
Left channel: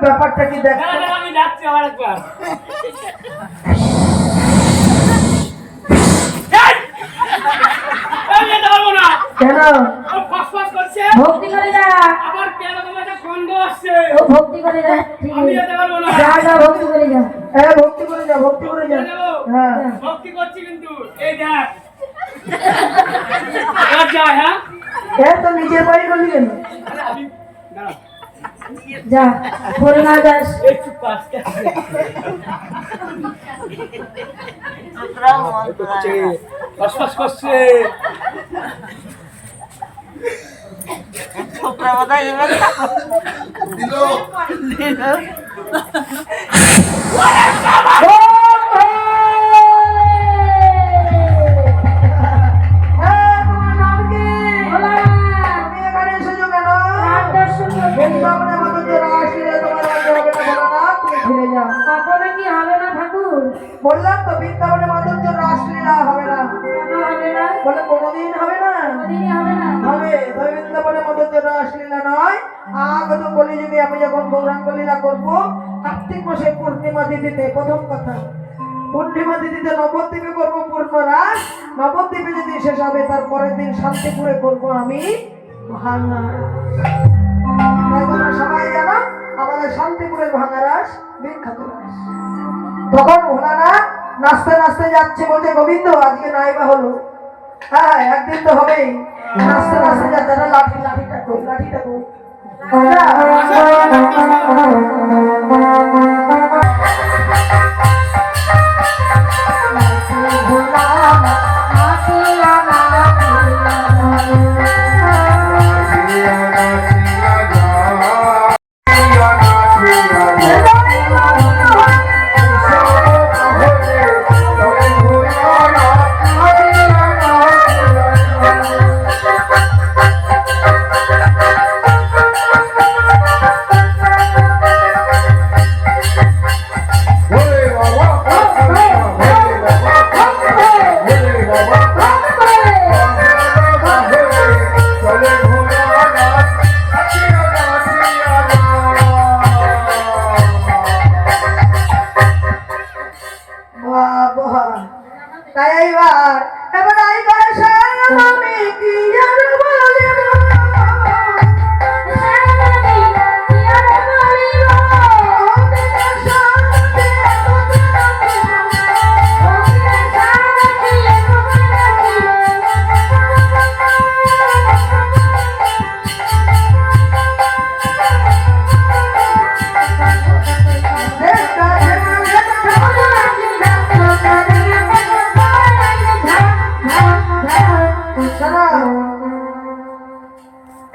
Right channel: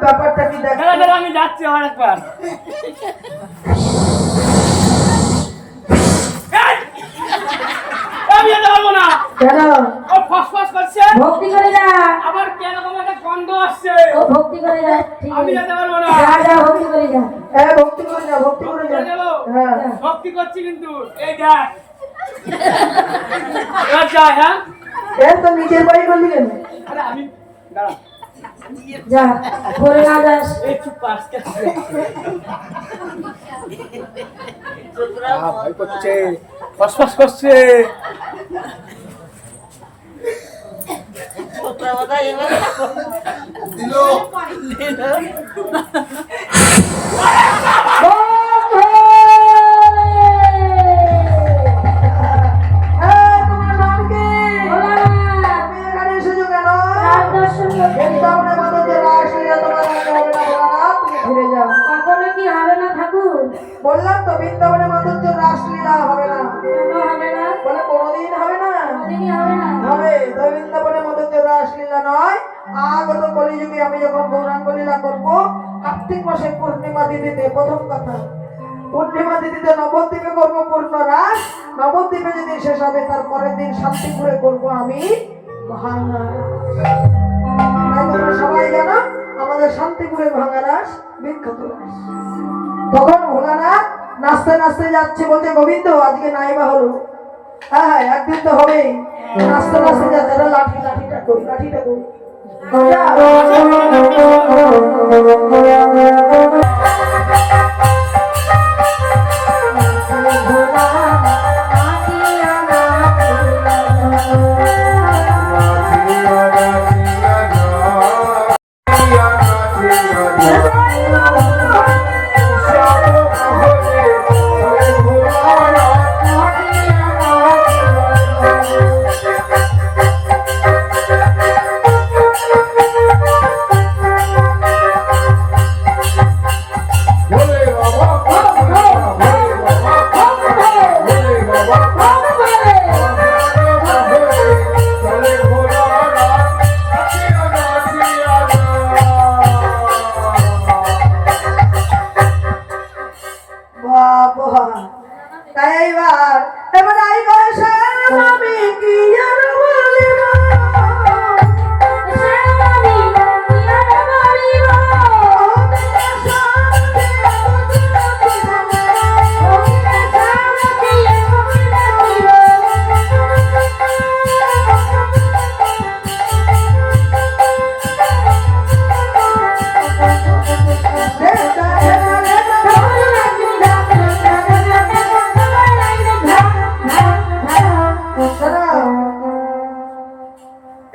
ব্যাপারটা কি দেখ। আমি যাচ্ছি আমার একবার। আমি যেতে পারবো না। কেন? ও ফসফস করছে। ভক্তি করে যা। আবার কেন তোমার একটা গন্ধ আসছে। ও ভক্তি করে যা। ঠিক আমি আছে। যেতে পারবো না। যা যা ভক্তি করে যা। হ্যাঁ ভক্তি করে যা, ভক্তি করে যা। হ্যাঁ ভক্তি করছি কিন্তু এই দেখ। এবার যাই হ্যাঁ। তো নিজের বাড়ি করলি কেন? আরে আমি দাঁড়া। যা ভুল না যাস। একটু পাস করছে। ফসফস করছে। তোমার নাম কি? তুমি এখানে এসেছো কেন? বৃন্দাবনে মাধবকে রাসলীলা তোমার রাখতে হবে না ভোলানাথ, তুমি ফিরে যাও। কখনো কি হবে না ঠাকুর? বললাম তো বৃন্দাবনে মাধবকে রাসলীলা হবে না। কেন হবে না? বলে কোনোদিন হবে না? কোনদিনই হবে না। হবে। তবে বৃন্দাবনে মাধবকে রাসলীলা নয়, আগত কলিযুগে আমি যখন গৌরাঙ্গ লীলা করবো কার্তিক মাসে পূর্ণিমা তিথিতে। প্রথম কথা, পূর্ণিমা তিথিতে নবদ্বীপে করবো পূর্ণ রাস। নবদ্বীপে যদি শেষ হবে তার পরের দিন শান্তিপুরে করবো আমি ভাঙা রাস। তাই তোমরা সবাই জানো আমাদের শান্তিপুরের ভাঙা রাস বিখ্যাত রাস। তখন ভোলানাথ নাচতে নাচতে যাচ্ছে, বলছে গোবিন্দ আজকে নাইবা হলো। হ্যাঁ একদিন তো হবেই। নাচতে নাচতে যাচ্ছে, লাঠিটা কই, লাঠিটা কই। তাই এবার আই গয়েছে আমি কি আর বলিব।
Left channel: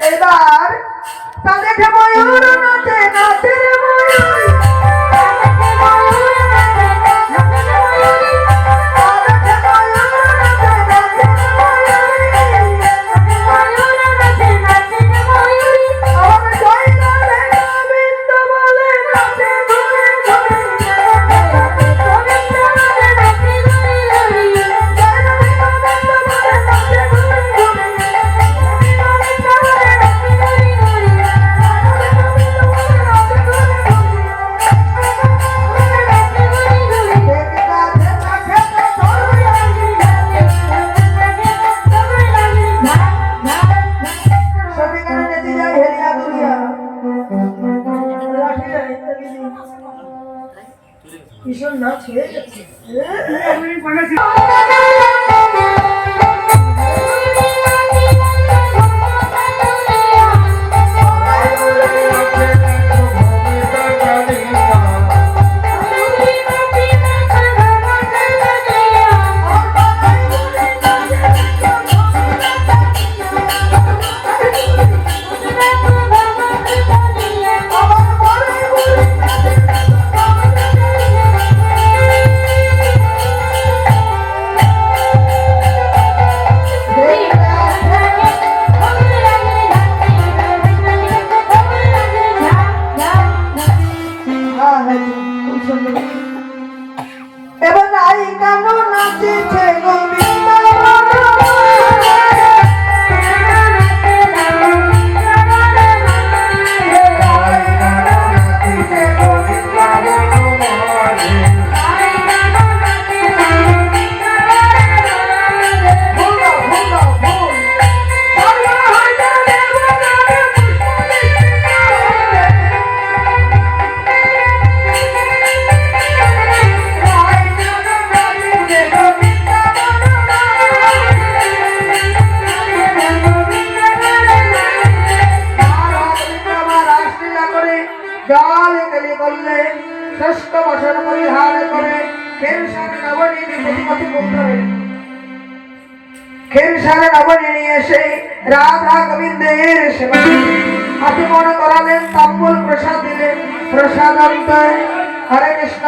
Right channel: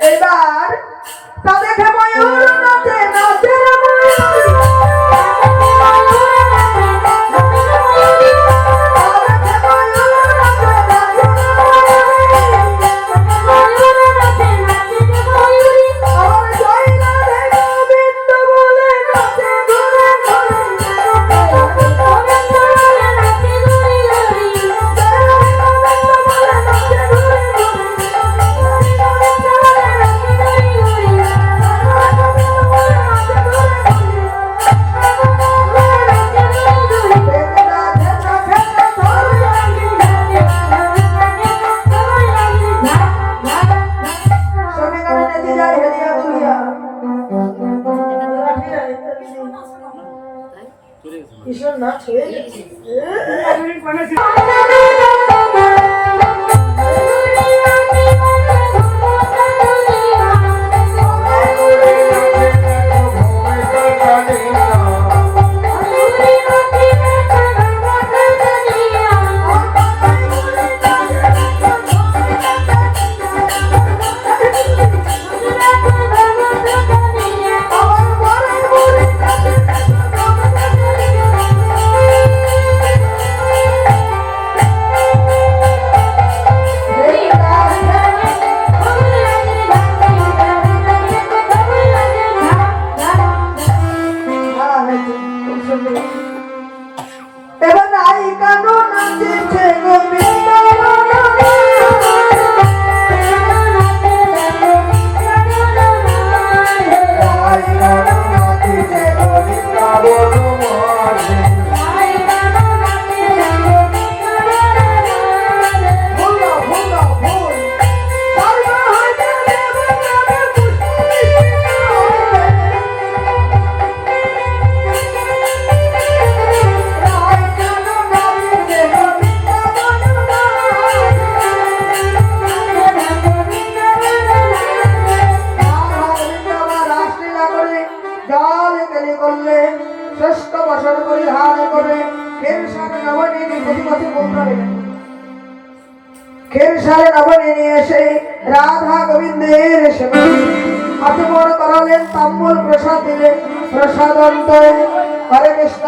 এবার তা দেখে ময়ূর নাচে নাচে রে ময়ূর। ভীষণ নাচ হয়ে গেছে। Thank you. এবার নাই কানু নাচিছে গোবিন্দ খেরসালে নবনী নিয়ে এসে রাধা গোবিন্দের সেবা আচমন করালেন, তাম্বুল প্রসাদ দিলেন। প্রসাদ অন্তরে হরে কৃষ্ণ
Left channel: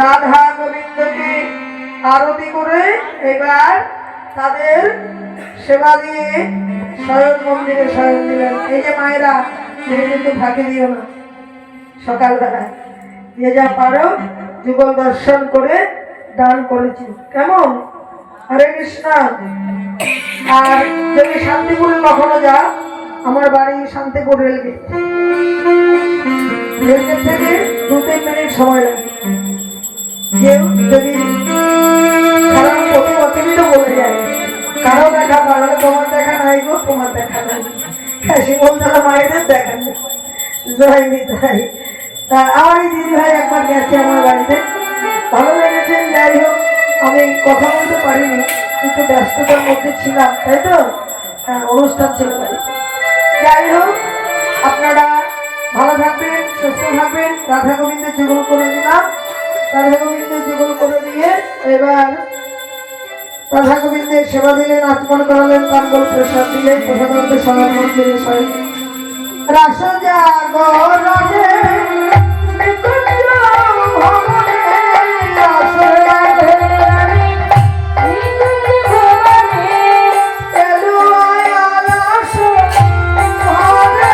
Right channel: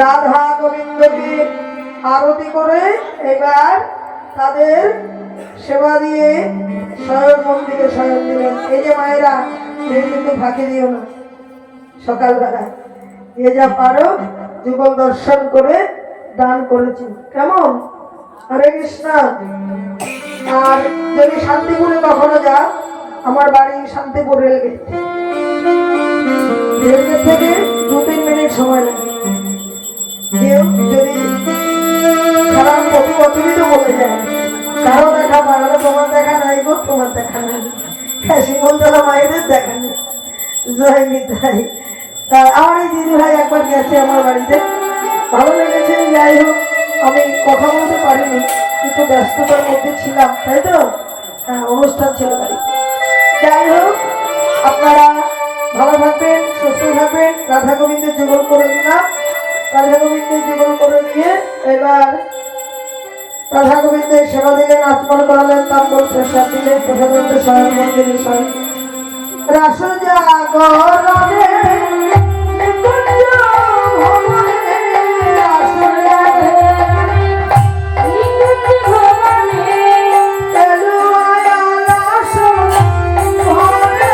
রাধা গোবিন্দকে আরতি করে এবার তাদের সেবা দিয়ে শয়ন মন্দিরে শয়ন দিলেন। এই যে মায়েরা, এই কিন্তু ফাঁকি দিও না, সকালবেলায় যে যা পারো যুগল দর্শন করে দান করেছি, কেমন? হরে কৃষ্ণ। আর যদি শান্তিপুরে কখনো যা, আমার বাড়ি শান্তিপুর রেলগেট, রেলগেট থেকে 2-3 মিনিট সময় লাগে। কেউ যদি কারণ প্রতি বছরই তো বলে যায়, কারো দেখা পাগলে তোমার দেখা নাই গো, তোমার দেখা নাই, শ্রীমন্তলা মায়েদের দেখা নেই। জয় নিতাই। তা আমার এই দিদি ভাই একবার গেছে আমার বাড়িতে, ভালো লেগেছে। যাই হোক, আমি কথা বলতে পারিনি, একটু ব্যস্ততার মধ্যে ছিলাম, তাই তো অনুষ্ঠান ছিল বাড়িতে। যাই হোক, আপনারা ভালো থাকবেন, সুস্থ থাকবেন। রাধা গোবিন্দের যুগল করে দিলাম। রাধা গোবিন্দের যুগল করে দিয়ে এবার রাধা গোবিন্দের সেবা দিলেন, আচমন করালেন, তাম্বুল প্রসাদ দিলেন। প্রসাদ শয়ন মন্দিরে শয়ন রাস জাগরণে নিকুঞ্জ ভবনে, রাস জাগরণে নিকুঞ্জ ভবনে, এলো আলাস ভরে, আলাস ভরে।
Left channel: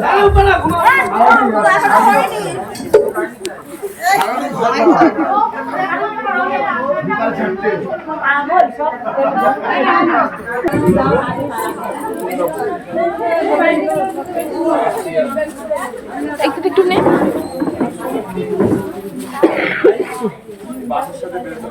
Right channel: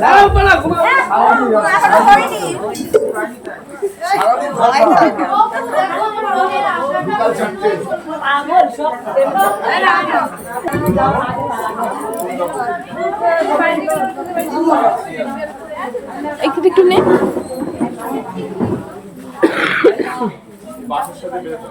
লাল পালা ঘুমা সারাদিন ঘর পাড়া হয়। বিকাল 4টে। একটু নে বাসের সাথে বেরোতে